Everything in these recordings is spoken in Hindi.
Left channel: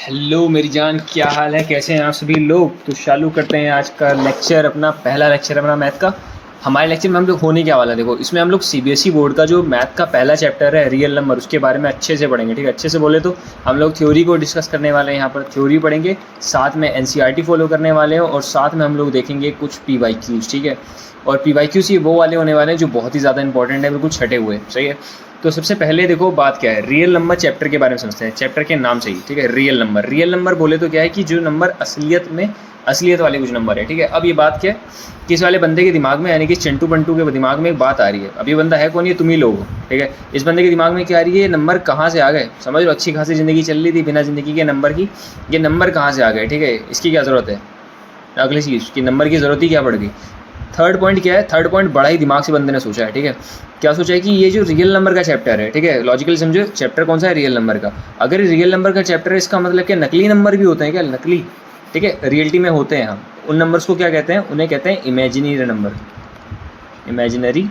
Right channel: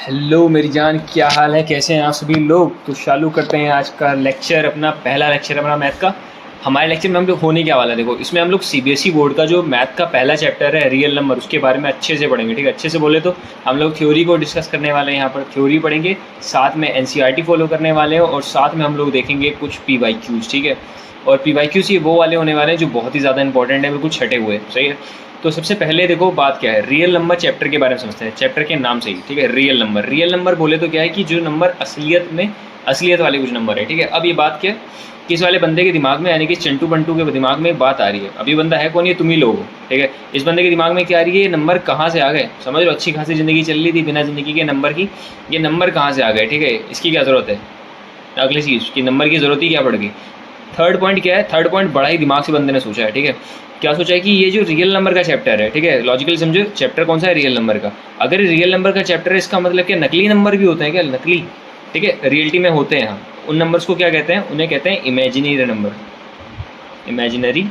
हेलो मेरी जान, क्या हाल है? कैसे हैं आप सभी लोग? तो चालू करते हैं आज का लेक्चर, अपना पहला लेक्चर अपना मैथ का। हमारे लेक्चर में हम लोग होने क्या वाला है, देखो इसमें हम लोग सीबीएसई बोर्ड का जो मैथ का पहला चैप्टर है रियल नंबर, उसके बारे में अच्छे से पढ़ेंगे। ठीक है, अच्छे से बोले तो हम लोग थ्योरी को डिस्कस करने वाले हैं। यहाँ पर थ्योरी पढ़ेंगे, साथ में एनसीईआरटी फॉलो करने वाले हैं, और साथ में हम लोग देखेंगे कुछ पीवाईक्यूज। ठीक है, और पीवाईक्यूज ये वो वाले होने वाले हैं जो बहुत ही ज़्यादा इंपॉर्टेंट है, बिल्कुल छटे हुए। सही है, तो सबसे पहले देखो बात क्या है, रियल नंबर चैप्टर के बारे में समझते हैं। चैप्टर के नाम से ही, ठीक है, रियल नंबर बोले तो क्या है कि जो नंबर असलियत वाले कुछ नंबर है। ठीक है, अब ये बात क्या है, किस वाले बंदे के दिमाग में, यानी कि चिंटू बंटू के दिमाग में एक बात आ रही है। अब ये बंदा है कौन? ये तुम ही लोग हो। ठीक है, इस बंदे के दिमाग में क्या आ रही है, ये नंबर कहाँ से आ गए? समझ लो, अच्छी खासी ज़िंदगी चल रही थी बिना ज़िंदगी के नंबर की, ये नंबर कहाँ से आ गए? ठीक है, इसकी क्या ज़रूरत है? अगली चीज़ कि नंबर की ज़रूरत ही क्या पड़ गई। थर्ड पॉइंट क्या है, थर्ड पॉइंट बड़ा ही दिमाग से बंदे ने सोचा है। ठीक है, क्या सोचा है कि ये जो रियल नंबर का चैप्टर है, ठीक है, लॉजिकली समझो, चैप्टर कौन सा है? रियल नंबर का। अगर रियल नंबर का चैप्टर है, इसका मतलब क्या नकली नंबर भी होते हैं क्या? नकली, ठीक है, रियलिटी में होते हैं। हम उन नंबर्स को क्या कहते हैं? उन्हें कहते हैं इमेजिनरी नंबर, इमेजिनरी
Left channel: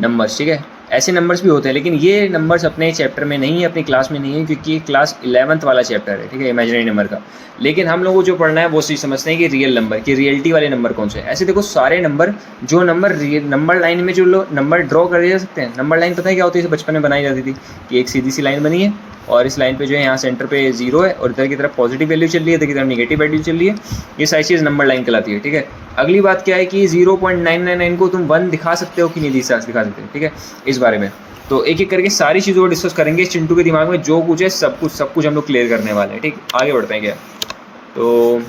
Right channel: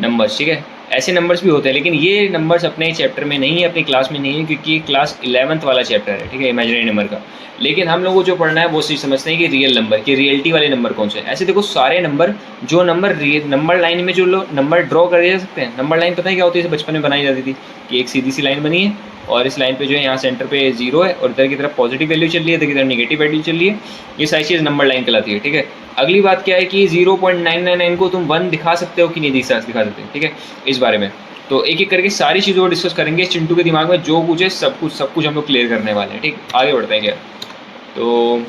नंबर्स। ठीक है, ऐसे नंबर्स भी होते हैं, लेकिन ये नंबर्स अपने चैप्टर में नहीं है, अपनी क्लास में नहीं है, क्योंकि ये क्लास 11th वाला चैप्टर है। ठीक है, इमेजिनरी नंबर का। लेकिन हम लोगों को जो पढ़ना है वो चीज़ समझते हैं कि रियल नंबर की रियलिटी वाले नंबर कौन से हैं। ऐसे देखो सारे नंबर, जो नंबर नंबर लाइन में जो लोग नंबर ड्रॉ कर जा सकते हैं। नंबर लाइन पता है क्या होती है? बचपन में बनाई जाती थी कि एक सीधी सी लाइन बनी है, और इस लाइन पे जो है यहाँ सेंटर पे 0 है, और इधर की तरफ पॉजिटिव वैल्यू चल रही है, इधर की तरफ नेगेटिव वैल्यू चल रही है। ये सारी चीज़ नंबर लाइन कहलाती है। ठीक है, अगली बात क्या है कि 0.999 को तुम 1 दिखा सकते हो कि नहीं दिखा सकते? ठीक है, इस बारे में तो एक एक करके सारी चीज़ों को डिस्कस करेंगे। चिंटू के दिमाग में जो कुछ है सब कुछ हम लोग क्लियर करने वाले हैं। ठीक, आगे बढ़ते हैं क्या? तो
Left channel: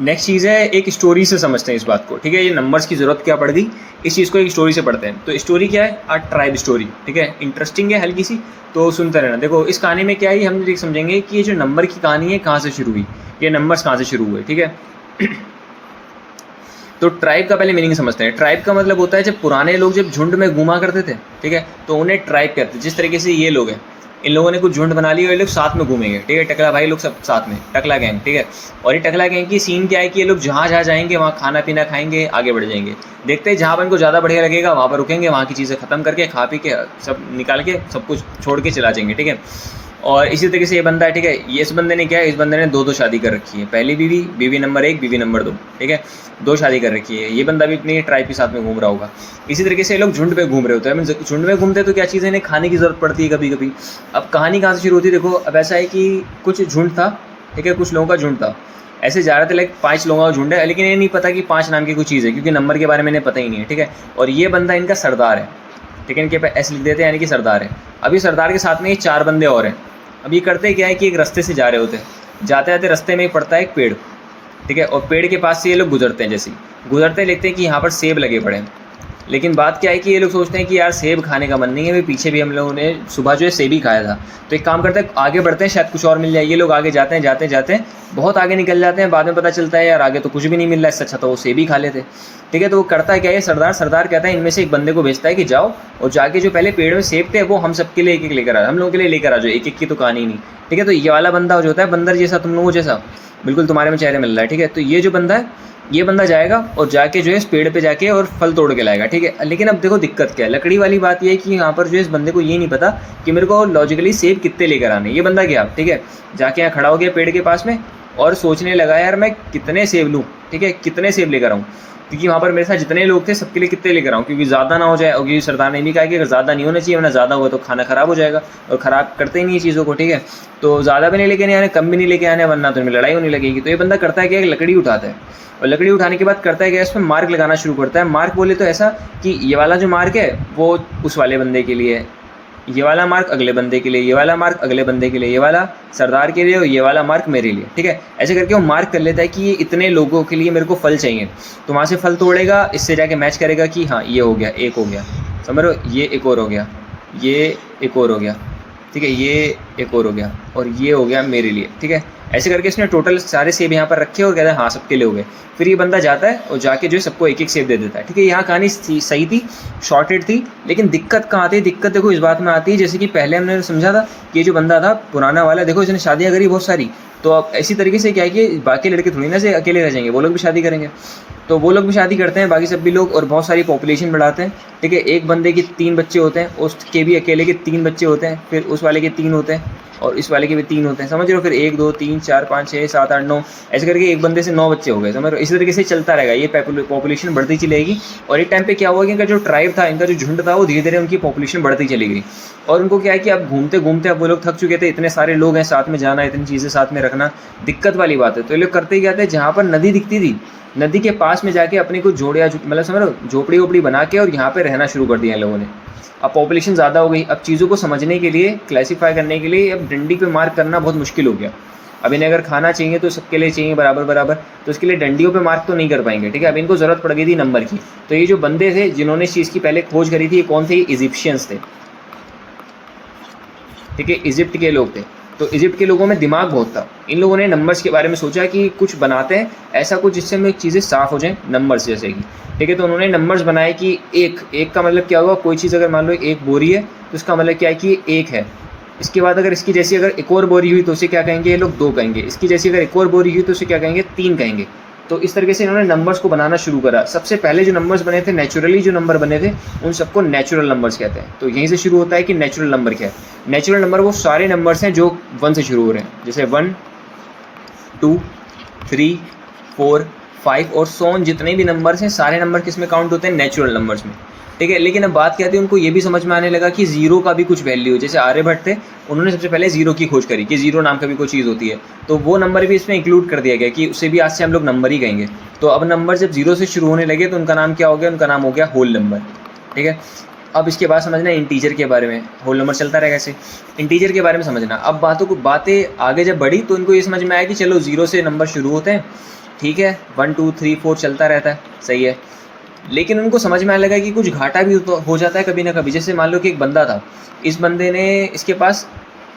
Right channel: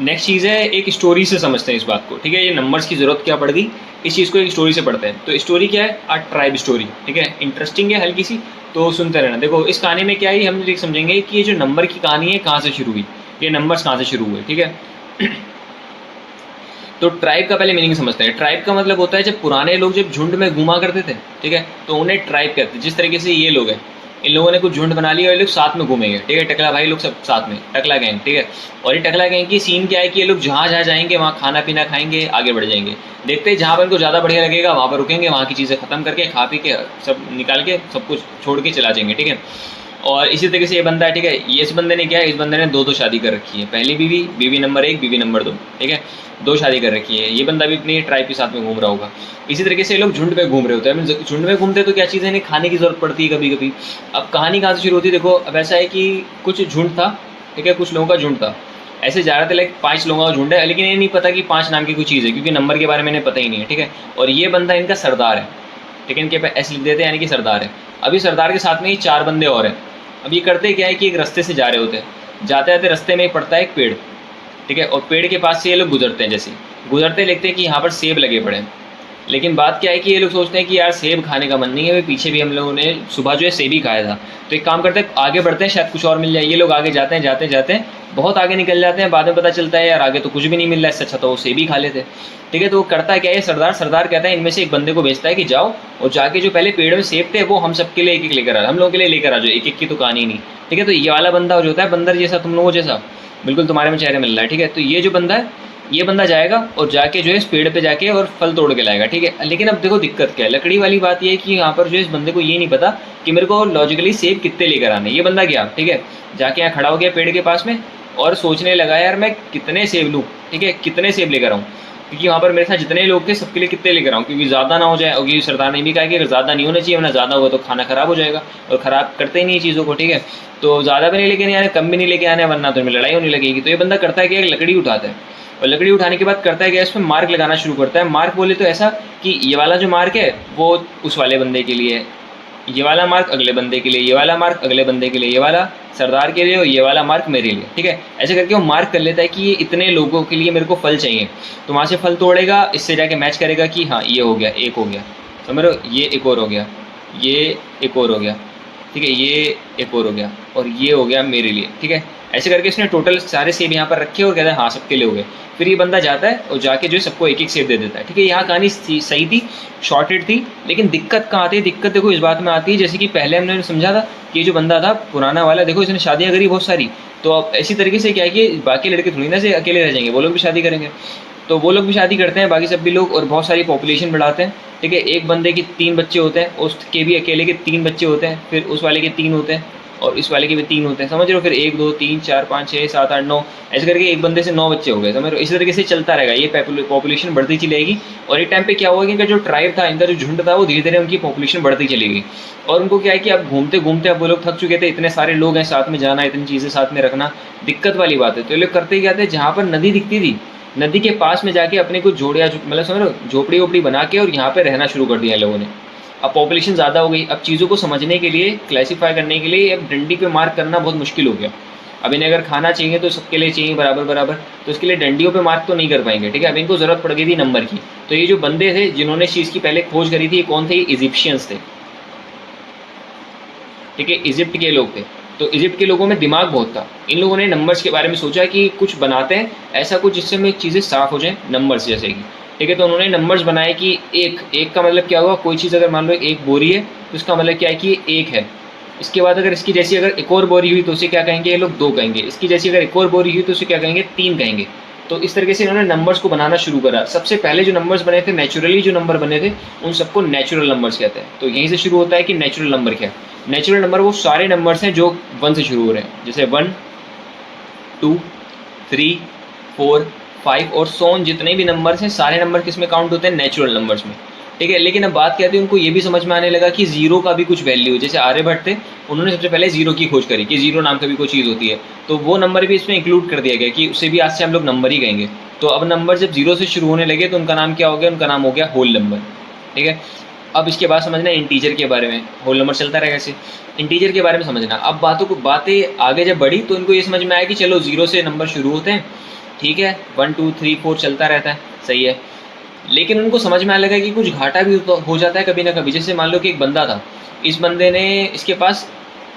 नेक्स्ट चीज़ है, एक स्टोरी से समझते हैं इस बात को। ठीक है, ये नंबर्स की ज़रूरत क्या पड़ गई, इस चीज़ को एक स्टोरी से पढ़ते हैं। तो स्टोरी क्या है? आ ट्राइब स्टोरी। ठीक है, इंटरेस्टिंग है हल्की सी, तो सुनते रहना। देखो इस कहानी में क्या है, हम देख समझेंगे कि ये जो नंबर की कहानी है कहाँ से शुरू हुई, ये नंबर्स कहाँ से शुरू हुए। ठीक है, तो ट्राइब का पहले मीनिंग समझते हैं। ट्राइब का मतलब होता है जब पुराने लोग जब झुंड में घूमा करते थे, ठीक है, तो उन्हें ट्राइब कहते हैं। जिस तरीके से ये लोग हैं, इन लोगों ने कुछ झुंड बना लिया और ये लोग साथ में घूमेंगे। ठीक है, टकला भाई लोग सब साथ में, टकला गैंग। ठीक है, और ये टकला गैंग की सीन क्या है कि ये लोग जहाँ जहाँ जाएंगे वहाँ खाना पीना खाएंगे, आगे बढ़ जाएंगे। देखते हैं जहाँ पर इनको ज़्यादा बढ़िया लगेगा वहाँ पर रुकेंगे, वहाँ की चीज़ें ख़त्म करके खा पी के सब निकाल के सब कुछ छोड़ के चला जाएंगे। ठीक है, और इसी तरीके से ये बंदा है। ठीक है, ये इस बंदे ने क्या है, इस बंदे ने दो शादी कर रखी है। पहली बीवी, बीवी नंबर 1, बीवी नंबर 2। ठीक है, 2 शादी कर रखी है। ये बंदा भी अपनी ट्राइब के साथ में घूम रहा होगा। इसी तरीके से ये लोग झुंड पे घूम रहे होते हैं। झुंड में घूमते तो क्या चीज़ है, इन्हें खाने की ज़रूरत पड़ती है कभी कभी। अब कहानी कहाँ से शुरू होती है? देखो अब ऐसा है कि कुछ झुंड था। ठीक है, कुछ लोगों का झुंड था, ऐसे जा रहे थे, लाइक 5 लोगों का झुंड है, लेकिन ये नहीं पता कि 5 नाम की कोई चीज़ है, क्योंकि नंबर के बारे में इन्हें पता ही नहीं है। ठीक है, और ये बंदा इनका सरदार है। ठीक है, इनके पे एस लिख देते हैं, यानी कि सरदार है। अभी सरदार के साथ में ये 4 बंदे और हैं। अब ये करते क्या है कि एक रास्ते से जा रहे होते हैं, जाते जाते रास्ते में एक पड़ता है एक पेड़। ठीक है, और पेड़ के पास से ये लोग गुजरते हैं। जैसे गुजरते देखते हैं कि यहाँ पर सेब लगे पड़े हैं। लेकिन बात क्या है कि ये लोग सोचते हैं कि यार सेब खाने का मन नहीं है, अभी पीछे भी हम लोगों ने सुबह जो है सेब ही खाया था। तो एक काम करते हैं, आगे बढ़ते हैं, शायद कुछ और मिल जाए। ये लोग आगे जाते हैं, जाते जाते बहुत आगे निकल जाते हैं। बाद में पता चलता है यार आगे तो कुछ भी नहीं मिल रहा है, इससे अच्छा तो वो सेब ही खा लेते। ठीक है, तो वो करता क्या है सरदार कहता है इनमें से एक बंदे को भेजता है कि जाओ और जाके जो पहले पेड़ में सेब थे वो हम सबके लिए एक एक लेकर आ, हम लोगों के लिए लेकर आ जाओ। एक एक की तो कहानी नहीं। ठीक है, तो ये वाला बंदा जो होता है बंदर जैसा, तुम लोगों जैसा, बिल्कुल तुम्हारे में चेहरे मिल रहा है। ठीक है, तो ये जो बंदा है, ये बंदा जाएगा और जाके जो है इस पेड़ पे जाके और फल तोड़ के लाएगा। ठीक है, लेकिन अब देखो दिक्कत क्या है, लकड़ी वाली बात ये है कि यहाँ पर जो इस बंदे को ये नहीं पता कि मेरे को लॉजिकली सेब कितने लेकर आने। ये बंदा गया, ठीक है, जाके यहाँ खड़ा हो गया पेड़ के पास में और सोचने लगा यार मैं कितने सेब लूँ। ठीक है, कितने सेब लेकर आऊँ, क्योंकि वहाँ पर मेरे साथ जितने लोग थे सबके लिए कितने लेकर आऊँ, क्योंकि ज़्यादा ना हो जाए। और क्योंकि सरदार ने भी कहा कि अगर ज़्यादा नहीं होना चाहिए, वरना ज़्यादा होगा तो खाना ख़राब हो जाएगा, और ख़राब करते ही नहीं चीज़ों को। ठीक है, तो ज़्यादा भी नहीं लेके आने, कम भी नहीं लेके आने, वरना तो लड़ाई होने लगेगी। तो ये बंदा करता है कि एक लकड़ी उठाता है, और लकड़ी उठाने के बाद करता है कि इसमें मार्क लगाना शुरू करता है। मार्क बोले तो ऐसा कि ये वाला जो मार्क है वो उस वाले बंदे के लिए, ये वाला मार्क अगले बंदे के लिए, ये वाला मार्क अगले बंदे के लिए, ये वाला सरदार के लिए और ये वाला मार्क मेरे लिए। ठीक है, ऐसे करके वो मार्क कर लेता है कि ये इतने लोगों के लिए मेरे को फल चाहिए। तो वहाँ से फल तोड़ेगा, इससे जाके मैच करेगा कि हाँ ये हो गया, एक हो गया, समझ रहे हो, ये एक और हो गया, ये एक और हो गया। ठीक है, ये एक और हो गया, और ये हो गया मेरे लिए। ठीक है, ऐसे करके इसने टोटल सारे सेब यहाँ पर रखे और कहता है हाँ सबके लिए हो गए। फिर ये बंदा जाता है और जाके जो है सबको एक एक सेब दे देता है। ठीक है, यहाँ कहानी सही थी, शॉर्टेड थी, लेकिन दिक्कत कहाँ आती है? दिक्कत देखो इस बात में आती है, जैसे कि पहले हमने समझा था कि ये जो बंदा था पुराना वाला, देखो इसने शादियाँ करी बहुत सारी, तो अब ऐसी तरीके से क्या है कि बाकी लड़के थोड़ी ना से अकेले रह जाएंगे, वो लोग भी शादी करेंगे। तो वो लोग भी शादी करते हैं, बाकी सब भी लोग, और बहुत सारी पॉपुलेशन बढ़ाते हैं, ठीक है। एक बंदे के 3 बच्चे होते हैं, उसके भी अकेले के 3 बच्चे होते हैं, फिर उस वाले के 3 होते हैं, और इस वाले के भी 3 होते हैं, समझ रहे हो। फिर 1 2 3 4 5 6 7 8 9 ऐसे करके एक बंदे से 9 बच्चे हो गए, समझ रहे हो। इसी तरीके से चलता रहेगा, ये पॉपुलेशन बढ़ती चलेगी। और एक टाइम पे क्या हुआ कि इनका जो ट्राइब था, इनका जो झुंड था, वो धीरे धीरे उनकी पॉपुलेशन बढ़ती चली गई। और उनको क्या है कि अब घूमते घूमते अब वो लोग थक चुके थे, इतने सारे लोग हैं, साथ में जाना, इतनी चीज़ें साथ में रखना दिक्कत वाली बात है। तो ये लोग करते क्या थे, जहाँ पर नदी दिखती थी, नदी के पास में जाके अपने को जोड़िया, मतलब समझ लो झोपड़ी वोपड़ी बना के, और यहाँ पे रहना शुरू कर दिया इन लोगों ने। अब पॉपुलेशन ज़्यादा हो गई, अब चीज़ों को समझने के लिए, क्लासीफाई करने के लिए अब डंडी पे मार्क करना बहुत मुश्किल हो गया। अब इन्हें अगर खाना चाहिए तो सबके लिए चाहिए बराबर बराबर, तो इसके लिए डंडियों पे मार्क तो नहीं कर पाएंगे, ठीक है। अब इनको ज़रूरत पड़ गई थी नंबर की। तो ये जो बंदे थे जिन्होंने इस चीज़ की पहले खोज करी थी, ये कौन थे, ये इजिप्शियंस थे, ठीक है, इजिप्ट के लोग थे। तो इजिप्ट के लोगों में दिमाग बहुत था, इन लोगों ने नंबर्स के बारे में सोचा कि कुछ बनाते हैं ऐसा कुछ जिससे में चीज़ें साफ़ हो जाएँ, नंबर्स जैसे कि, ठीक है। तो उन्होंने नंबर्स बनाए कि एक का मतलब क्या हुआ, कोई चीज़ अगर मान लो एक बोरी है तो उसका मतलब क्या है कि ये एक है। इसके बाद अगर इसकी जैसी अगर एक और बोरी हुई तो उसे क्या कहेंगे, ये लोग 2 कहेंगे। इसकी जैसी अगर एक और बोरी हुई तो उसे क्या कहेंगे, 3 कहेंगे। तो इस तरीके से इन्होंने नंबर्स को बनाना शुरू करा। सबसे पहले जो नंबर्स बने थे, नेचुरली जो नंबर बने थे, उन सबको नेचुरल नंबर्स कहते हैं। तो यहीं से शुरू होता है कि नेचुरल नंबर क्या है। नेचुरल नंबर वो सारे नंबर्स हैं जो 1 से शुरू हो रहे हैं, जैसे 1 2 3 4 5 और सो ऑन, जितने भी नंबर्स हैं सारे नंबर किस में काउंट होते हैं, नेचुरल नंबर्स में, ठीक है। लेकिन अब बात क्या थी, उनको ये भी समझ में आने लगा कि जीरो का भी कुछ वैल्यू, जैसे आर्यभट्ट थे, उन्होंने सबसे पहले जीरो की खोज करी कि जीरो नाम का भी कोई चीज़ होती है। तो वो नंबर भी इसमें इंक्लूड कर दिया गया कि उससे भी आज से हम लोग नंबर ही कहेंगे। तो अब नंबर जब जीरो से शुरू होने लगे तो उनका नाम क्या हो गया, उनका नाम हो गया होल नंबर, ठीक है। अब इसके बाद समझना इंटीजर के बारे में, होल नंबर चलता रहेगा ऐसे, इंटीजर के बारे में समझना। अब बातें आगे जब बढ़ी तो इनको ये समझ में आया कि चलो जीरो से नंबर शुरू होते हैं, ठीक है, 1 2 3 4 चलता रहता है, सही है। लेकिन उनको समझ में आने लगा कि कुछ घाटा भी तो हो जाता है कभी ना कभी। जैसे मान लो कि एक बंदा था, इस बंदे ने, इसके पास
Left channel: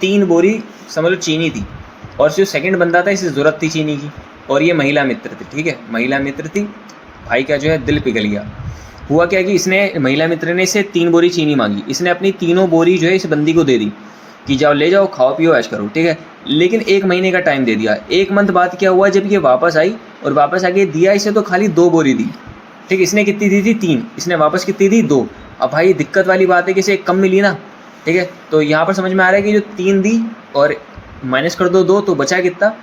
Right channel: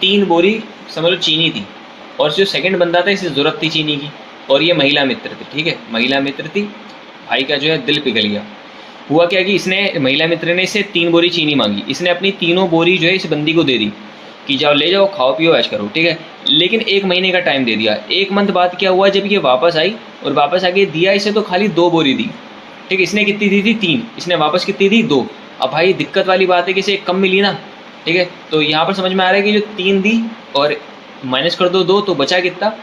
3 बोरी समझ लो चीनी थी, और जो सेकंड बंदा था इसे ज़रूरत थी चीनी की, और ये महिला मित्र थी, ठीक है, महिला मित्र थी। भाई का जो है दिल पिघल गया। हुआ क्या कि इसने, महिला मित्र ने इससे 3 बोरी चीनी मांगी, इसने अपनी तीनों बोरी जो है इस बंदी को दे दी कि जाओ ले जाओ, खाओ पियो ऐश करो, ठीक है। लेकिन 1 महीने का टाइम दे दिया। 1 मंथ बाद क्या हुआ, जब ये वापस आई और वापस आके दिया इसे तो खाली 2 बोरी दी, ठीक है। इसने कितनी दी थी, 3, इसने वापस कितनी दी, 2। अब भाई दिक्कत वाली बात है कि इसे 1 कम मिली ना, ठीक है। तो यहाँ पर समझ में आ रहा है कि जो 3 दी और माइनस कर दो 2, तो बचा कितना,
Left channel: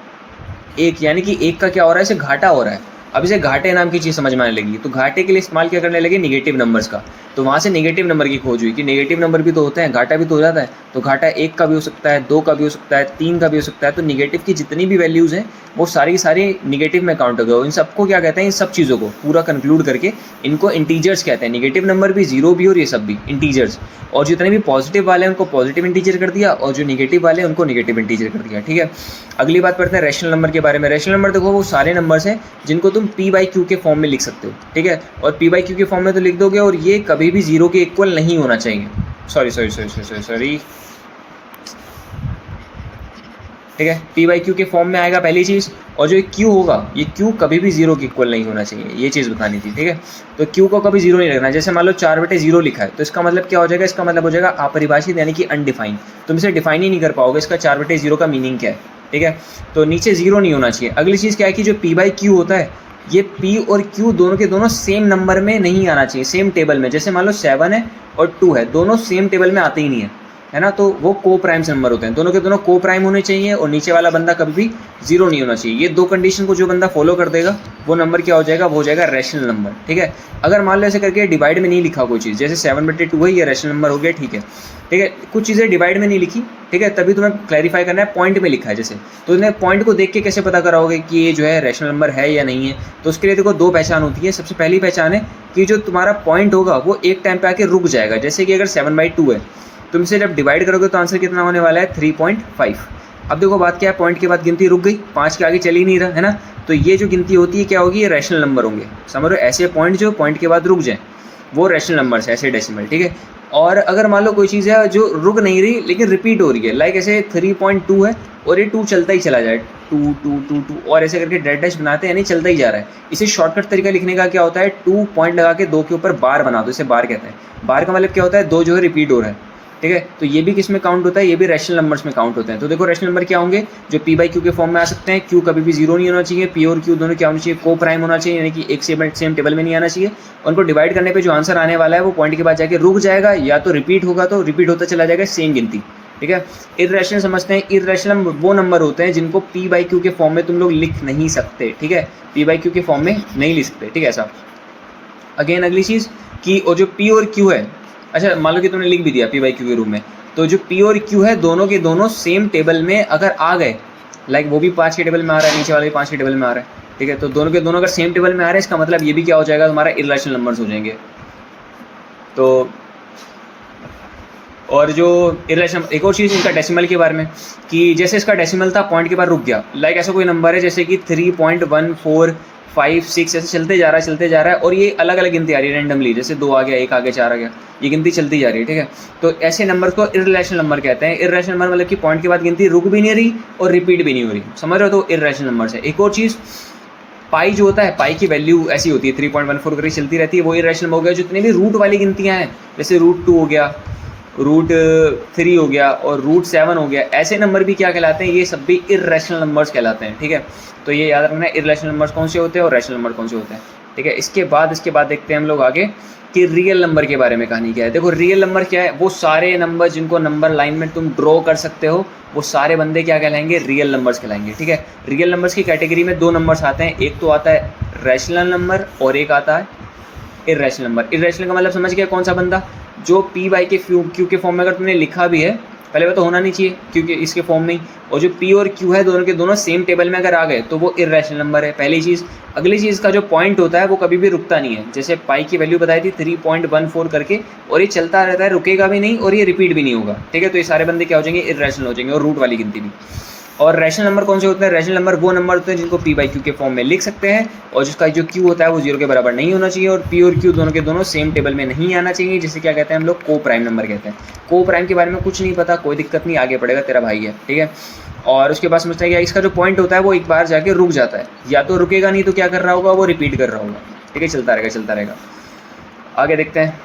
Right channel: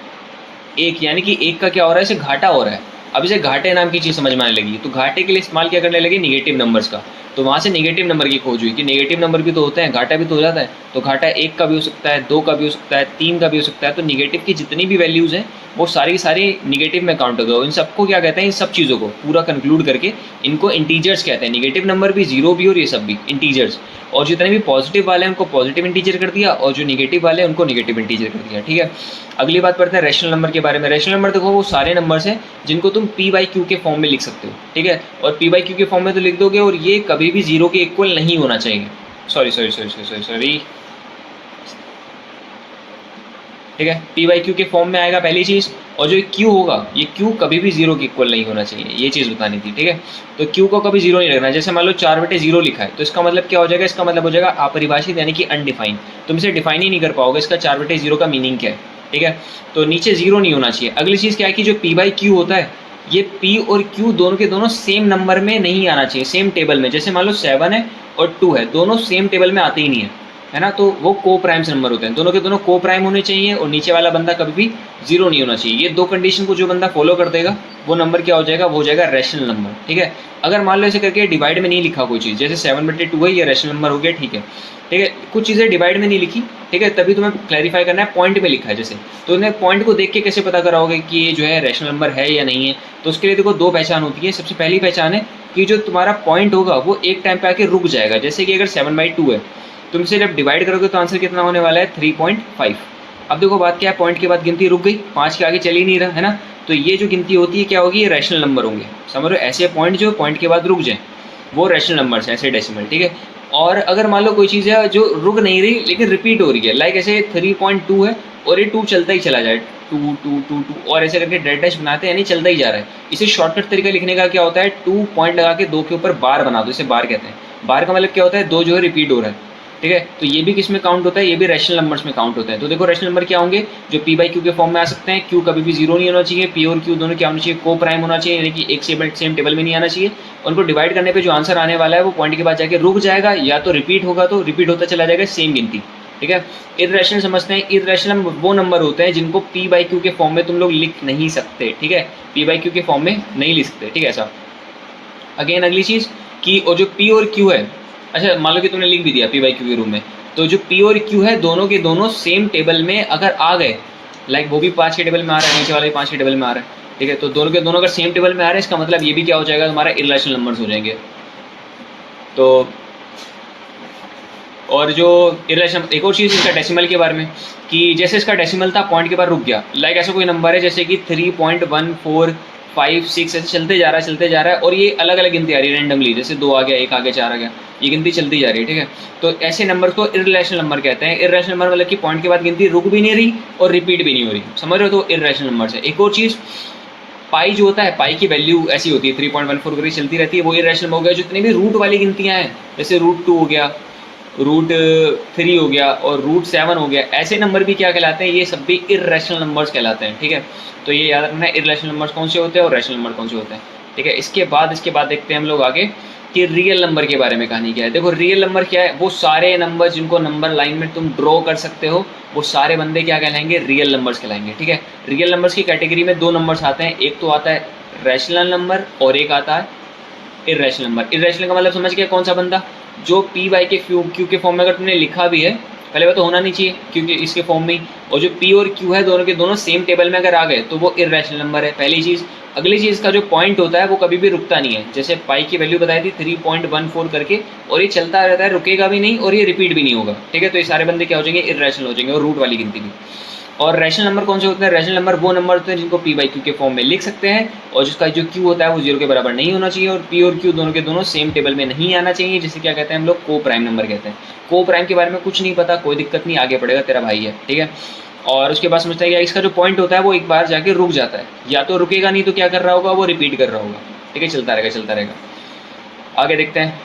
1, यानी कि 1 का क्या हो रहा है, इसे घाटा हो रहा है। अब इसे घाटे नाम की चीज़ समझ में आने लगी, तो घाटे के लिए इस्तेमाल क्या करने लगे, निगेटिव नंबर्स का। तो वहाँ से निगेटिव नंबर की खोज हुई कि नेगेटिव नंबर भी तो होते हैं, घाटा भी तो हो जाता है। तो घाटा 1 का भी हो सकता है, 2 का भी हो सकता है, 3 का भी हो सकता है। तो निगेटिव की जितनी भी वैल्यूज़ हैं वो सारी सारी निगेटिव में काउंट हो गए। इन सबको क्या कहते हैं, इन सब चीज़ों को पूरा कंक्लूड करके इनको इंटीजर्स कहते हैं। निगेटिव नंबर भी, जीरो भी और ये सब भी इंटीजर्स। और जितने भी पॉजिटिव वाले हैं उनको पॉजिटिव इंटीजर कर दिया, और जो निगेटिव वाले हैं उनको निगेटिव इंटीजर कर दिया, ठीक है। अगली बात पढ़ते हैं रैशनल नंबर के बारे में। रैशनल नंबर देखो वो सारे नंबर्स हैं जिनको तुम p/q के फॉर्म में लिख सकते हो, ठीक है। और p/q के फॉर्म में तो लिख दोगे, और ये कभी भी जीरो के इक्वल नहीं होना चाहिए। सॉरी, ठीक है, p/q के फॉर्म में आएगा पहली चीज़। और जो q होगा, ये q कभी भी जीरो के इक्वल नहीं होना चाहिए, ये चीज़ बतानी थी, ठीक है। तो q को कभी जीरो नहीं रखना। जैसे मान लो 4/0 लिखा है, तो इसका मतलब क्या हो जाएगा, इसका मतलब हो जाएगा अपरिभाषित, यानी कि अनडिफाइंड। तुम इसे डिफाइन ही नहीं कर पाओगे, इसका 4/0 का मीनिंग क्या है, ठीक है। तो नीचे जीरो नहीं होना चाहिए। अगली चीज़ क्या है कि जो p/q होता है, ये p और q दोनों के दोनों सेम नंबर में नहीं आना चाहिए, सेम टेबल में। जैसे मान लो 7 है और 2 है, दोनों सेम टेबल में आते ही नहीं है ना। तो वो को प्राइम्स नंबर होते हैं, दोनों के दोनों को प्राइम होने चाहिए, और नीचे वाला बंदा कभी भी जीरो नहीं होना चाहिए। ये 2 कंडीशन को जो बंदा फॉलो कर देगा वो नंबर क्या हो जाएगा, वो हो जाएगा रैशनल नंबर, ठीक है। अगर मान लो ऐसे करके डिवाइड में नहीं लिखा कोई चीज़, जैसे 7/2 है, ये रैशनल नंबर हो गया, ठीक है, ठीक है। कुछ चीज़ें डिवाइड में नहीं लिखी, ठीक है, तभी तुम्हें क्लैरिफाई करना है, पॉइंट में लिखा है जैसे। तो इन्हें पॉइंट को देख के कैसे पता कराओगे कि ये जो है रैशनल नंबर है या नहीं है। तो उसके लिए देखो 2 पहचान होती है। सबसे पहली पहचान है कि जो तुम्हारा पॉइंट होगा वो एक टाइम पे आके रुक जाएगा। जैसे कि अगर 7/2 है, तुम इसे जब डिवाइड करोगे तो आंसर कितना होने वाला है, 3.5। अब देखो बात क्या है, पॉइंट के बाद गिनती रुक गई, 5 के आगे चल ही नहीं रहा है ना। तो ये जो गिनती होती है क्या होगी, ये रैशनल नंबर होंगे, समझ लो। ऐसे पॉइंट जो पॉइंट के बाद रुक जाए वो रैशनल नंबर्स हैं, ऐसे डेसिमल, ठीक है। और अगर मान लो कोई चीज़ है जो रुक नहीं रही लेकिन रिपीट हो रही है, लाइक ऐसे 3.2 है और ये 2 चलता ही चला जाए, 2 2 2 2 और ऐसे करके डेड डैश बनाते हैं, यानी चलता ही जा रहा है। इसे शॉर्टकट तरीका लिखने का क्या होता है, 2 पॉइंट लगा के 2 के ऊपर बार बना दो, इसे बार कहते हैं। बार का मतलब क्या होता है, 2 जो है रिपीट हो रहा है, ठीक है। तो ये भी किस में काउंट होता है, ये भी रैशनल नंबर्स में काउंट होते हैं। तो देखो रैशनल नंबर क्या होंगे, जो पी बाई क्यू के फॉर्म में आ सकते हैं। क्यू कभी भी जीरो नहीं होना चाहिए, पी और क्यू दोनों क्या होना चाहिए, को प्राइम होना चाहिए, यानी कि एक सेम टेबल में नहीं आना चाहिए। उनको डिवाइड करने पे जो आंसर आने वाला है वो पॉइंट के बाद जाके रुक जाएगा, या तो रिपीट होगा तो रिपीट होता चला जाएगा सेम गिनती, ठीक है। इर्रेशनल समझते हैं, इर्रेशनल वो नंबर होते हैं जिनको पी बाई क्यू के फॉर्म में तुम लोग लिख नहीं सकते, ठीक है, पी बाई क्यू के फॉर्म में नहीं लिख सकते, ठीक है। ऐसा अगेन अगली चीज़ कि और जो पी और क्यू है, अच्छा मान लो कि तुमने लिख भी दिया पी बाई क्यू के रूप में, तो जो पी और क्यू है दोनों के दोनों सेम टेबल में अगर आ गए, लाइक वो भी 5 के टेबल में आ रहा है, नीचे वाले 5 के टेबल में आ रहा है, ठीक है, तो दोनों के दोनों अगर सेम टेबल में आ रहे हैं, इसका मतलब ये भी क्या हो जाएगा, तुम्हारा इर्रेशनल नंबर्स हो जाएंगे। तो और जो इर्रेशनल, एक और चीज़ इसका डेसिमल के बारे में, कि जैसे इसका डेसिमल था पॉइंट के बाद रुक गया, लाइक ऐसा कोई नंबर है जैसे कि 3.1456 ऐसे चलते जा रहा है और ये अलग अलग गिनती आ रही है रैंडमली, जैसे 2 आ गया, 1 आ गया, 4 आ गया, ये गिनती चलती जा रही है, ठीक है। तो ऐसे नंबर को इर्रेशनल नंबर कहते हैं। इर्रेशनल नंबर मतलब कि पॉइंट के बाद गिनती रुक भी नहीं रही और रिपीट भी नहीं हो रही, समझ रहे हो, तो इर्रेशनल नंबर है। एक और चीज़, पाई जो होता है, पाई की वैल्यू ऐसी होती है 3.14 करके चलती रहती है, वो इर्रेशनल हो गया। जितनी भी रूट वाली गिनतियाँ हैं, जैसे √2 हो गया, √3 हो गया और √7 हो गया, ऐसे नंबर भी क्या कहलाते हैं, ये सब भी इर्रेशनल नंबर्स कहलाते हैं, ठीक है। तो ये याद रखना है इर्रेशनल नंबर्स कौन से होते हैं और रैशनल नंबर कौन से होते हैं, ठीक है। इसके बाद देखते हैं हम लोग आगे कि रियल नंबर के बारे में कहानी क्या है। देखो रियल नंबर क्या है, वो सारे नंबर जिनको नंबर लाइन में तुम ड्रॉ कर सकते हो, वो सारे बंदे क्या कहलाएंगे, रियल नंबर्स कहलाएंगे, ठीक है। रियल नंबर्स की कैटेगरी में 2 नंबर्स आते हैं, एक तो आता है रैशनल नंबर और एक आता है इर्रेशनल नंबर। इर्रेशनल का मतलब समझ गया कौन सा बंदा, जो पी बाई के क्यू के फॉर्म में अगर तुमने लिखा भी है, पहले वो तो होना नहीं चाहिए क्योंकि इसके फॉर्म में ही, और जो पी और क्यू है दोनों के दोनों सेम टेबल में अगर आ गए तो वो इर्रेशनल नंबर है, पहली चीज़। अगली चीज़ का जो पॉइंट होता है वो कभी भी रुकता नहीं है, जैसे पाई की वैल्यू बताई थी 3.14 करके, और ये चलता रहता है, रुकेगा भी नहीं और ये रिपीट भी नहीं होगा, ठीक है। तो ये सारे बंदे क्या हो जाएंगे, इर्रेशनल हो जाएंगे, और रूट वाली गिनती भी। और रैशनल नंबर कौन से होते हैं, रैशनल नंबर वो नंबर होते हैं जिनको पी बाई क्यू के फॉर्म में लिख सकते हैं, और जिसका जो क्यू होता है वो 0 के बराबर नहीं होना चाहिए, और पी और क्यू दोनों के दोनों सेम टेबल में नहीं आना चाहिए, जिसे क्या कहते हैं हम लोग, को प्राइम नंबर कहते हैं। को प्राइम के बारे में कुछ नहीं पता, कोई दिक्कत नहीं, आगे पड़ेगा, तेरा भाई है, ठीक है। और उसके बाद समझता है कि इसका जो पॉइंट होता है वो एक बार जाके रुक जाता है, या तो रुकेगा नहीं तो क्या कर रहा होगा, वो रिपीट कर रहा होगा, ठीक है, चलता रहेगा। आगे देखते हैं,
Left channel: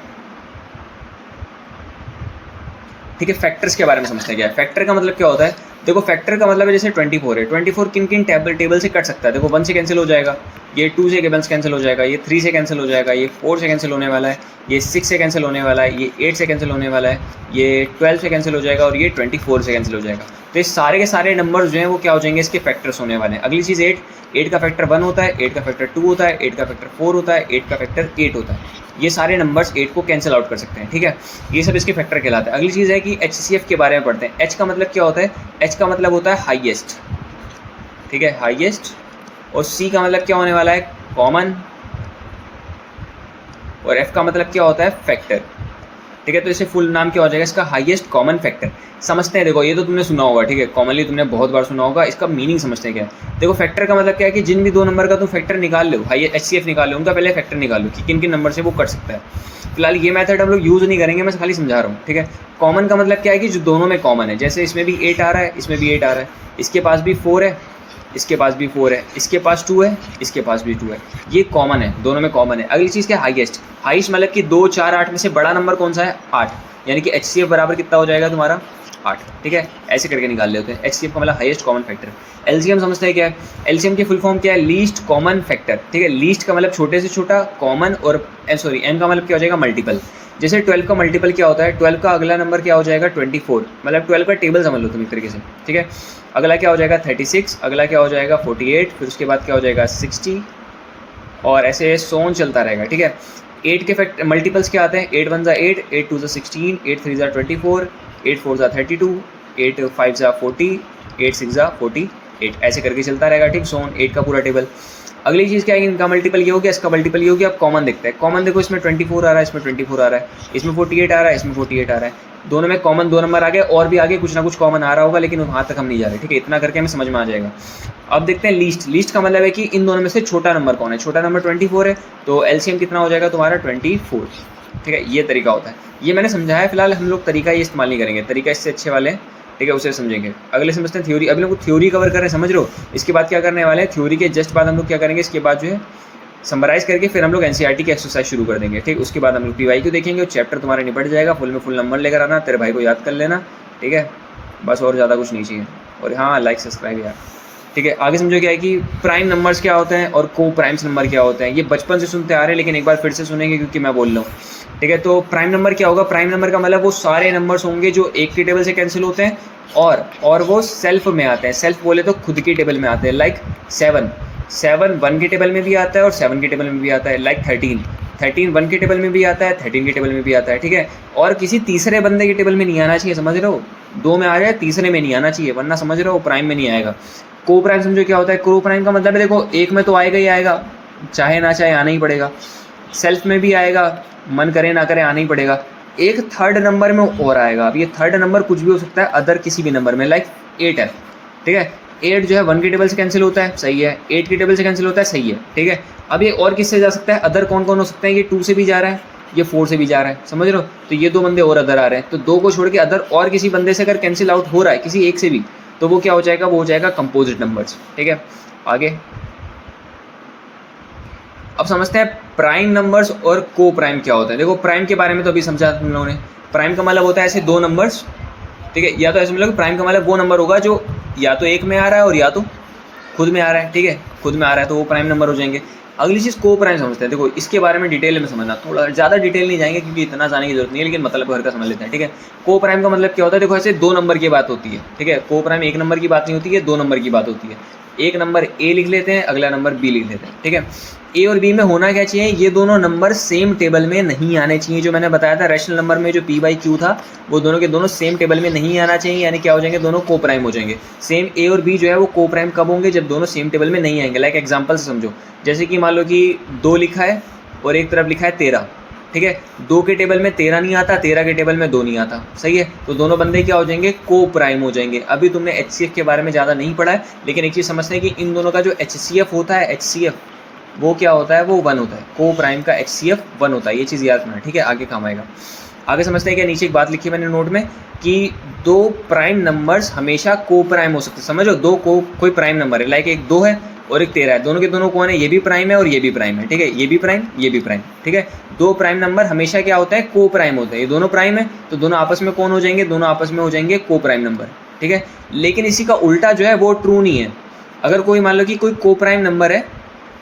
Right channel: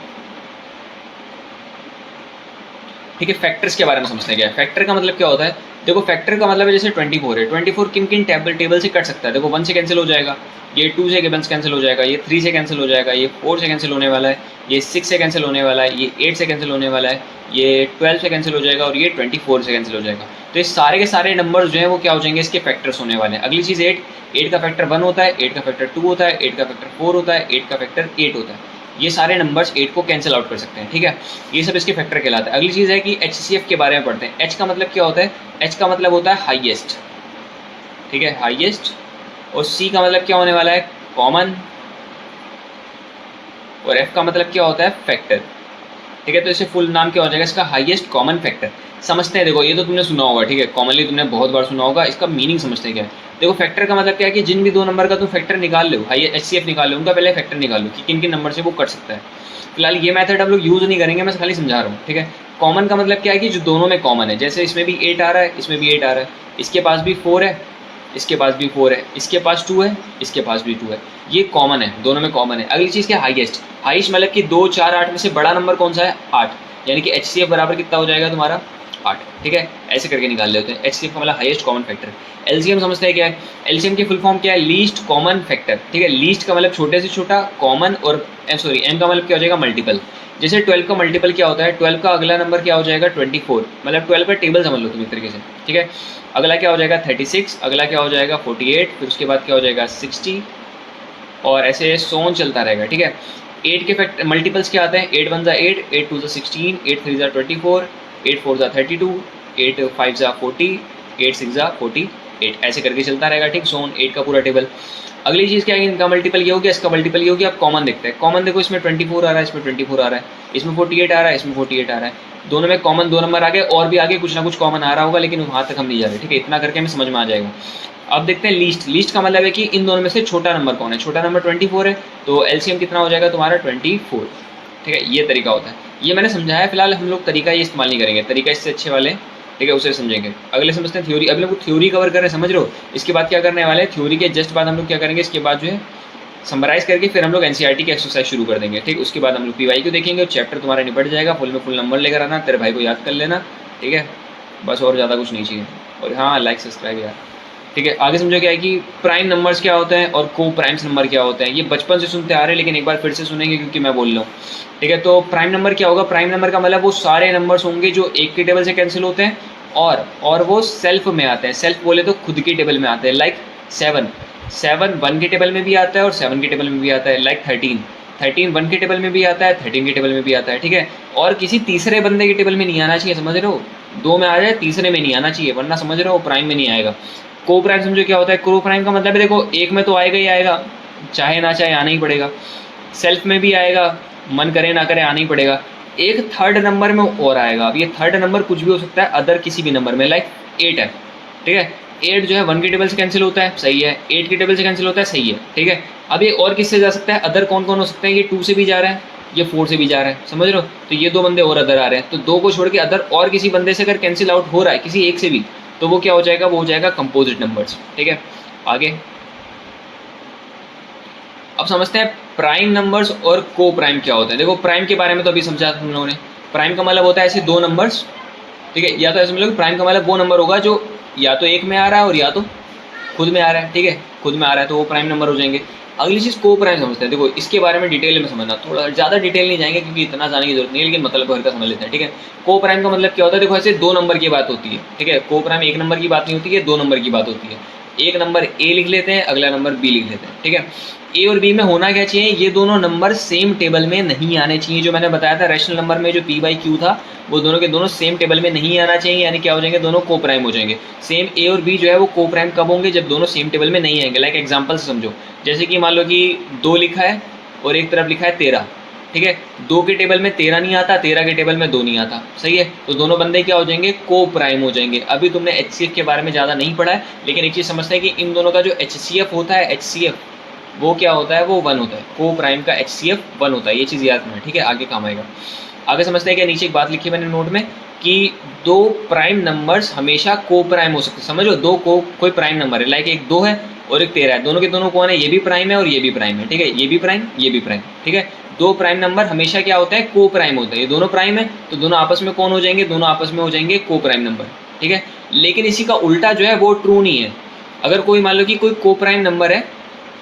ठीक है। फैक्टर्स के बारे में समझते हैं क्या है। फैक्टर का मतलब क्या होता है, देखो फैक्टर का मतलब है जैसे 24 है, 24 किन किन टेबल से कट सकता है, देखो 1 से कैंसिल हो जाएगा, ये 2 से कैंसिल हो जाएगा, ये 3 से कैंसिल हो जाएगा, ये 4 से कैंसिल होने वाला है, ये 6 से कैंसिल होने वाला है, ये 8 से कैंसिल होने वाला है, ये 12 से कैंसिल हो जाएगा, और ये 24 से कैंसिल हो जाएगा। तो ये सारे के सारे नंबर्स जो हैं वो क्या हो जाएंगे, इसके फैक्टर्स होने वाले हैं। अगली चीज़ 8 का फैक्टर 1 होता है, 8 का फैक्टर 2 होता है, 8 का फैक्टर 4 होता है, 8 का फैक्टर 8 होता है। ये सारे नंबर्स 8 को कैंसिल आउट कर सकते हैं, ठीक है। ये सब इसके फैक्टर कहलाते हैं। अगली चीज़ है कि HCF के बारे में पढ़ते हैं। H का मतलब क्या होता है, H का मतलब होता है हाईएस्ट, ठीक है, हाईएस्ट। और C का मतलब क्या होने वाला है, कॉमन। और F का मतलब क्या होता है, फैक्टर, ठीक है। तो इसे फुल नाम क्या हो जाएगा इसका, हाईएस्ट कॉमन फैक्टर। समझते हैं, देखो ये तो तुमने सुना होगा, ठीक है, कॉमनली तुमने बहुत बार सुना होगा, इसका मीनिंग समझते हैं क्या है। देखो फैक्टर का मतलब क्या है कि जिन भी 2 नंबर का तुम फैक्टर निकाल लो, HCF निकाल लो, उनका पहले फैक्टर निकाल लो कि किन किन नंबर से वो कट सकता है। फिलहाल ये मेथड हम लोग यूज़ नहीं करेंगे, मैं खाली समझा रहा हूँ, ठीक है। कॉमन का मतलब क्या है कि जो दोनों में कॉमन है, जैसे इसमें भी 8 आ रहा है, इसमें भी 8 आ रहा है, इसके पास भी 4 है, इसके पास भी 4 है, इसके पास 2 है, इसके पास भी 2 है, ये कॉमन है, दोनों में कॉमन है। अगली चीज़ क्या है, हाईएस्ट। हाईएस्ट मतलब कि 2, 4, 8 में से बड़ा नंबर कौन सा है, 8, यानी कि HCF बराबर कितना हो जाएगा तुम्हारा, 8, ठीक है। ऐसे करके निकाल लेते हैं। HCF का मतलब हाईएस्ट कॉमन फैक्टर। LCM समझते हैं क्या है, LCM की फुल फॉर्म क्या है, लीस्ट कॉमन फैक्टर, ठीक है। लीस्ट का मतलब छोटे से छोटा, कॉमन, और M का मतलब क्या हो जाएगा, मल्टीपल। जैसे 12 का मल्टीपल क्या होता है, 12 का अगला नंबर क्या हो जाएगा, 24, मतलब 12 का टेबल समझ लो तुम एक तरीके से, ठीक है। अगला क्या हो जाएगा 36, अगला क्या हो जाएगा 48, फिर उसके बाद क्या हो जाएगा 60, और ऐसे सोन चलता रहेगा, ठीक है। 8 के फैक्ट मल्टीपल्स क्या आते हैं, 8 1 ज़ा 8, 8 2 ज़ा 16, 8 3 ज़ा 24, 8 4 ज़ा 32, 8 5 ज़ा 40, 8 6 ज़ा 48, ऐसे करके चलता रहेगा, ठीक। सोन 8 का पूरा टेबल। अगली चीज़ क्या है, इनका मल्टीपल ये हो गया, इसका मल्टीपल ये हो गया। अब कॉमन देखते हैं। कॉमन देखो, इसमें 24 आ रहा है, इसमें 24 आ रहा है, इसमें 48 आ रहा है, इसमें 48 आ रहा है, दोनों में कॉमन 2 नंबर आ गए, और भी आगे कुछ ना कुछ कॉमन आ रहा होगा, लेकिन वहाँ तक हम नहीं जा रहे, ठीक है। इतना करके हमें समझ में आ जाएगा। अब देखते हैं लीस्ट। लीस्ट का मतलब है कि इन दोनों में से छोटा नंबर कौन है। छोटा नंबर 24 है, तो LCM कितना हो जाएगा तुम्हारा 24, ठीक है। ये तरीका होता है, ये मैंने समझाया। फिलहाल हम लोग तरीका ये इस्तेमाल नहीं करेंगे, तरीका इससे अच्छे वाले हैं, ठीक है, उसे समझेंगे। अगले समझते हैं थ्योरी। अभी लोग थ्योरी कवर कर रहे हैं, समझ लो। इसके बाद क्या करने वाले हैं, थ्योरी के जस्ट बाद हम लोग क्या करेंगे, इसके बाद जो है समराइज़ करके फिर हम लोग एनसीईआरटी की एक्सरसाइज शुरू कर देंगे, ठीक। उसके बाद हम लोग पीवाईक्यू देखेंगे और चैप्टर तुम्हारा निपट जाएगा। फुल में फुल नंबर लेकर आना, तेरे भाई को याद कर लेना, ठीक है। बस और ज़्यादा कुछ नहीं चाहिए। और हाँ, लाइक सब्सक्राइब यार, ठीक है। आगे समझो क्या है कि प्राइम नंबर्स क्या होते हैं और को प्राइम्स नंबर क्या होते हैं। ये बचपन से सुनते आ रहे हैं, लेकिन एक बार फिर से सुनेंगे क्योंकि मैं बोल रहा हूँ, ठीक है। तो प्राइम नंबर क्या होगा? प्राइम नंबर का मतलब वो सारे नंबर्स होंगे जो एक की टेबल से कैंसिल होते हैं और वो सेल्फ में आते हैं। सेल्फ बोले तो खुद की टेबल में आते हैं। लाइक 7 1 की टेबल में भी आता है और 7 की टेबल में भी आता है। लाइक 13 1 की टेबल में भी आता है, 13 की टेबल में भी आता है, ठीक है। और किसी तीसरे बंदे की टेबल में नहीं आना चाहिए, समझ रहे हो? 2 में आ जाए, तीसरे में नहीं आना चाहिए, वरना समझ रहे हो प्राइम में नहीं आएगा। को प्राइम समझो क्या होता है? को प्राइम का मतलब है देखो, एक में तो आएगा ही आएगा, चाहे ना चाहे आना ही पड़ेगा। सेल्फ में भी आएगा, मन करे ना करे आना ही पड़ेगा। एक थर्ड नंबर में और आएगा। अब ये थर्ड नंबर कुछ भी हो सकता है, अदर किसी भी नंबर में। लाइक 8 है, ठीक है। 8 जो है 1 की टेबल से कैंसिल होता है, सही है। 8 की टेबल से कैंसिल होता है, सही है, ठीक है। अब ये और किससे जा सकता है? अदर कौन कौन हो सकते हैं? ये 2 से भी जा रहा है, ये 4 से भी जा रहा है, समझ रहे हो? तो ये 2 बंदे और अदर आ रहे हैं, तो 2 को छोड़ के अदर और किसी बंदे से अगर कैंसिल आउट हो रहा है, किसी एक से भी, तो वो क्या हो जाएगा? वो हो जाएगा कंपोजिट नंबर्स, ठीक है। आगे अब समझते हैं प्राइम नंबर्स और को प्राइम क्या होता है। देखो, प्राइम के बारे में तो अभी समझा तुम लोगों ने। प्राइम का मतलब होता है ऐसे 2 नंबर्स, ठीक है। या तो ऐसे मतलब प्राइम का मतलब वो नंबर होगा जो या तो एक में आ रहा है और या तो खुद में आ रहा है, ठीक है। खुद में आ रहा है तो वो प्राइम नंबर हो जाएंगे। अगली चीज़ को प्राइम समझते हैं। देखो, इसके बारे में डिटेल में समझना, थोड़ा ज़्यादा डिटेल नहीं जाएंगे क्योंकि इतना जाने की जरूरत नहीं है, लेकिन मतलब भर का समझ लेते हैं, ठीक है। को प्राइम का मतलब क्या होता है? देखो, ऐसे 2 नंबर की बात होती है, ठीक है। को प्राइम 1 नंबर की बात नहीं होती है, 2 नंबर की बात होती है। एक नंबर ए लिख लेते हैं, अगला नंबर बी लिख लेते हैं, ठीक है। ए और बी में होना क्या चाहिए? ये दोनों नंबर सेम टेबल में नहीं आने चाहिए। जो मैंने बताया था रैशनल नंबर में, जो पी बाई क्यू था, वो दोनों के दोनों सेम टेबल में नहीं आना चाहिए। यानी क्या हो जाएंगे? दोनों को प्राइम हो जाएंगे। सेम ए और बी जो है वो को प्राइम कब होंगे? जब दोनों सेम टेबल में नहीं आएंगे। लाइक एग्जाम्पल से समझो, जैसे कि मान लो कि 2 लिखा है और एक तरफ लिखा है 13, ठीक है। 2 के टेबल में 13 नहीं आता, 13 के टेबल में 2 नहीं आता, सही है। तो दोनों बंदे क्या हो जाएंगे? को प्राइम हो जाएंगे। अभी तुमने HCF के बारे में ज़्यादा नहीं पढ़ा है, लेकिन एक चीज़ समझते हैं कि इन दोनों का जो HCF होता है, HCF वो क्या होता है? वो 1 होता है। को प्राइम का HCF 1 होता है, ये चीज़ याद रखना, ठीक है। आगे काम आएगा। आगे समझते हैं कि नीचे एक बात लिखी है मैंने नोट में कि 2 प्राइम नंबर्स हमेशा को प्राइम हो सकते हैं। समझो, 2 को कोई प्राइम नंबर है। लाइक एक 2 है और एक 13 है, दोनों के दोनों कौन है? ये भी प्राइम है और ये भी प्राइम है, ठीक है। ये भी प्राइम, ये भी प्राइम, ठीक है। 2 प्राइम नंबर हमेशा क्या होता है? को प्राइम होता है। ये दोनों प्राइम है तो दोनों आपस में कौन हो जाएंगे? दोनों आपस में हो जाएंगे को प्राइम नंबर, ठीक है। लेकिन इसी का उल्टा जो है वो ट्रू नहीं है। अगर कोई मान लो कि कोई को प्राइम नंबर है,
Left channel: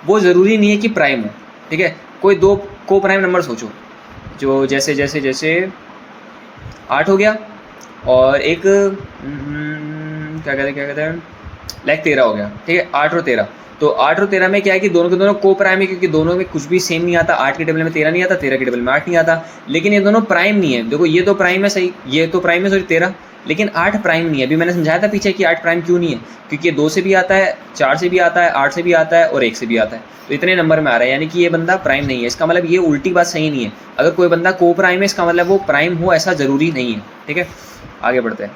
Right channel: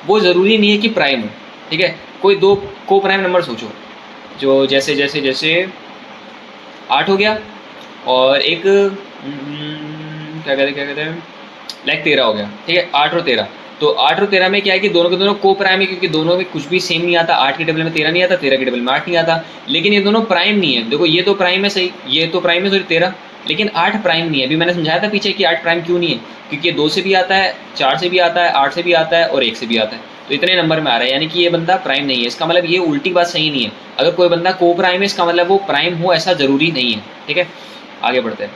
वो ज़रूरी नहीं है कि प्राइम हो, ठीक है। कोई 2 को प्राइम नंबर सोचो, जो जैसे जैसे जैसे 8 हो गया और एक क्या कहते हैं लाइक 13 हो गया, ठीक है। 8 और 13, तो 8 और 13 में क्या है कि दोनों के दोनों को प्राइम है, क्योंकि दोनों में कुछ भी सेम नहीं आता। 8 के टेबल में 13 नहीं आता, 13 के टेबल में 8 नहीं आता, लेकिन ये दोनों प्राइम नहीं है। देखो, ये तो प्राइम है, सही, ये तो प्राइम है, सॉरी 13, लेकिन 8 प्राइम नहीं है। अभी मैंने समझाया था पीछे कि 8 प्राइम क्यों नहीं है, क्योंकि ये 2 से भी आता है, 4 से भी आता है, 8 से भी आता है और 1 से भी आता है, तो इतने नंबर में आ रहा है, यानी कि ये बंदा प्राइम नहीं है। इसका मतलब ये उल्टी बात सही नहीं है। अगर कोई बंदा को प्राइम है, इसका मतलब वो प्राइम हो ऐसा ज़रूरी नहीं है, ठीक है। आगे बढ़ते हैं।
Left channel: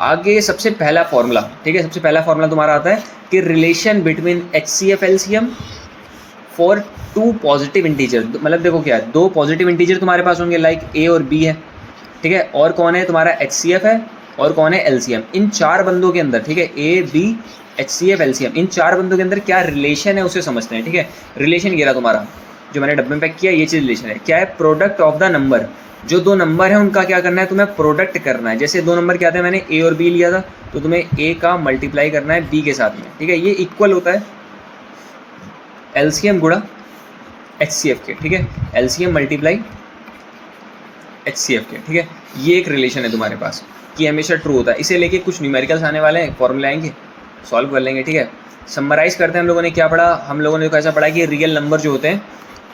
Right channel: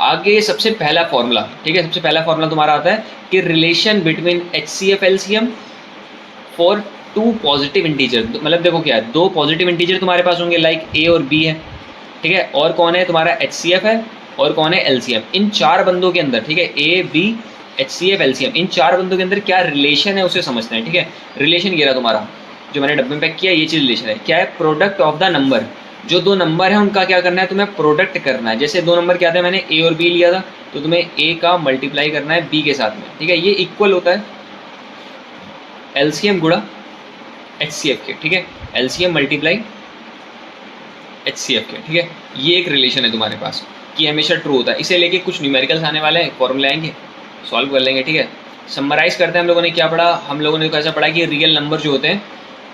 आगे सबसे पहला फॉर्मूला, ठीक है, सबसे पहला फॉर्मूला तुम्हारा आता है कि relation between HCF LCM for 2 positive integer. मतलब देखो क्या है, 2 पॉजिटिव इंटीजर तुम्हारे पास होंगे, लाइक A और B है, ठीक है। और कौन है? तुम्हारा HCF है और कौन है? LCM। इन 4 बंदों के अंदर, ठीक है, A B HCF LCM, इन 4 बंदों के अंदर क्या रिलेशन है उसे समझते हैं, ठीक है। रिलेशन ये रहा तुम्हारा, जो मैंने डब्बे में पैक किया, ये चीज़ रिलेशन है। क्या है? Product of the number. जो 2 नंबर है उनका क्या करना है? तुम्हें प्रोडक्ट करना है। जैसे 2 नंबर क्या थे, मैंने A और B लिया था, तो तुम्हें A का मल्टीप्लाई करना है B के साथ में, ठीक है। ये इक्वल होता है LCM गुणा HCF के, ठीक है। LCM मल्टीप्लाई HCF के, ठीक है। ये एक रिलेशन है तुम्हारे पास कि हमेशा ट्रू होता है। इसे लेके कुछ न्यूमेरिकल्स आने वाले हैं, फॉर्मूले आएंगे, सॉल्व कर लेंगे, ठीक है। समराइज़ करते हैं, हम लोगों ने क्या पढ़ा? हम लोगों ने कैसा पढ़ा कि रियल नंबर जो होते हैं,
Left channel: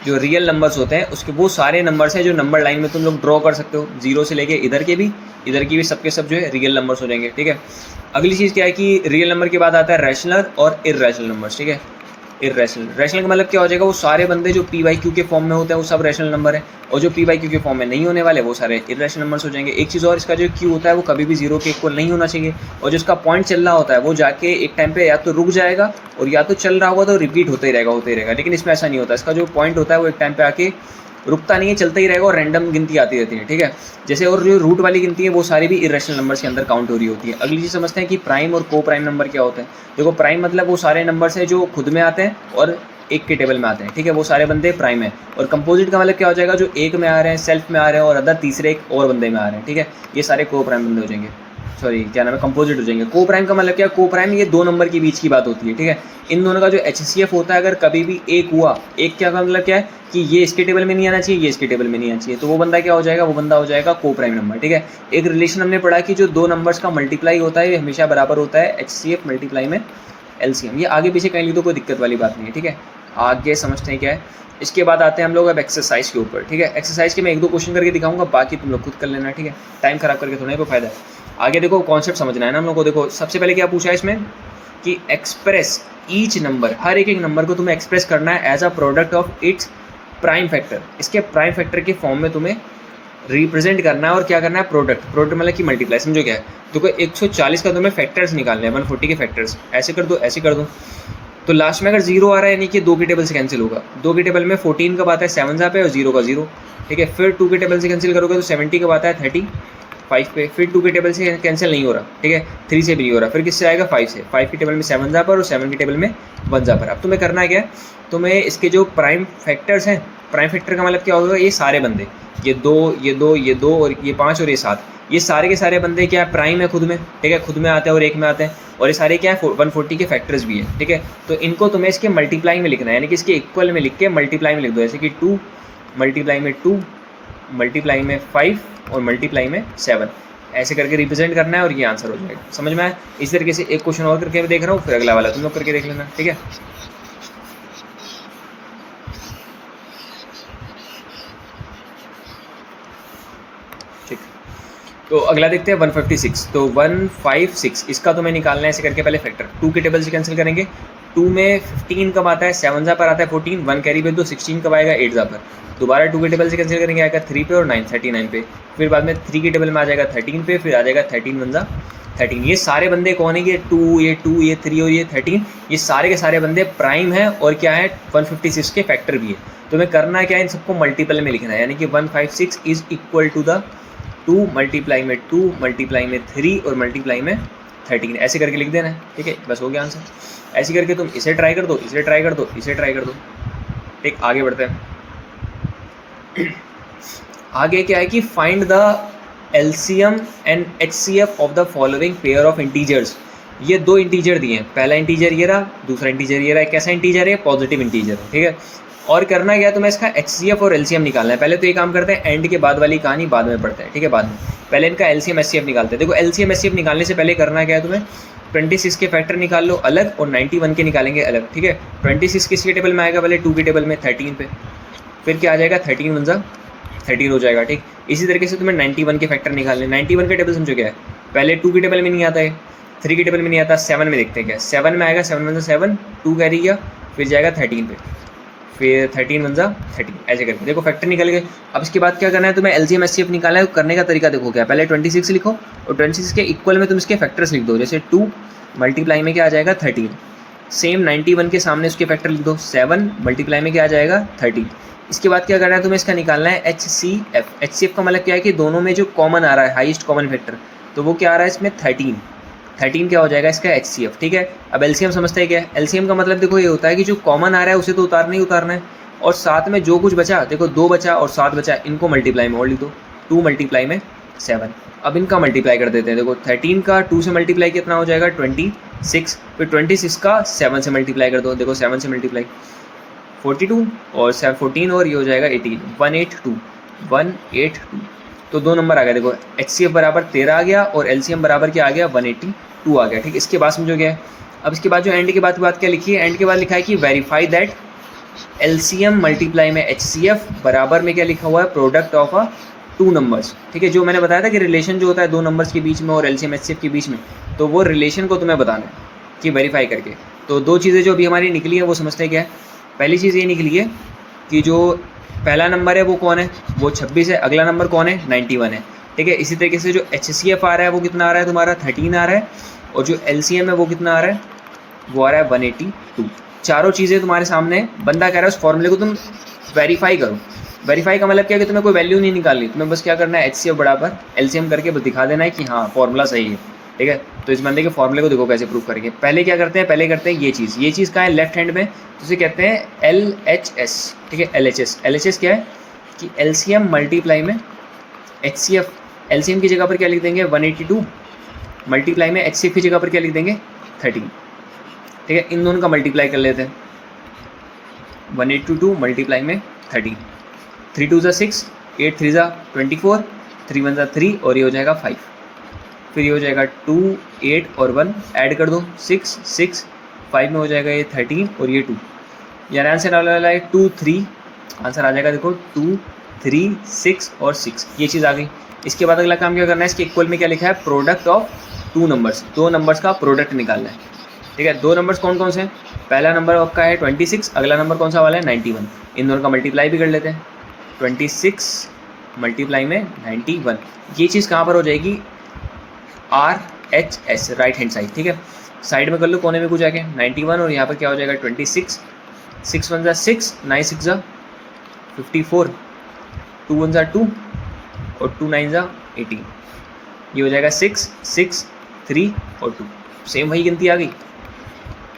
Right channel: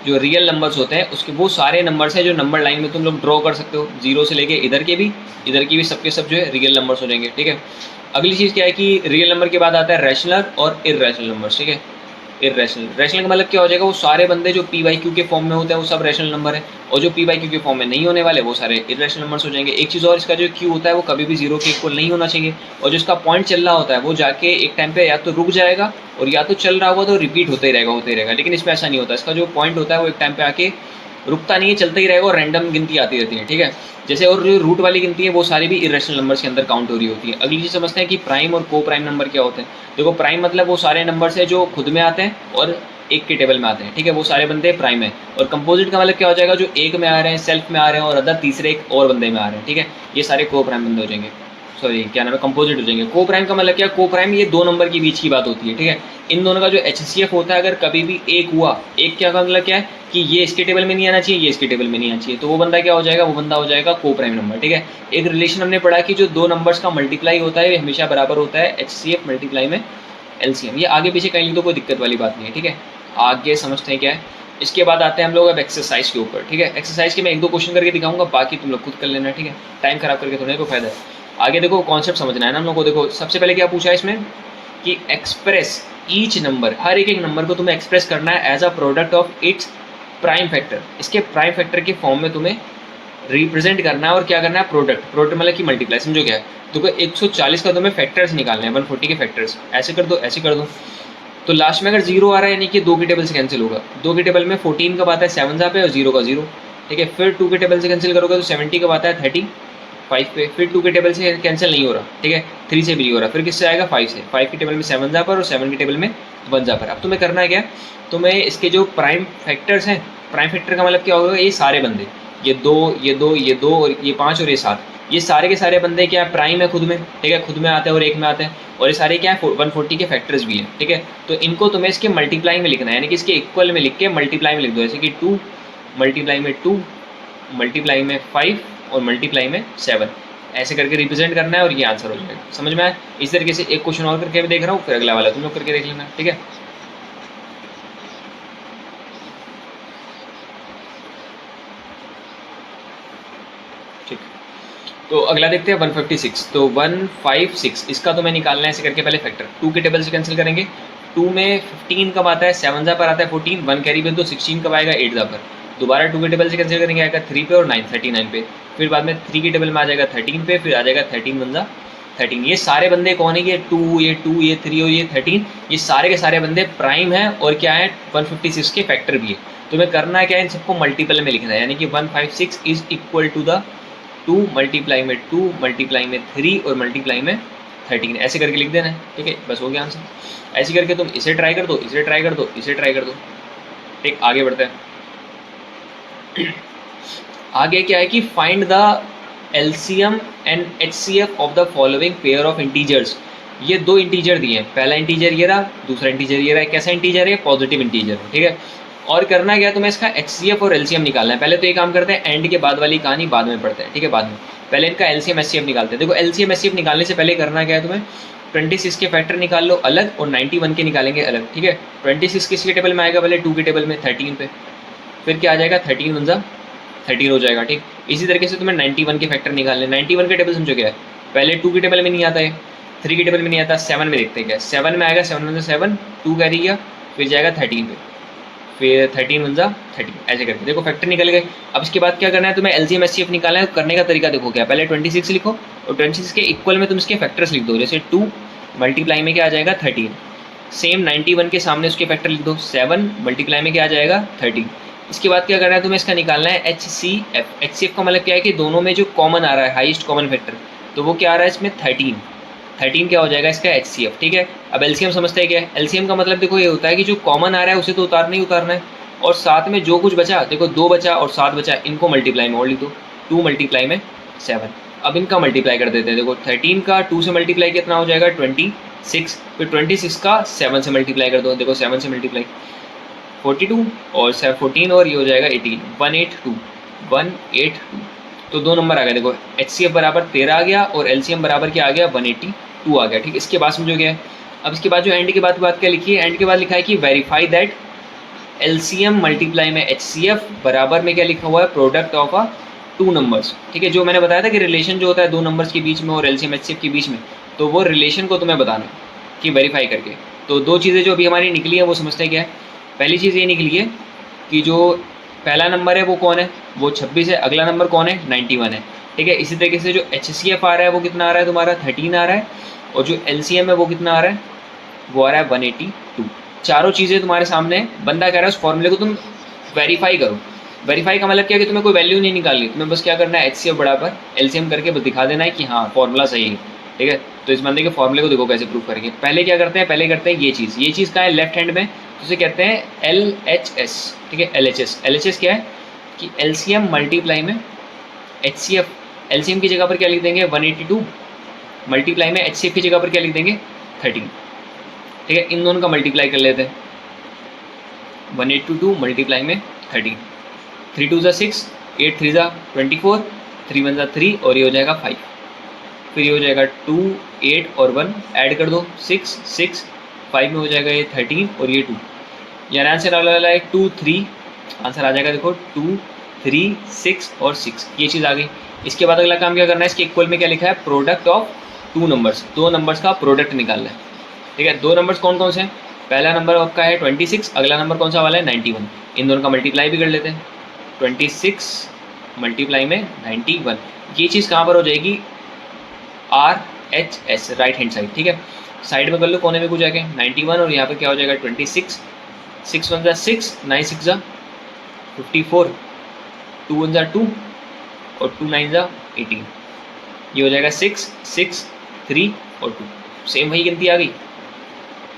जो रियल नंबर्स होते हैं, उसके वो सारे नंबर्स हैं जो नंबर लाइन में तुम लोग ड्रॉ कर सकते हो, 0 से लेके इधर के भी, इधर की भी, सबके सब जो है रियल नंबर्स हो जाएंगे, ठीक है। अगली चीज़ क्या है कि रियल नंबर के बाद आता है रैशनल और इर्रेशनल नंबर्स, ठीक है। इर्रेशनल, रैशनल का मतलब क्या हो जाएगा? वो सारे बंदे जो पी बाई क्यू के फॉर्म में होते हैं वो सब रैशनल नंबर है, और जो पी बाई क्यू के फॉर्म में नहीं होने वाले वो सारे इर्रेशनल नंबर्स हो जाएंगे। एक चीज़ और, इसका जो क्यू होता है वो कभी भी 0 के इक्वल नहीं होना चाहिए, और जो इसका पॉइंट चल रहा होता है वो जाके एक टाइम पे या तो रुक जाएगा और या तो चल रहा होगा तो रिपीट होते ही रहेगा, लेकिन इसमें ऐसा नहीं होता। इसका जो पॉइंट होता है वो एक टाइम पे आके रुकता नहीं है, चलता ही रहेगा, और रैंडम गिनती आती रहती है, ठीक है। जैसे और जो रूट वाली गिनती है वो सारी भी इरेशनल नंबर्स के अंदर काउंट हो रही होती है। अगली चीज़ समझते हैं कि प्राइम और को प्राइम नंबर क्या होते हैं। देखो, प्राइम मतलब वो सारे नंबर्स हैं जो खुद में आते हैं और एक के टेबल में आते हैं, ठीक है, वो सारे बंदे प्राइम है। और कंपोजिट का मतलब क्या हो जाएगा, जो एक में आ रहे हैं, सेल्फ में आ रहे हैं और अदर तीसरे एक और बंदे में आ रहे हैं, ठीक है, ये सारे को प्राइम बंदे हो जाएंगे, सॉरी क्या नाम है, कंपोजिट हो जाएंगे। को प्राइम का मतलब क्या, को प्राइम ये दो नंबर के बीच की बात होती है, ठीक है। इन दोनों का जो HCF होता है, अगर कभी भी एक हुआ, एक क्या का मतलब क्या है कि ये इसके टेबल में नहीं आना चाहिए, ये इसके टेबल में नहीं आना चाहिए, तो वो बंदा क्या हो जाएगा, वो बंदा हो जाएगा को प्राइम नंबर, ठीक है। एक रिलेशन हमने पढ़ा कि जो दो नंबर्स का मल्टीप्लाई होता है ये हमेशा बराबर होता है HCF मल्टीप्लाई में LCM। ये आगे पीछे कहीं लिख दो, कोई दिक्कत वाली बात नहीं है, ठीक है। आगे समझते हैं क्या है। इसके बाद आते हैं हम लोग अब एक्सरसाइज के ऊपर, ठीक है। एक्सरसाइज के मैं एक दो क्वेश्चन करके दिखाऊंगा, बाकी तुम लोग खुद कर लेना, ठीक है। टाइम खराब करके थोड़ा कोई फायदा है। आगे देखो कॉन्सेप्ट समझना है ना हम लोग को। देखो सबसे पहले क्या पूछा है इसमें कि एक्सप्रेस ईच नंबर, हर एक नंबर को तुम्हें एक्सप्रेस करना है as a product of its prime factor. इसके प्राइम फैक्टर के फॉर्म में तुम्हें रिप्रेजेंट करना है और क्या करना है, प्रोडक्ट मतलब कि मल्टीप्लाई, समझो क्या है। देखो 140 का तुम्हें फैक्टर्स निकालने हैं, 140 के फैक्टर्स, ऐसे कर दो ऐसे कर दो। तो लास्ट में अगर जीरो आ रहा है यानी कि 2 के टेबल से कैंसिल होगा। 2 के टेबल में 14 कब आता है, 7 पे, और 0 का 0, ठीक है। फिर 2 के टेबल से कैंसिल करोगे तो 70 कब आता है, 35 पे। फिर 2 के टेबल से कैंसिल नहीं हो रहा, ठीक है, 3 से भी नहीं हो रहा, फिर किससे आएगा, 5 से। 5 के टेबल में 7 पर और 7 के टेबल में 1 पर। अब तुम्हें करना है क्या, तुम्हें इसके जो प्राइम फैक्टर्स हैं, प्राइम फैक्टर का मतलब क्या होगा, ये सारे बंदे, ये 2 ये 2 ये 2 और ये 5 और ये 7, ये सारे के सारे बंदे क्या है, प्राइम है खुद में, ठीक है, खुद में आते हैं और एक में आते हैं, और ये सारे क्या है 140 के फैक्टर्स भी है, ठीक है। तो इनको तुम्हें इसके मल्टीप्लाई में लिखना है, यानी कि इसके इक्वल में लिख के मल्टीप्लाई में लिख दो, जैसे कि 2 मल्टीप्लाई में 2 मल्टीप्लाई में 5 और मल्टीप्लाई में 7, ऐसे करके रिप्रेजेंट करना है और ये आंसर हो जाएगा। समझ में आया। इस तरीके से एक क्वेश्चन और करके मैं देख रहा हूँ, फिर अगला वाला तुम लोग करके देख लेना, ठीक है। ठीक, तो अगला देखते हैं 156। तो 156 इसका तुम्हें निकालना है ऐसे करके, पहले फैक्टर 2 के टेबल से कैंसिल करेंगे। 2 में 15 कब आता है, 7 पर आता है 14, 1 कैरी भेज दो, 16 कब आएगा, 8 पर। दोबारा 2 के टेबल से कैंसिल करेंगे, आएगा 3 पे और 9 39 पे। फिर बाद में 3 के टेबल में आ जाएगा 13 पे, फिर आ जाएगा 13 1 13। ये सारे बंदे कौन है, ये 2 ये 3 और ये 13, ये सारे के सारे बंदे प्राइम हैं और क्या है 156 के फैक्टर भी है। तुम्हें करना क्या है, इन सबको मल्टीपल में लिखना है, यानी कि 156 is equal to the 2 multiply में 2 मल्टीप्लाई में 3 और मल्टीप्लाई में 13, ऐसे करके लिख देना है, ठीक है। बस हो गया आंसर। ऐसे करके तुम इसे ट्राई कर दो, इसे ट्राई कर दो, इसे ट्राई कर दो, ठीक। आगे बढ़ते हैं। आगे क्या है कि find the LCM and HCF of the following pair of integers. ये दो इंटीजर दिए हैं, पहला इंटीजर ये रहा, दूसरा इंटीजर ये रहा। कैसा इंटीजर है, पॉजिटिव इंटीजर, ठीक है। और करना क्या, तुम्हें इसका HCF और LCM निकालना है। पहले तो ये काम करते हैं, एंड के बाद वाली कहानी बाद में पढ़ते हैं, ठीक है, बाद में। पहले इनका LCM HCF निकालते हैं। देखो LCM HCF निकालने से पहले करना क्या है, तुम्हें 26 के फैक्टर निकाल लो अलग और 91 के निकालेंगे अलग, ठीक है। 26 किसके टेबल में आएगा, पहले 2 के टेबल में 13 पे, फिर क्या आ जाएगा 13 1 13 हो जाएगा, ठीक। इसी तरीके से तुम्हें 91 के फैक्टर निकालने। 91 के टेबल समझो क्या है, पहले 2 के टेबल में नहीं आता है, 3 के टेबल में नहीं आता, 7 में देखते हैं क्या, 7 में आएगा, 7 1 7, 2 कैरी गया, फिर जाएगा 13 पे, फिर 13 1 13, ऐसे करके देखो फैक्टर निकल गए। अब इसके बाद क्या करना है, तुम्हें LCM HCF निकालना है। करने का तरीका देखो क्या, पहले 26 लिखो और 26 के इक्वल में तुम इसके फैक्टर्स लिख दो, जैसे 2 मल्टीप्लाई में क्या आ जाएगा 13, सेम 91 के सामने उसके फैक्टर लिख दो, 7 मल्टीप्लाई में क्या आ जाएगा 13। इसके बाद क्या करना है, तुम्हें इसका निकालना है HCF। HCF का मतलब क्या है कि दोनों में जो कॉमन आ रहा है, हाईएस्ट कॉमन फैक्टर, तो वो क्या आ रहा है इसमें 13 क्या हो जाएगा इसका HCF, ठीक है। अब LCM समझते हैं क्या है। LCM का मतलब देखो ये होता है कि जो कॉमन आ रहा है उसे तो उतारना ही उतारना है, और साथ में जो कुछ बचा, देखो 2 बचा और 7 बचा, इनको मल्टीप्लाई में और लिख दो, 2 मल्टीप्लाई में 7। अब इनका मल्टीप्लाई कर देते हैं। देखो 13 का 2 से मल्टीप्लाई कितना हो जाएगा 26, फिर 26 का 7 से मल्टीप्लाई कर दो, देखो 7 से मल्टीप्लाई 42 और 14 और ये हो जाएगा 18, 182। तो 2 नंबर आ गया। देखो HCF बराबर 13 आ गया और LCM बराबर क्या आ गया 182 आ गया, ठीक। इसके बाद समझो क्या है। अब इसके बाद जो एंड के बाद क्या लिखी है, एंड के बाद लिखा है कि वेरीफाई दैट LCM मल्टीप्लाई में HCF बराबर में क्या लिखा हुआ है, प्रोडक्ट ऑफ अ 2 नंबर्स, ठीक है। जो मैंने बताया था कि रिलेशन जो होता है 2 नंबर्स के बीच में और LCM HCF के बीच में, तो वो रिलेशन को तुम्हें बताना है कि वेरीफाई करके। तो 2 चीज़ें जो अभी हमारी निकली है वो समझते हैं क्या है। पहली चीज़ ये निकली है कि जो पहला नंबर है वो कौन है, वो 26 है। अगला नंबर कौन है, 91 है, ठीक है। इसी तरीके से जो HCF आ रहा है वो कितना आ रहा है तुम्हारा 13 आ रहा है, और जो LCM है वो कितना आ रहा है, वो आ रहा है 182। चारों चीज़ें तुम्हारे सामने है। बंदा कह रहा है उस फॉर्मूले को तुम वेरीफाई करो। वेरीफाई का मतलब क्या है कि तुम्हें कोई वैल्यू नहीं निकालनी, तुम्हें बस क्या करना है HCF बराबर LCM करके बस दिखा देना है कि हाँ फॉर्मूला सही है, ठीक है। तो इस बंदे के फॉर्मूले को देखो कैसे प्रूव करेंगे। पहले क्या करते हैं, पहले करते हैं ये चीज़ कहाँ है, लेफ्ट हैंड में तो उसे कहते हैं LHS, ठीक है। LHS क्या है कि LCM मल्टीप्लाई में HCF, LCM की जगह पर क्या लिख देंगे 182, मल्टीप्लाई में HCF की जगह पर क्या लिख देंगे 13, ठीक है। इन दोनों का मल्टीप्लाई कर लेते हैं, 182 मल्टीप्लाई में 13, 3 2 6, 8 3 24, 3 1 3 और ये हो जाएगा 5, फिर ये हो जाएगा 2 8 और 1 ऐड कर दो 6 6, 5 में हो जाएगा ये 13 और ये 2, यानी आंसर आ रहा है 2 3, आंसर आ जाएगा देखो 2 3 6 और 6, ये चीज़ आ गई। इसके बाद अगला काम क्या करना है, इसके इक्वल में क्या लिखा है प्रोडक्ट ऑफ टू नंबर्स, दो नंबर्स का प्रोडक्ट निकालना है, ठीक है। दो नंबर्स कौन कौन से हैं, पहला नंबर आपका है 26, अगला नंबर कौन सा वाला है 91, इन दोनों का मल्टीप्लाई भी कर लेते हैं, 26 मल्टीप्लाई में 91, ये चीज़ कहाँ पर हो जाएगी RHS, राइट हैंड साइड, ठीक है। साइड में कर लो कोने में कुछ जाके 91 और यहाँ पर क्या हो जाएगा 26, 6 1 6, 9 6 54, 2 1 2 और 2 9 18, ये हो जाएगा 6 6 3 और 2, सेम वही गिनती आ गई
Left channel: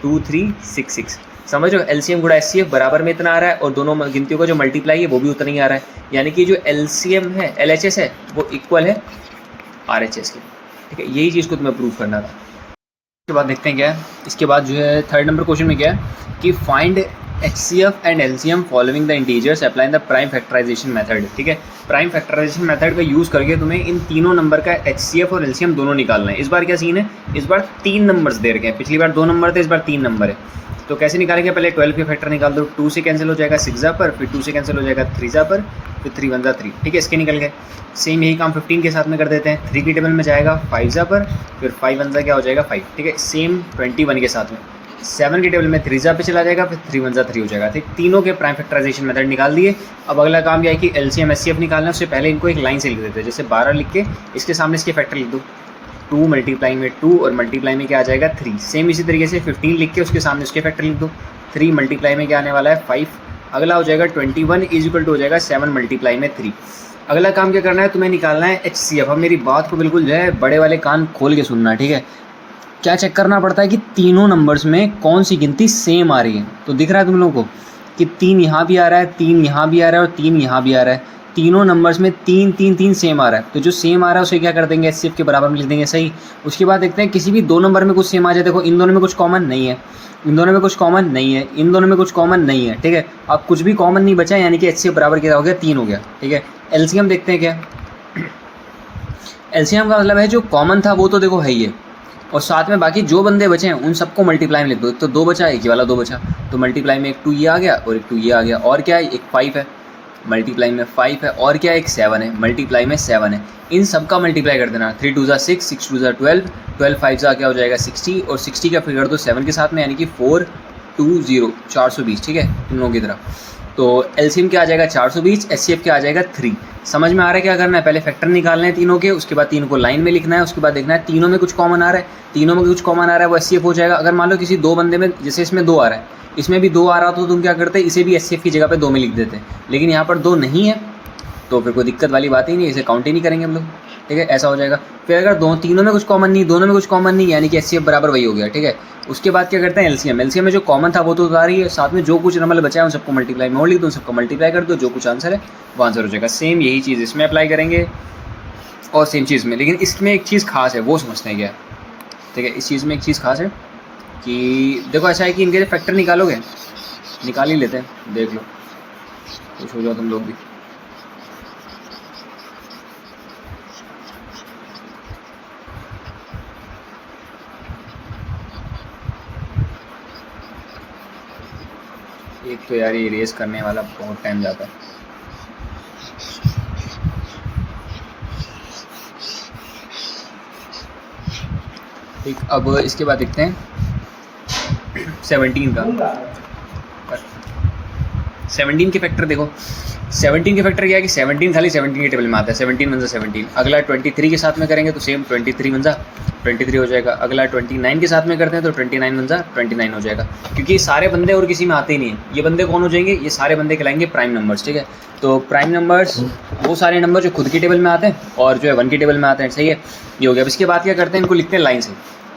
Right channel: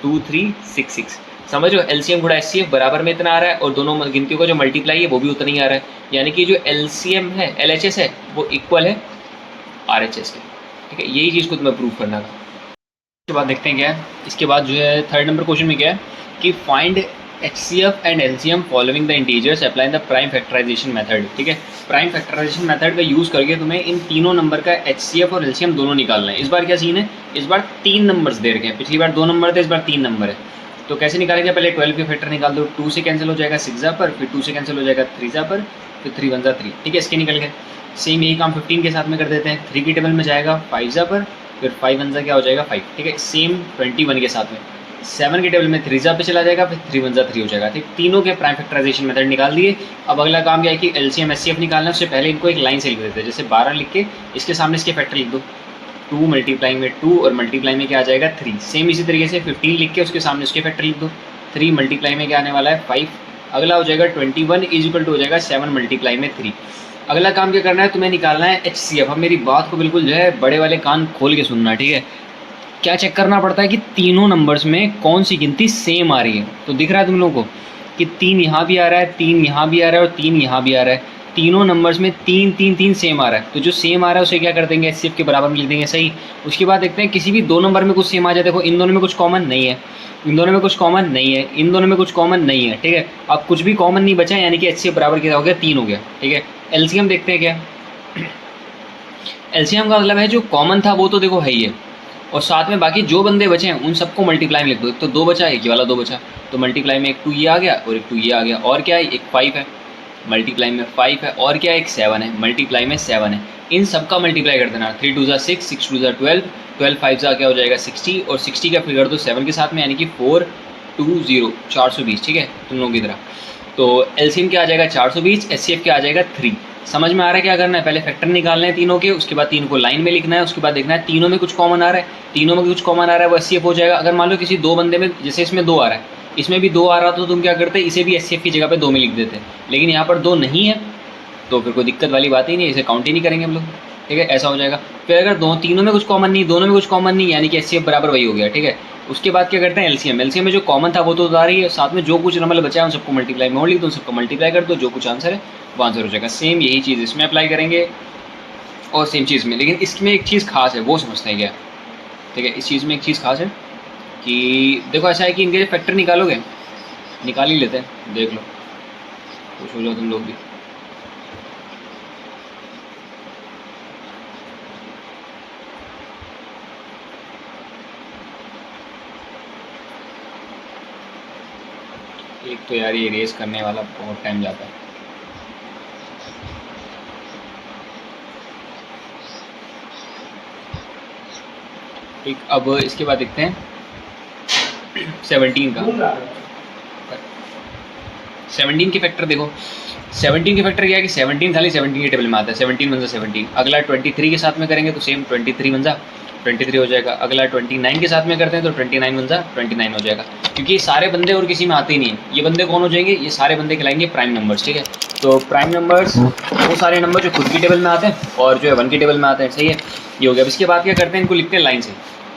2 3 6 6, समझ रहे हो। LCM गुणा HCF बराबर में इतना आ रहा है और दोनों गिनतियों का जो मल्टीप्लाई है वो भी उतना ही आ रहा है, यानी कि जो LCM है LHS है वो इक्वल है RHS के, ठीक है। यही चीज़ को तुम्हें प्रूव करना था। उसके बाद देखते हैं क्या है, इसके बाद जो है थर्ड नंबर क्वेश्चन में क्या है कि find HCF and LCM following the integers apply the prime factorisation method, ठीक है। प्राइम फैक्टराइजेशन मेथड का यूज़ करके तुम्हें इन तीनों नंबर का HCF और LCM दोनों निकालना है। इस बार क्या सीन है, इस बार 3 नंबर्स दे रखे हैं, पिछली बार 2 नंबर थे, इस बार 3 नंबर है। तो कैसे निकालेंगे, पहले 12 के फैक्टर निकाल दो, 2 से कैंसिल हो जाएगा 6 पर, फिर 2 से कैंसिल हो जाएगा 3 पर, फिर 3 1 3, ठीक है। इसके निकल गए। सेम यही काम 15 के साथ में कर देते हैं, 3 की टेबल में जाएगा 5 पर, फिर 5 1 क्या हो जाएगा 5, ठीक है। सेम 21 के साथ में 7 की टेबल में 3 पे चला जाएगा, फिर 3 1 3 हो जाएगा, ठीक। तीनों के प्राइम फैक्टराइजेशन मेथड निकाल दिए। अब अगला काम क्या है कि LCM HCF निकालना है, उससे पहले इनको एक लाइन से लिख देते हैं, जैसे 12 लिख के इसके सामने इसके फैक्टर लिख दो, 2 मल्टीप्लाई में 2 और मल्टीप्लाई में क्या आ जाएगा 3, सेम इसी तरीके से 15 लिख के उसके सामने उसके फैक्टर लिख दो, 3 मल्टीप्लाई में क्या आने वाला है 5, अगला हो जाएगा 21 इज इक्वल टू हो जाएगा 7 मल्टीप्लाई में 3। अगला काम क्या करना है, तुम्हें निकालना है HCF। अब मेरी बात को बिल्कुल जो है बड़े वाले कान खोल के सुनना है, ठीक है। क्या चेक करना पड़ता है कि तीनों नंबर्स में कौन सी गिनती सेम आ रही है। तो दिख रहा है तुम लोगों को कि 3 यहाँ भी आ रहा है, 3 यहाँ भी आ रहा है और 3 यहाँ भी आ रहा है, तीनों नंबर्स में 3 3 3 सेम आ रहा है। तो जो सेम आ रहा है उसे क्या कर देंगे HCF के बराबर में लिख देंगे, सही। उसके बाद देखते हैं किसी भी 2 नंबर में कुछ सेम आ जाए, देखो इन दोनों में कुछ कॉमन नहीं है, इन दोनों में कुछ कॉमन नहीं है, इन दोनों में कुछ कॉमन नहीं है, ठीक है। अब कुछ भी कॉमन नहीं बचा, यानी कि HCF बराबर क्या हो गया 3 हो गया, ठीक है। LCM देखते हैं क्या, LCM का मतलब है जो कॉमन था वो तो देखो है ही है, और साथ में बाकी जो बंदे बचे हैं उन सबको मल्टीप्लाई में लिख दो। एक तो 2 बचा, एक ही वाला 2 बचा, तो मल्टीप्लाई में एक 2 ये आ गया और एक 2 ये आ गया, और क्या है एक 5 है, मल्टीप्लाई में 5 है, और क्या है एक 7 है, मल्टीप्लाई में 7 है। इन सब का मल्टीप्लाई कर देना, 3 2 6, 6 2 12, 12 5 क्या हो जाएगा 60, और 60 का फिगर दो 7 के साथ में, यानी कि 420, 420, ठीक है तुम लोगों की तरह। तो LCM क्या आ जाएगा 420, HCF क्या आ जाएगा 3। समझ में आ रहा है क्या करना है, पहले फैक्टर निकालना है तीनों के, उसके बाद तीनों को लाइन में लिखना है, उसके बाद देखना है तीनों में कुछ कॉमन आ रहा है, तीनों में कुछ कॉमन आ रहा है वो HCF हो जाएगा। अगर मान लो किसी 2 बंदे में, जैसे इसमें 2 आ रहा है, इसमें भी 2 आ रहा तो तुम क्या करते, इसे भी HCF की जगह पे 2 में लिख देते, लेकिन यहाँ पर 2 नहीं है तो फिर कोई दिक्कत वाली बात ही नहीं, इसे काउंट ही नहीं करेंगे हम लोग, ठीक है। ऐसा हो जाएगा। फिर अगर तीनों में कुछ कॉमन नहीं, दोनों में कुछ कॉमन नहीं, यानी कि HCF बराबर वही हो गया, ठीक है। उसके बाद क्या करते हैं LCM में जो कॉमन था वो तो उतार ही है, साथ में जो कुछ नंबर बचा है उन सबको मल्टीप्लाई में और लिख दो, उन सबको मल्टीप्लाई कर दो, जो कुछ आंसर है वो आंसर हो जाएगा। सेम यही चीज़ इसमें अप्लाई करेंगे और सेम चीज़ में, लेकिन इसमें एक चीज़ खास है, वो समझते हैं क्या, ठीक है। इस चीज़ में एक चीज़ खास है कि देखो ऐसा है कि इनके फैक्टर निकालोगे, निकाल ही लेते हैं, देख लो कुछ हो जाओ तुम लोग भी। एक तो यार ये रेस करने वाला बहुत टाइम जाता है। ठीक, अब इसके बाद देखते हैं 17 का। 17 के फैक्टर देखो, 17 के फैक्टर क्या है कि 17 खाली 17 के टेबल में आता है, 17 1 17। अगला 23 के साथ में करेंगे तो सेम 23 1 23 हो जाएगा। अगला 29 के साथ में करते हैं तो 29 1 29 हो जाएगा, क्योंकि ये सारे बंदे और किसी में आते ही नहीं है। ये बंदे कौन हो जाएंगे, ये सारे बंदे कहलाएंगे प्राइम नंबर्स, ठीक है। तो प्राइम नंबर्स वो सारे नंबर जो खुद की टेबल में आते हैं और जो है 1 की टेबल में आते हैं, सही है। ये हो गया। अब इसके बाद क्या करते हैं, इनको लिखते हैं लाइन से,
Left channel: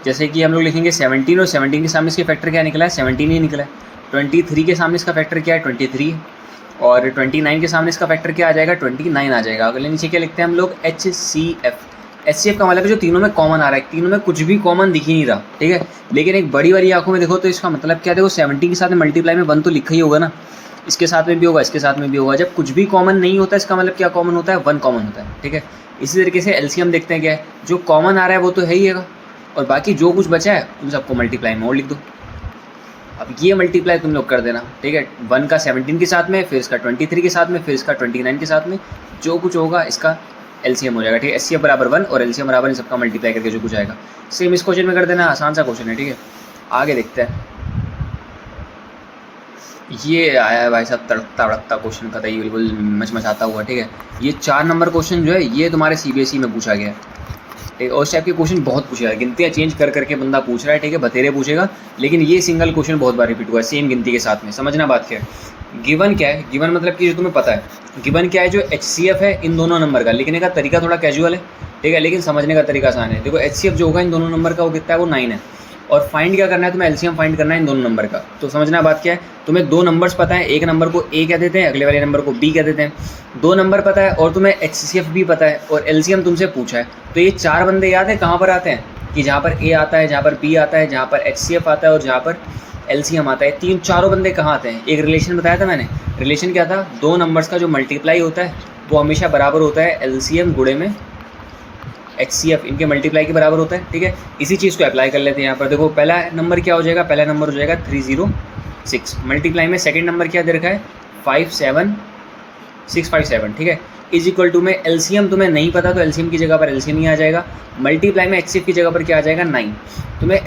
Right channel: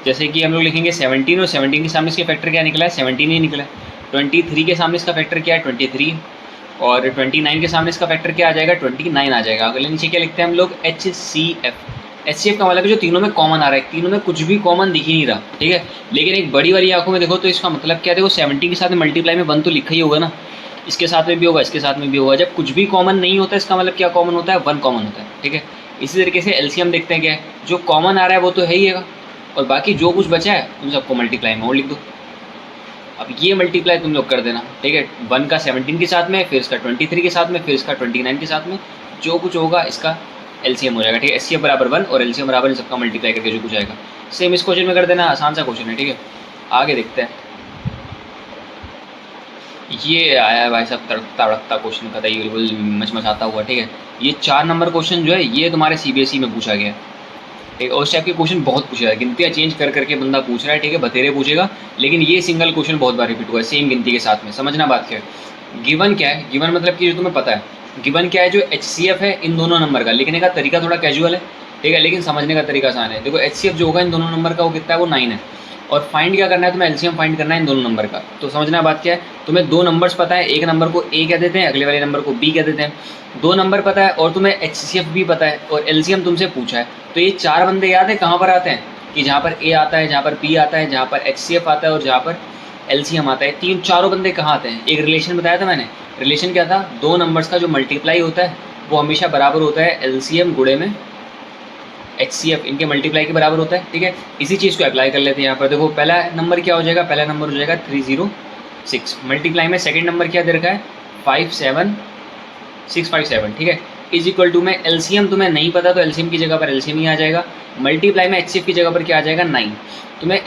जैसे कि हम लोग लिखेंगे 17 और 17 के सामने इसके फैक्टर क्या निकला है 17 ही निकला है। 23 के सामने इसका फैक्टर क्या है 23, और 29 के सामने इसका फैक्टर क्या आ जाएगा 29 आ जाएगा। अगले नीचे क्या लिखते हैं हम लोग HCF। HCF का मतलब जो तीनों में कॉमन आ रहा है, तीनों में कुछ भी कॉमन दिख ही नहीं रहा, ठीक है। लेकिन एक बड़ी वाली आंखों में देखो तो इसका मतलब क्या, देखो 70 के साथ में मल्टीप्लाई में 1 तो लिखा ही होगा ना, इसके साथ में भी होगा, इसके साथ में भी होगा। जब कुछ भी कॉमन नहीं होता इसका मतलब क्या कॉमन होता है, 1 कॉमन होता है, ठीक है। इसी तरीके से एलसीएम देखते हैं क्या है, जो कॉमन आ रहा है वो तो है ही है, और बाकी जो कुछ बचा है उन सबको मल्टीप्लाई में और लिख दो। अब ये मल्टीप्लाई तुम लोग कर देना, ठीक है। 1 का 17 के साथ में, फिर इसका 23 के साथ में, फिर इसका 29 के साथ में, जो कुछ होगा इसका एलसीएम हो जाएगा, ठीक है। एचसीएफ बराबर 1 और एलसीएम बराबर इन सबका मल्टीप्लाई करके जो कुछ आएगा, सेम इस क्वेश्चन में कर देना। आसान सा क्वेश्चन है, ठीक है। आगे देखते हैं। ये आया है भाई साहब तड़कता भड़कता क्वेश्चन, पता ही बिल्कुल मचमचाता हुआ, ठीक है। ये 4 नंबर क्वेश्चन जो है ये तुम्हारे सीबीएसई में पूछा गया है, ठीक है। और उस टाइप के क्वेश्चन बहुत पूछा है, गिनतियाँ चेंज कर करके बंदा पूछ रहा है, ठीक है, बतेरे पूछेगा, लेकिन ये सिंगल क्वेश्चन बहुत बार रिपीट हुआ है सेम गिनती के साथ में। समझना बात क्या है। गिवन क्या है, गिवन मतलब कि जो तुम्हें पता है, गिवन क्या है, जो HCF है इन दोनों नंबर का। लिखने का तरीका थोड़ा कैजुअल है, ठीक है, लेकिन समझने का तरीका आसान है। देखो HCF जो होगा इन दोनों नंबर का वो कितना है, वो 9 है, और फाइंड क्या करना है तुम्हें, एलसीएम फाइंड करना है इन दोनों नंबर का। तो समझना बात क्या है, तुम्हें 2 नंबर्स पता है, एक नंबर को A कह देते हैं, अगले वाले नंबर को B कह देते हैं। 2 नंबर पता है और तुम्हें HCF भी पता है और एलसीएम तुमसे पूछा है, तो ये 4 बंदे याद है कहाँ पर आते हैं, कि जहाँ पर A आता है, जहाँ पर B आता है, जहाँ पर HCF आता है और जहाँ पर एलसीएम आता है। चारों बंदे कहाँ आते हैं, एक रिलेशन बताया था मैंने। रिलेशन क्या था, 2 नंबर्स का जो मल्टीप्लाई होता है वो हमेशा बराबर होता है एलसीएम गुणे में HCF, इनके मल्टीप्लाई के बराबर होता है, ठीक है। इसी चीज़ को अप्लाई कर लेते हैं यहाँ पर। देखो पहला नंबर क्या हो जाएगा, पहला नंबर हो जाएगा 306, मल्टीप्लाई में सेकंड नंबर क्या दे रखा है 57657, ठीक है। इज इक्वल टू में एलसीएम तुम्हें नहीं पता तो एलसीएम की जगह पर एलसीएम ही आ जाएगा, मल्टीप्लाई में HCF की जगह पर क्या आ जाएगा 9। तुम्हें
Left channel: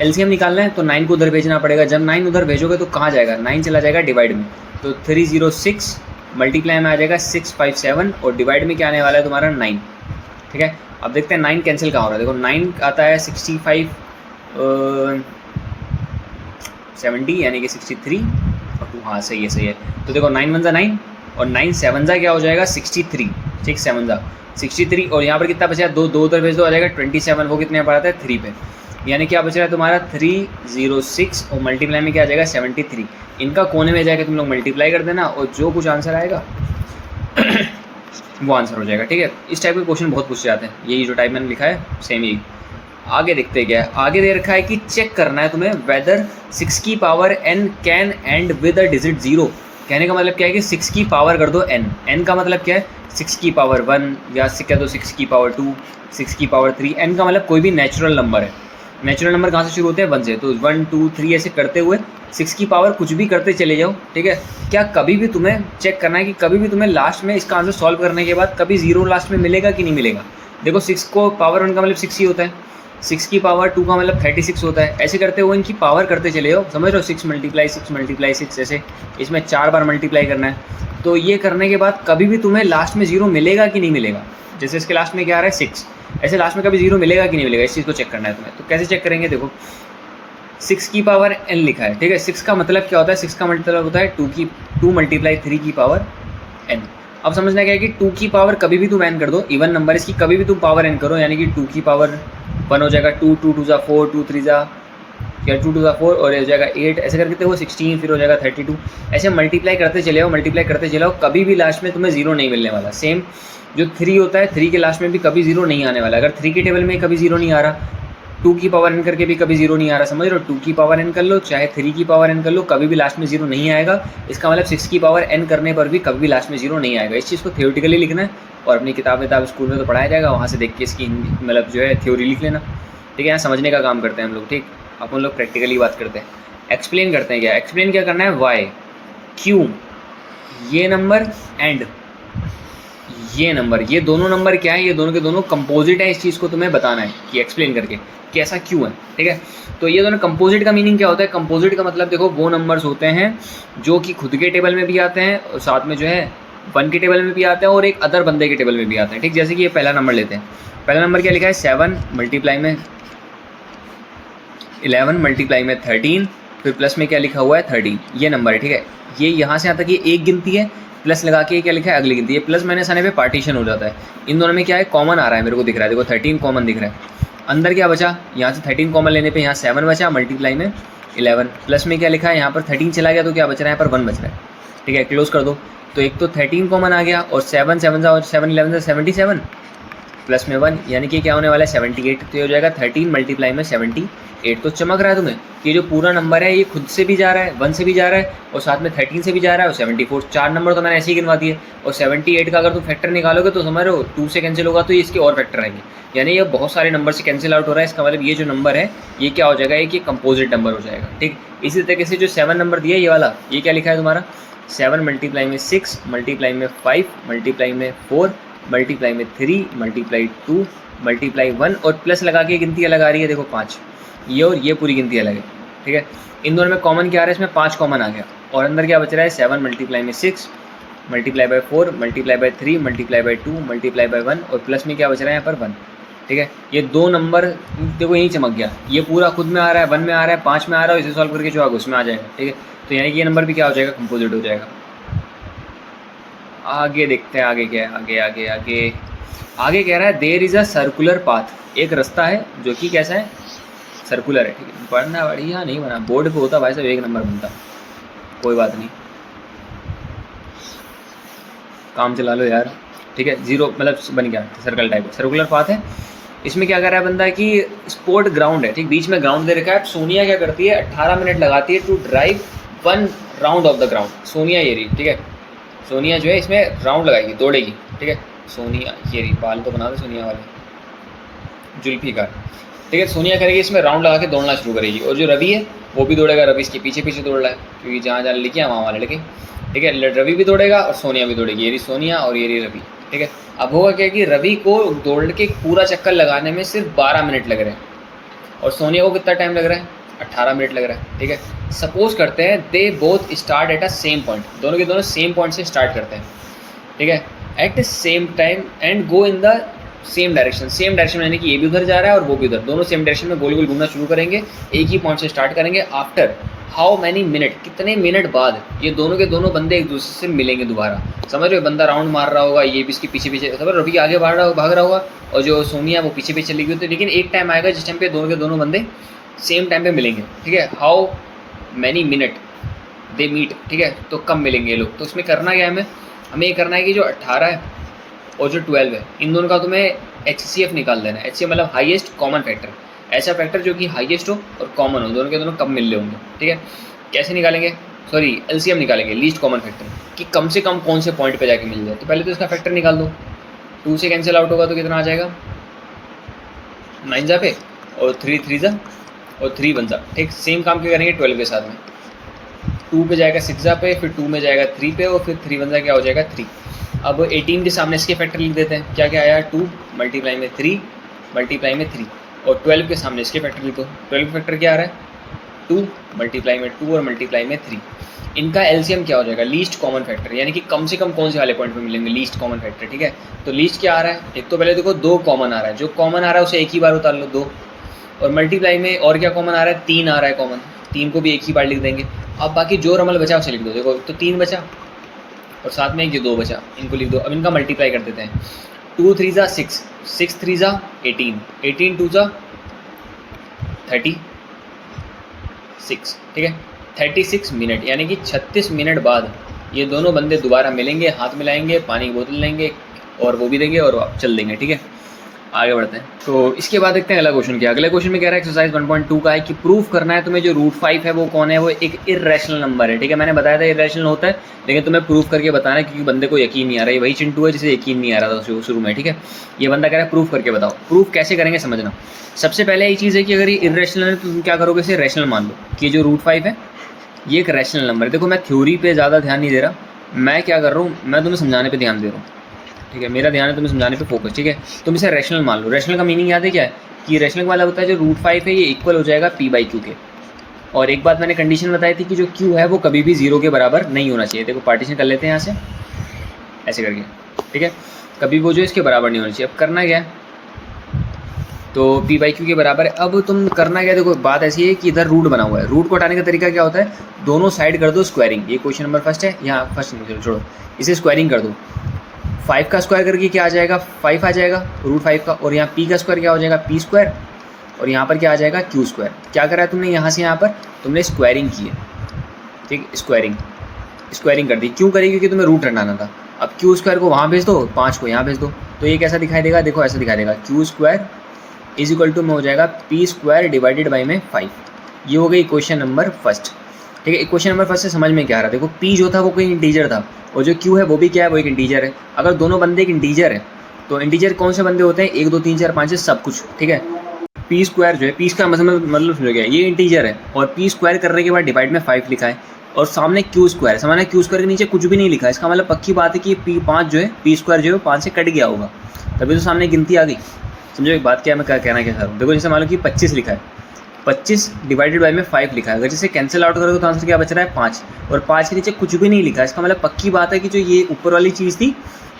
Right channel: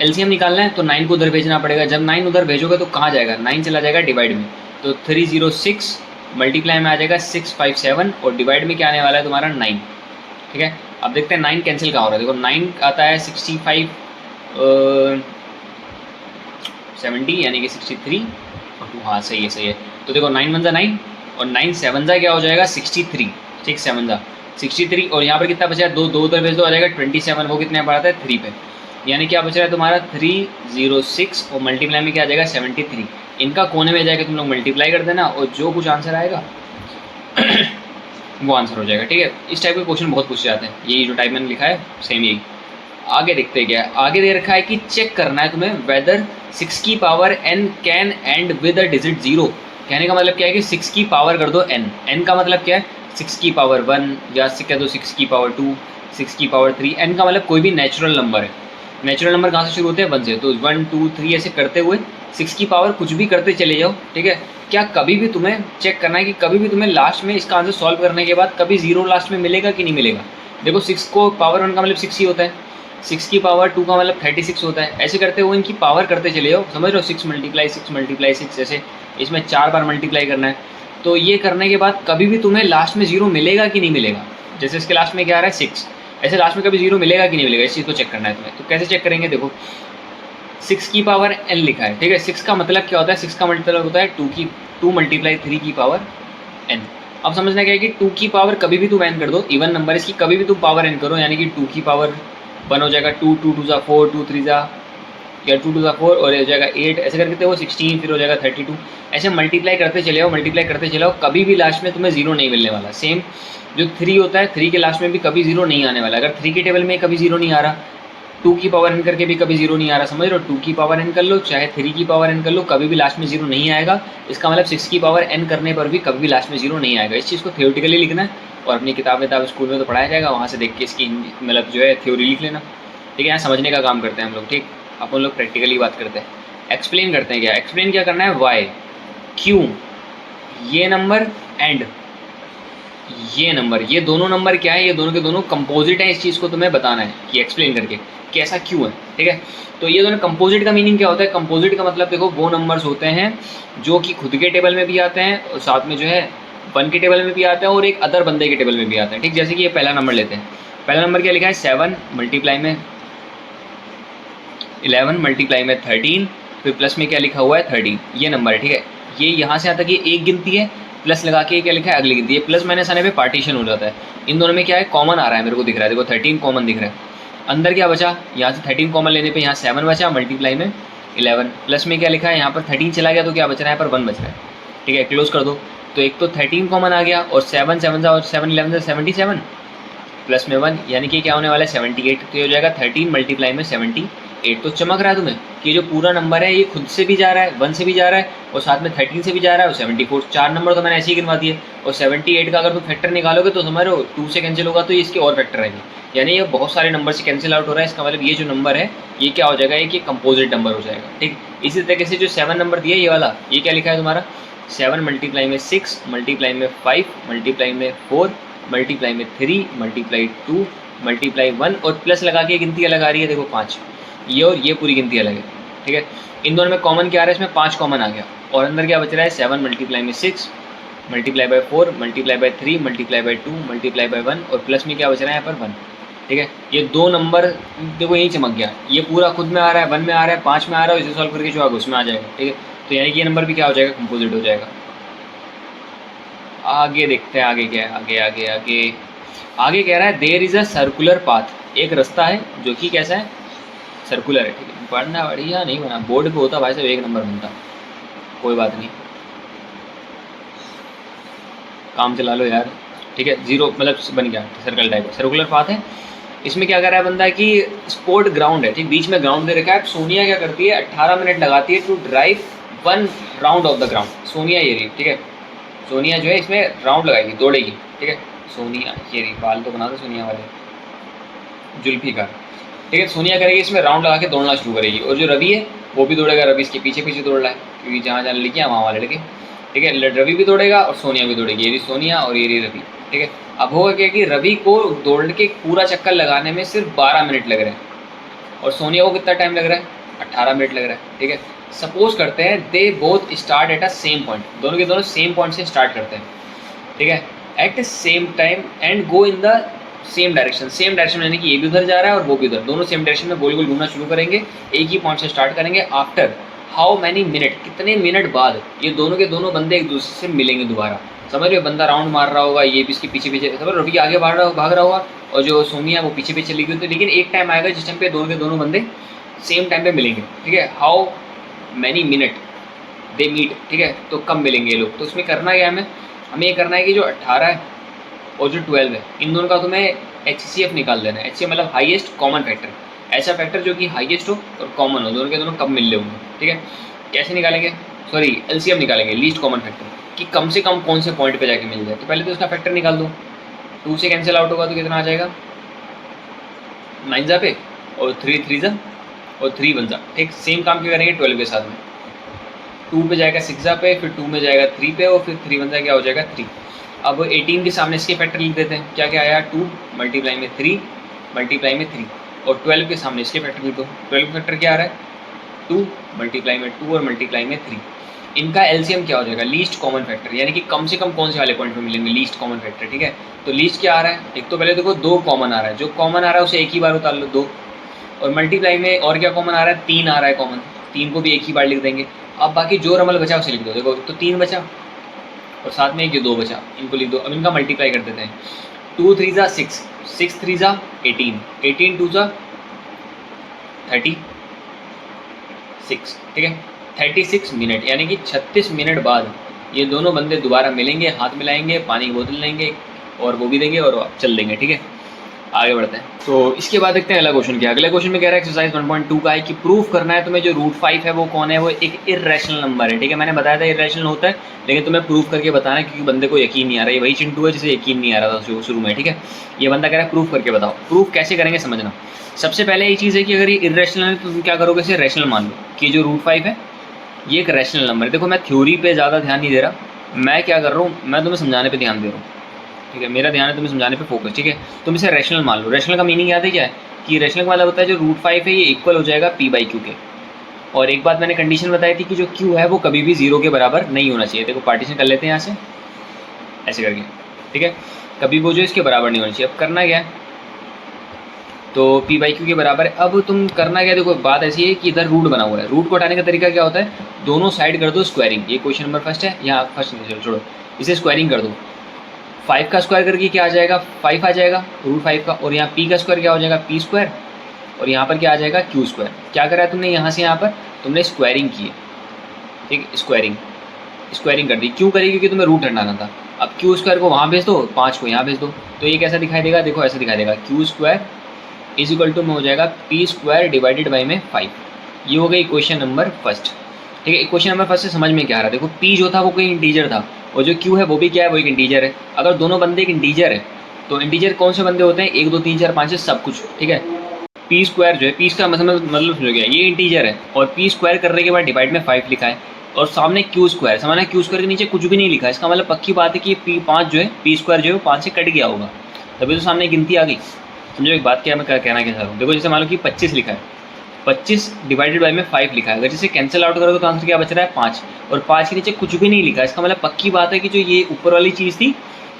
एलसीएम निकालना है तो 9 को उधर भेजना पड़ेगा, जब 9 उधर भेजोगे तो कहाँ जाएगा, 9 चला जाएगा डिवाइड में, तो 306 मल्टीप्लाई में आ जाएगा 657 और डिवाइड में क्या आने वाला है तुम्हारा 9, ठीक है। अब देखते हैं 9 कैंसिल कहाँ हो रहा है। देखो 9 आता है 65 70 यानी कि 63, हाँ सही है, सही है। तो देखो 9 1 9 और 9 7 क्या हो जाएगा 63, ठीक, 7 63, और यहाँ पर कितना बचा है, 2 उधर भेज दो आ जाएगा 27, वो कितने पर आता है 3 पे, यानी क्या बच रहा है तुम्हारा 306 और मल्टीप्लाई में क्या आ जाएगा 73। इनका कोने में जाएगा तुम लोग मल्टीप्लाई कर देना और जो कुछ आंसर आएगा वो आंसर हो जाएगा, ठीक है। इस टाइप के क्वेश्चन बहुत पूछे जाते हैं, यही जो टाइप मैंने लिखा है सेम यही। आगे देखते क्या है, आगे दे रखा है कि चेक करना है तुम्हें वेदर 6 की power n can and with a digit 0। कहने का मतलब क्या है कि 6 की पावर कर दो n का मतलब क्या है 6 की पावर 1 या कह दो 6 की पावर 2, 6 की पावर 3। n का मतलब कोई भी नेचुरल नंबर है। नेचुरल नंबर कहाँ से शुरू होते हैं 1 से, तो 1 2 3 ऐसे करते हुए 6 की पावर कुछ भी करते चले जाओ, ठीक है। क्या कभी भी तुम्हें चेक करना है कि कभी भी तुम्हें लास्ट में इसका आंसर सॉल्व करने के बाद कभी 0 लास्ट में मिलेगा कि नहीं मिलेगा। देखो 6 को पावर 1 का मतलब 6 ही होता है, 6 की पावर 2 का मतलब 36 होता है। ऐसे करते हुए इनकी पावर करते चले जाओ, समझ रहे हो, 6 मल्टीप्लाई 6 ऐसे इसमें 4 बार मल्टीप्लाई करना है। तो ये करने के बाद कभी भी तुम्हें लास्ट में 0 मिलेगा कि नहीं मिलेगा। जैसे इसके लास्ट में क्या आ रहा है 6, ऐसे लास्ट में कभी 0 मिलेगा कि नहीं मिलेगा, इस चीज़ को चेक करना है तुम्हें। तो कैसे चेक करेंगे, देखो 6 की पावर n लिखा है, ठीक है। 6 का मतलब क्या होता है, 6 का मतलब होता है 2 मल्टीप्लाई 3 की पावर n। अब समझना क्या है कि 2 की पावर कभी भी तुम n कर दो, इवन नंबर इसकी कभी भी तुम पावर n करो, यानी कि 2 की पावर 1 हो जाएगा 2 2 2 4 2 3 या 2 2 4 और हो जाएगा 8, ऐसे करके वो 16 फिर हो जाएगा 32। ऐसे मल्टीप्लाई करते चले जाओ, मल्टीप्लाई करते चले जाओ, कभी भी लास्ट में तुम्हें 0 नहीं मिलने वाला। सेम जो 3 होता है 3 के लास्ट में भी कभी 0 नहीं आने वाला। अगर 3 के टेबल में कभी 0 नहीं आ रहा, 2 की पावर n करके भी कभी 0 नहीं आ रहा, समझ लो 2 की पावर n कर लो चाहे 3 की पावर n कर लो, कभी भी लास्ट में 0 नहीं आएगा। इसका मतलब 6 की पावर n करने पर भी कभी भी लास्ट में 0 नहीं आएगा। इस चीज़ को थ्योरेटिकली लिखना है और अपनी किताब स्कूल में तो पढ़ाया जाएगा, वहाँ से देख के इसकी मतलब जो है थ्योरी लिख लेना, ठीक है। यहाँ समझने का काम करते हैं हम लोग, ठीक। अपन लोग प्रैक्टिकली बात करते हैं, एक्सप्लेन करते हैं। एक्सप्लेन क्या करना है, वाई क्यों ये नंबर एंड ये नंबर, ये दोनों नंबर क्या है, ये दोनों के दोनों कंपोजिट हैं। इस चीज़ को तुम्हें बताना है कि एक्सप्लेन करके कि ऐसा क्यों है, ठीक है। तो ये दोनों कंपोजिट का मीनिंग क्या होता है, कंपोजिट का मतलब देखो वो नंबर्स होते हैं जो कि खुद के टेबल में भी आते हैं और साथ में जो है 1 के टेबल में भी आते हैं और एक अदर बंदे के टेबल में भी आते हैं, ठीक। जैसे कि ये पहला नंबर लेते हैं, पहला नंबर क्या लिखा है 7 मल्टीप्लाई में 11 मल्टीप्लाई में 13, फिर प्लस में क्या लिखा हुआ है 13, ये नंबर है, ठीक है। ये यहाँ से आता है कि एक गिनती है, प्लस लगा के क्या लिखा है अगली गिनती है, प्लस माइनस आने पे पार्टीशन हो जाता है। इन दोनों में क्या है कॉमन आ रहा है, मेरे को दिख रहा है, देखो 13 कॉमन दिख रहा है। अंदर क्या बचा, यहाँ से 13 कॉमन लेने पे यहाँ 7 बचा, मल्टीप्लाई में 11 प्लस में क्या लिखा है यहाँ पर 13 चला गया तो क्या बच रहा है यहाँ पर 1 बच रहा है, ठीक है। क्लोज कर दो, तो एक तो 13 कॉमन आ गया और 7 7 और 7 11 77 प्लस में 1 यानी कि क्या होने वाला है 78। तो ये हो जाएगा 13 मल्टीप्लाई में 78। तो चमक रहा है तुम्हें कि जो पूरा नंबर है ये खुद से भी जा रहा है, 1 से भी जा रहा है और साथ में 13 से भी जा रहा है और 74। 4 नंबर तो मैंने ऐसे ही गिनवा दिए और 78 का अगर तुम फैक्टर निकालोगे तो समझ लो 2 से कैंसिल होगा तो ये इसके और फैक्टर आएंगे, यानी ये बहुत सारे नंबर से कैंसिल आउट हो रहा है। इसका मतलब ये जो नंबर है ये क्या हो जाएगा, ये कंपोजिट नंबर हो जाएगा, ठीक। इसी तरीके से जो 7 नंबर दिया ये वाला, ये क्या लिखा है तुम्हारा 7 मल्टीप्लाई में 6 मल्टीप्लाई में 5 मल्टीप्लाई में 4 मल्टीप्लाई में 3 मल्टीप्लाई 2 मल्टीप्लाई 1 और प्लस लगा के गिनती अलग आ रही है, देखो 5, ये और ये पूरी गिनती अलग है, ठीक है। इन दोनों में कॉमन क्या आ रहा है, इसमें 5 कॉमन आ गया और अंदर क्या बच रहा है 7 मल्टीप्लाई में 6 multiply by 4 multiply by 3 multiply by 2 multiply by 1 और प्लस में क्या बच रहा है यहाँ पर 1, ठीक है। ये 2 नंबर देखो यही चमक गया, ये पूरा खुद में आ रहा है, 1 में आ रहा है, 5 में आ रहा है, इसे सॉल्व करके जो आगे उसमें आ जाएगा, ठीक है। तो यानी कि ये नंबर भी क्या हो जाएगा, कंपोजिट हो जाएगा। आगे देखते हैं आगे क्या है, आगे आगे आगे आगे कह रहा है there is a circular path, एक रास्ता है जो कि कैसा है, सर्कुलर है, ठीक है। पढ़ना बढ़िया नहीं बना, बोर्ड पे होता भाई साहब 1 नंबर बनता, कोई बात नहीं, काम चला लो यार, ठीक है। 0 मतलब बन गया सर्कल टाइप, सर्कुलर पाथ है। इसमें क्या कर रहा है बंदा कि स्पोर्ट ग्राउंड है, ठीक, बीच में ग्राउंड दे रखा है। सोनिया क्या करती है 18 मिनट लगाती है to drive 1 round of the ground. Sonia ये रही, ठीक है, सोनिया जो है इसमें राउंड लगाएगी, दौड़ेगी, ठीक है। सोनिया ये रही, बाल तो बना दो सोनिया वाले, जुल्फिकार, ठीक है। सोनिया करेगी इसमें राउंड लगा के दौड़ना शुरू करेगी और जो रवि है वो भी दौड़ेगा, रवि इसके पीछे पीछे दौड़ रहा है क्योंकि जहाँ जहाँ लड़कियाँ वहाँ वहाँ लड़के, ठीक है। रवि भी दौड़ेगा और सोनिया भी दौड़ेगी, ये रही सोनिया और ये रही रवि, ठीक है। अब होगा क्या कि रवि को दौड़ के पूरा चक्कर लगाने में सिर्फ 12 मिनट लग रहे हैं और सोनिया को कितना टाइम लग रहा है 18 मिनट लग रहा है, ठीक है। सपोज करते हैं they both start at a same point, दोनों के दोनों सेम पॉइंट से स्टार्ट करते हैं, ठीक है, at same time and go in the same direction. Same direction यानी कि ये भी उधर जा रहा है और वो भी उधर, दोनों सेम डायरेक्शन में गोल गोल घूमना शुरू करेंगे, एक ही पॉइंट से स्टार्ट करेंगे। आफ्टर हाउ मैनी मिनट, कितने मिनट बाद ये दोनों के दोनों बंदे एक दूसरे से मिलेंगे दोबारा। समझ रहे हो, बंदा राउंड मार रहा होगा, ये भी इसके पीछे पीछे, समझ रहे, रवि आगे भाग रहा होगा और जो सोनिया वो पीछे पीछे चली गई, तो लेकिन एक टाइम आएगा जिस टाइम पे दोनों के दोनों बंदे सेम टाइम पे मिलेंगे, ठीक है। How many minute they meet, ठीक है, तो कब मिलेंगे ये लोग। तो इसमें करना क्या है, हमें ये करना है कि जो 18 है और जो 12 है इन दोनों का तुम्हें HCF निकाल देना है। HCF मतलब हाईएस्ट कॉमन फैक्टर, ऐसा फैक्टर जो कि हाईएस्ट हो और कॉमन हो, दोनों के दोनों कब मिल रहे होंगे, ठीक है। कैसे निकालेंगे, सॉरी LCM निकालेंगे, लीस्ट कॉमन फैक्टर, कि कम से कम कौन से पॉइंट पे जाके मिल जाए। तो पहले तो इसका फैक्टर निकाल दो, 2 से कैंसिल आउट होगा तो कितना आ जाएगा 9 जा पे और 3 3 जा और 3 1 जा, ठीक। सेम काम क्या करेंगे 12 के साथ में, 2 पे जाएगा 6 जा पे, फिर 2 में जाएगा 3 पे और फिर 3 1 जा क्या हो जाएगा 3। अब 18 के सामने इसके फैक्टर लिख देते हैं, क्या क्या आया 2 मल्टीप्लाई में 3 मल्टीप्लाई में 3 और 12 के सामने इसके फैक्टर लिखो। 12 फैक्टर क्या आ रहा है 2 मल्टीप्लाई में 2 और मल्टीप्लाई में 3। इनका LCM क्या हो जाएगा, लीस्ट कॉमन फैक्टर, यानी कि कम से कम कौन से वाले पॉइंट पे मिलेंगे, लीस्ट कॉमन फैक्टर, ठीक है। तो लीस्ट क्या आ रहा है, एक तो पहले देखो 2 कॉमन आ रहा है, जो कॉमन आ रहा है उसे एक ही बार उतार लो 2, और मल्टीप्लाई में और क्या कॉमन आ रहा है 3 आ रहा है कॉमन, 3 को भी एक ही बार लिख देंगे। अब बाकी जो रमल बचा उसे लिख दो, देखो तो 3 बचा और साथ में एक ये 2 बचा, इनको लिख दो। अब इनका मल्टीप्लाई कर देते हैं, 2 3 जा 6, 6 3 जा 18, 18 2 जा 36, ठीक है, 36 मिनट, यानी कि 36 मिनट बाद ये दोनों बंदे दोबारा मिलेंगे, हाथ मिलाएंगे, पानी की बोतल लेंगे और वो भी देंगे और चल देंगे, ठीक है। आगे बढ़ते हैं, तो इसके बाद देखते हैं अगला क्वेश्चन क्या। अगले क्वेश्चन में कह रहा है एक्सरसाइज 1.2 का है कि प्रूफ करना है तुम्हें जो √5 है वो कौन है, वो एक इर्रेशनल नंबर है, ठीक है। मैंने बताया था इर्रेशनल होता है, लेकिन तुम्हें प्रूफ करके बताना है क्योंकि बंदे को यकीन नहीं आ रहा है। वही चिंटू है जिसे यकीन नहीं आ रहा था शुरू में, ठीक है। ये बंदा कह रहा है प्रूफ करके बताओ। प्रूफ कैसे करेंगे समझना। सबसे पहले ये चीज़ है कि अगर ये इर्रेशनल है तो तुम क्या करोगे, इसे रैशनल मान लो कि जो √5 है ये एक रैशनल नंबर है। देखो मैं थ्योरी पे ज़्यादा ध्यान नहीं दे रहा, मैं क्या कर रहा हूँ, मैं तुम्हें समझाने पे ध्यान दे रहा हूँ, ठीक है। मेरा ध्यान है तुम्हें समझाने पे फोकस, ठीक है। तुम इसे रैशनल मान लो। रैशनल का मीनिंग याद है क्या है कि रैशनल का मतलब होता है जो √5 है ये इक्वल हो जाएगा P/Q के। और एक बात मैंने कंडीशन बताई थी कि जो Q है वो कभी भी 0 के बराबर नहीं होना चाहिए। देखो पार्टीशन कर लेते हैं यहाँ से ऐसे करके, ठीक है, कभी वो जो इसके बराबर नहीं होना चाहिए। अब करना क्या है, तो P/Q के बराबर है। अब तुम करना क्या, देखो बात ऐसी है कि इधर रूट बना हुआ है, रूट को हटाने का तरीका क्या होता है, दोनों साइड कर दो स्क्वायरिंग। ये क्वेश्चन नंबर फर्स्ट है, यहाँ फर्स्ट छोड़ो, इसे स्क्वायरिंग कर दो। 5 का स्क्वायर करके क्या आ जाएगा 5 आ जाएगा √5 का, और यहाँ P का स्क्वायर क्या हो जाएगा P² और यहाँ पर क्या आ जाएगा क्यू स्क्वायर। क्या करा है तुमने यहाँ से यहाँ पर, तुमने स्क्वायरिंग की है, ठीक, स्क्वायरिंग कर दी। क्यों करी? क्योंकि तुम्हें रूट हटाना था। अब क्यू स्क्वायर को वहाँ भेज दो, 5 को यहाँ भेज दो, तो ये कैसा दिखाई देगा? देखो ऐसा दिखाई देगा, Q square is equal to में हो जाएगा पी स्क्वायर डिवाइडेड बाई में 5। ये हो गई इक्वेशन नंबर फर्स्ट, ठीक है। इक्वेशन नंबर फर्स्ट से समझ में क्या आ रहा है? देखो पी जो था वो कोई इंटीजर था, और जो क्यू है वो भी क्या है? वो एक इंटीजर है। अगर दोनों बंदे एक इंटीजर है तो इंटीजर कौन से बंदे होते हैं? 1 2 3 4 5 6 सब कुछ, ठीक है। पी स्क्वायर जो है, पी का मतलब समझो गया, ये इंटीजर है और पी स्क्वायर करने के बाद डिवाइड में 5 लिखा है, और सामने क्यू स्क्वायर, समझना क्यू स्क्वायर के नीचे कुछ भी नहीं लिखा है। इसका मतलब पक्की बात है कि पी 5 जो है, पी स्क्वायर जो है 5 से कट गया होगा, तभी तो सामने गिनती आ गई। समझो एक बात क्या मैं कहना क्या चाह रहा हूँ। देखो जैसे मान लो कि 25 लिखा है, 25 डिवाइडेड बाई में 5 लिखा है, अगर जिसे कैंसिल आउट करोगे तो आंसर क्या बच रहा है? 5, और 5 के नीचे कुछ भी नहीं लिखा है। इसका मतलब पक्की बात है कि जो ये ऊपर वाली चीज़ थी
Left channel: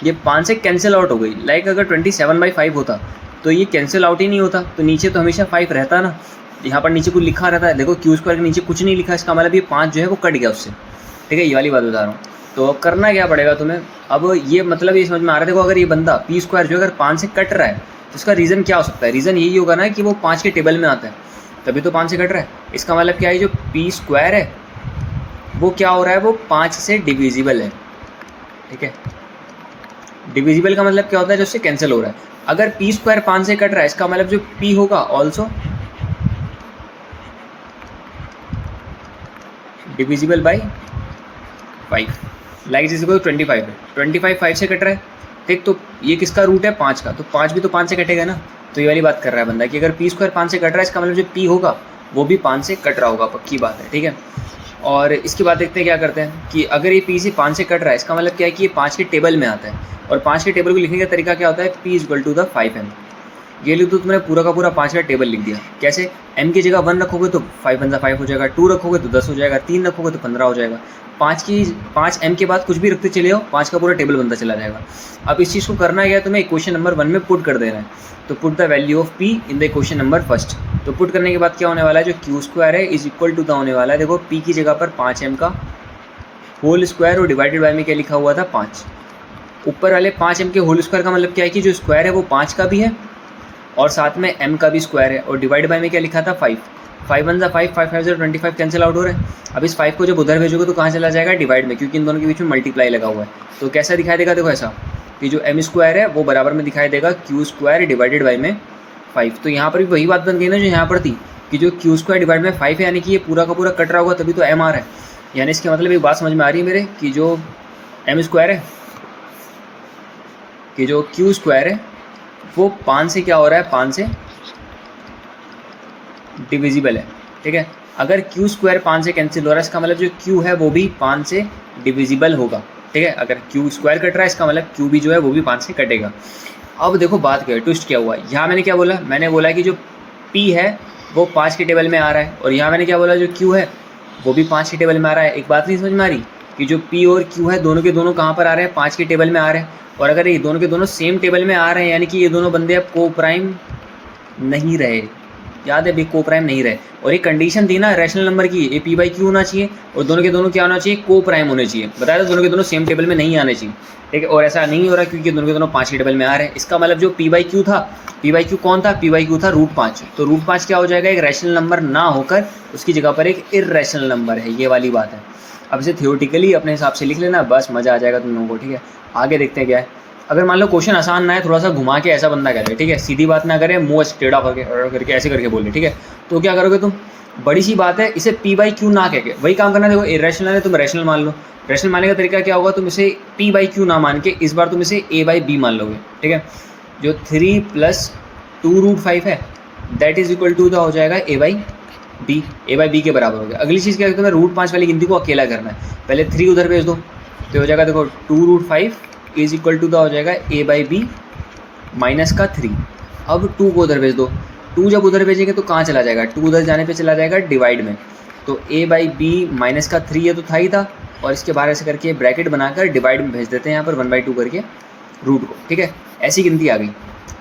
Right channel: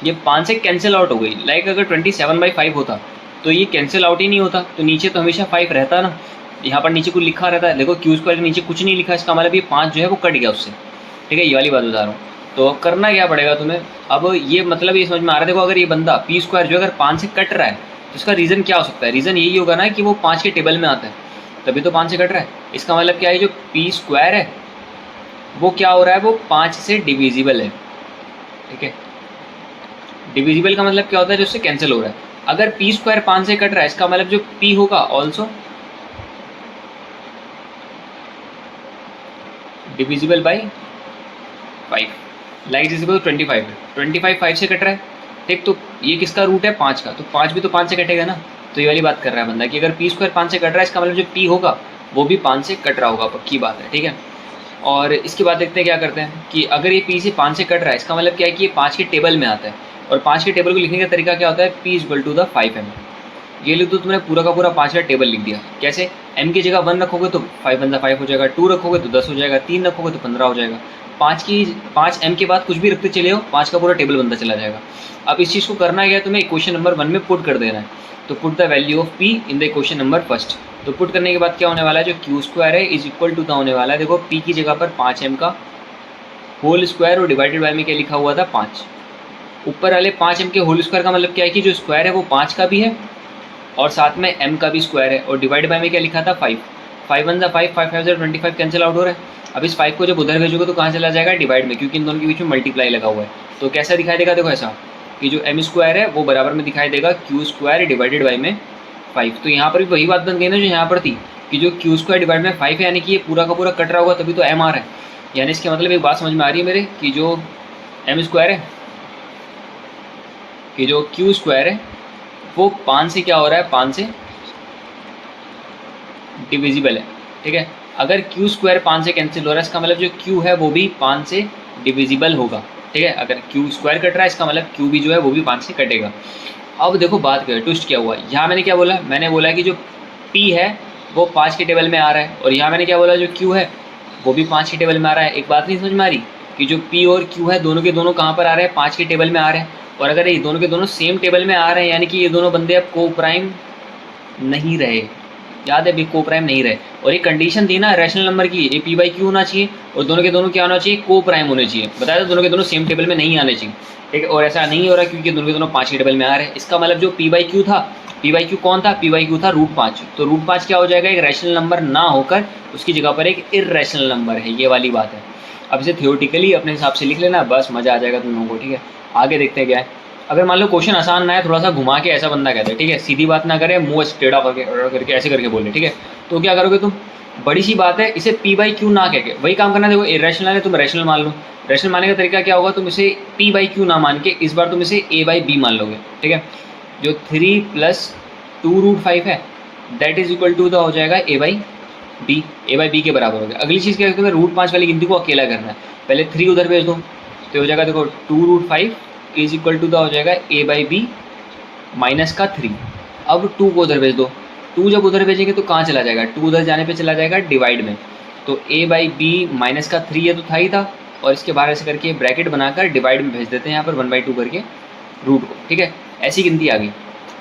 ये 5 से कैंसिल आउट हो गई। लाइक अगर 27/5 होता तो ये कैंसिल आउट ही नहीं होता, तो नीचे तो हमेशा 5 रहता ना, यहाँ पर नीचे कुछ लिखा रहता है। देखो क्यू स्क्वायर के नीचे कुछ नहीं लिखा है, इसका मतलब ये 5 जो है वो कट गया उससे, ठीक है। ये वाली बात बता रहा हूँ। तो करना क्या पड़ेगा तुम्हें अब? ये मतलब ये समझ में आ रहा है। देखो अगर ये बंदा पी स्क्वायर जो अगर 5 से कट रहा है तो उसका रीज़न क्या हो सकता है? रीज़न यही होगा ना कि वो 5 के टेबल में आता है, तभी तो 5 से कट रहा है। इसका मतलब क्या है? जो पी स्क्वायर है वो क्या हो रहा है? वो 5 से डिविजिबल है, ठीक है। डिविजिबल का मतलब क्या होता है? जो उससे कैंसिल हो रहा है। अगर पी स्क्वायर 5 से कट रहा है, इसका मतलब जो पी होगा ऑल्सो डिविजिबल बाई 5, लाइक जिस 25 है, 25 5 से कट रहा है, ठीक। तो ये किसका रूट है? 5 का, तो 5 भी तो 5 से कटेगा ना। तो ये वाली बात कर रहा है बंदा कि अगर पी स्क्वायर 5 से कट रहा है, इसका मतलब जो पी होगा वो भी 5 से कट रहा होगा, पक्की बात है, ठीक है। और इसके बाद देखते हैं क्या करते हैं कि अगर ये पी से 5 से कट रहा है, इसका मतलब क्या है कि ये 5 के टेबल में आता है, और 5 के टेबल को लिखने का तरीका क्या होता है? P equal to the 5m। ये लिख दो, तुमने पूरा का पूरा 5 का टेबल लिख दिया। कैसे? m की जगह 1 रखोगे तो 5 1 5 हो जाएगा, 2 रखोगे तो 10 हो जाएगा, 3 रखोगे तो 15 हो जाएगा, 5 m के बाद कुछ भी रखते चले हो, 5 का पूरा टेबल बनता चला जाएगा। अब इस चीज़ को करना क्या है? तुम्हें इक्वेशन नंबर 1 में पुट कर देना है। तो put the value of p in the equation number first. तो पुट करने के बाद क्या होने वाला है? जो क्यू स्क्वायर है इज इक्वल टू द होने वाला है, देखो p की जगह पर 5m का होल स्क्वायर और डिवाइडेड बाय में क्या लिखा हुआ था? 5। ऊपर वाले 5m के होल स्क्वायर का मतलब क्या है कि जो स्क्वायर है वो 5 का भी है और साथ में m का भी स्क्वायर है, और डिवाइड बाय में क्या लिखा था? 5। 5 1 5 5 5 25 कैंसिल आउट हो रहा है। अब इस 5 को जब उधर भेजोगे तो कहाँ चला जाएगा? डिवाइड में, क्योंकि इन दोनों के बीच में मल्टीप्लाई लगा हुआ है। तो कैसा दिखाई देगा? देखो ऐसा कि जो m स्क्वायर है वो बराबर में दिखाई देगा क्यू स्क्वायर डिवाइडेड बाई में 5। तो यहाँ पर भी वही बात बन गई ना जो यहाँ पर थी कि जो क्यू स्क्वायर डिवाइड में 5 है, यानी कि ये पूरा का पूरा कट रहा होगा तभी तो m आ रहा है। यानी इसके मतलब एक बात समझ में आ रही है मेरे कि जो m स्क्वायर है, कि जो क्यू स्क्वायर है वो 5 से क्या हो रहा है? 5 से डिविजिबल है, ठीक है। अगर क्यू स्क्वायर 5 से कैंसिल हो रहा है, इसका मतलब जो क्यू है वो भी 5 से डिविजिबल होगा, ठीक है। अगर क्यू स्क्वायर कट रहा है, इसका मतलब क्यू भी जो है वो भी 5 से कटेगा। अब देखो बात क्या है, ट्विस्ट क्या हुआ। यहाँ मैंने क्या बोला? मैंने बोला कि जो पी है वो 5 के टेबल में आ रहा है, और यहाँ मैंने क्या बोला? जो क्यू है वो भी 5 के टेबल में आ रहा है। एक बात नहीं समझ में आ रही कि जो पी और क्यू है दोनों के दोनों कहाँ पर आ रहे हैं? 5 के टेबल में आ रहे हैं। और अगर ये दोनों के दोनों सेम टेबल में आ रहे हैं, यानी कि ये दोनों बंदे अब को प्राइम नहीं रहे। याद है, अभी को प्राइम नहीं रहे। और एक कंडीशन थी ना रैशनल नंबर की, ये पी बाई क्यू होना चाहिए और दोनों के दोनों क्या होना चाहिए? को प्राइम होने चाहिए। बताया था दोनों के दोनों सेम टेबल में नहीं आने चाहिए, ठीक है। और ऐसा नहीं हो रहा क्योंकि दोनों के दोनों 5 के टेबल में आ रहे हैं। इसका मतलब जो पी बाई क्यू था, पी बाई क्यू कौन था? पी बाई क्यू था √5। तो √5 क्या हो जाएगा? एक रैशनल नंबर ना होकर उसकी जगह पर एक इर्रेशनल नंबर है। ये वाली बात है। अब इसे थियोरेटिकली अपने हिसाब से लिख लेना, बस मज़ा आ जाएगा तुम लोगों को, ठीक है। आगे देखते हैं क्या है। अगर मान लो क्वेश्चन आसान ना है, थोड़ा सा घुमा के ऐसा बंदा कहते हैं, ठीक है, सीधी बात ना करे, मुँह टेढ़ा करके ऐसे करके बोले, ठीक है, तो क्या करोगे तुम? बड़ी सी बात है, इसे पी बाई क्यू ना कह के वही काम करना। देखो इरेशनल है, तुम रैशनल मान लो। रैशनल मानने का तरीका क्या होगा? तुम इसे पी बाई क्यू ना मान के इस बार तुम इसे ए बाई बी मान लोगे, ठीक है। जो 3 + 2√5 है दैट इज इक्वल टू हो जाएगा A by B. A by B के बराबर हो गया। अगली चीज़ क्या है? तुम्हें √5 वाली गिनती को अकेला करना है। पहले 3 उधर भेज दो तो हो जाएगा, देखो 2√5 इज इक्वल टू हो जाएगा ए बाई बी माइनस का 3। अब 2 को उधर भेज दो। 2 जब उधर भेजेंगे तो कहाँ चला जाएगा? 2 उधर जाने पे चला जाएगा डिवाइड में। तो ए बाई बी माइनस का 3 ये तो था ही था, और इसके बाहर ऐसे करके ब्रैकेट बनाकर डिवाइड में भेज देते हैं यहाँ पर 1/2 करके रूट को, ठीक है। ऐसी गिनती आ गई।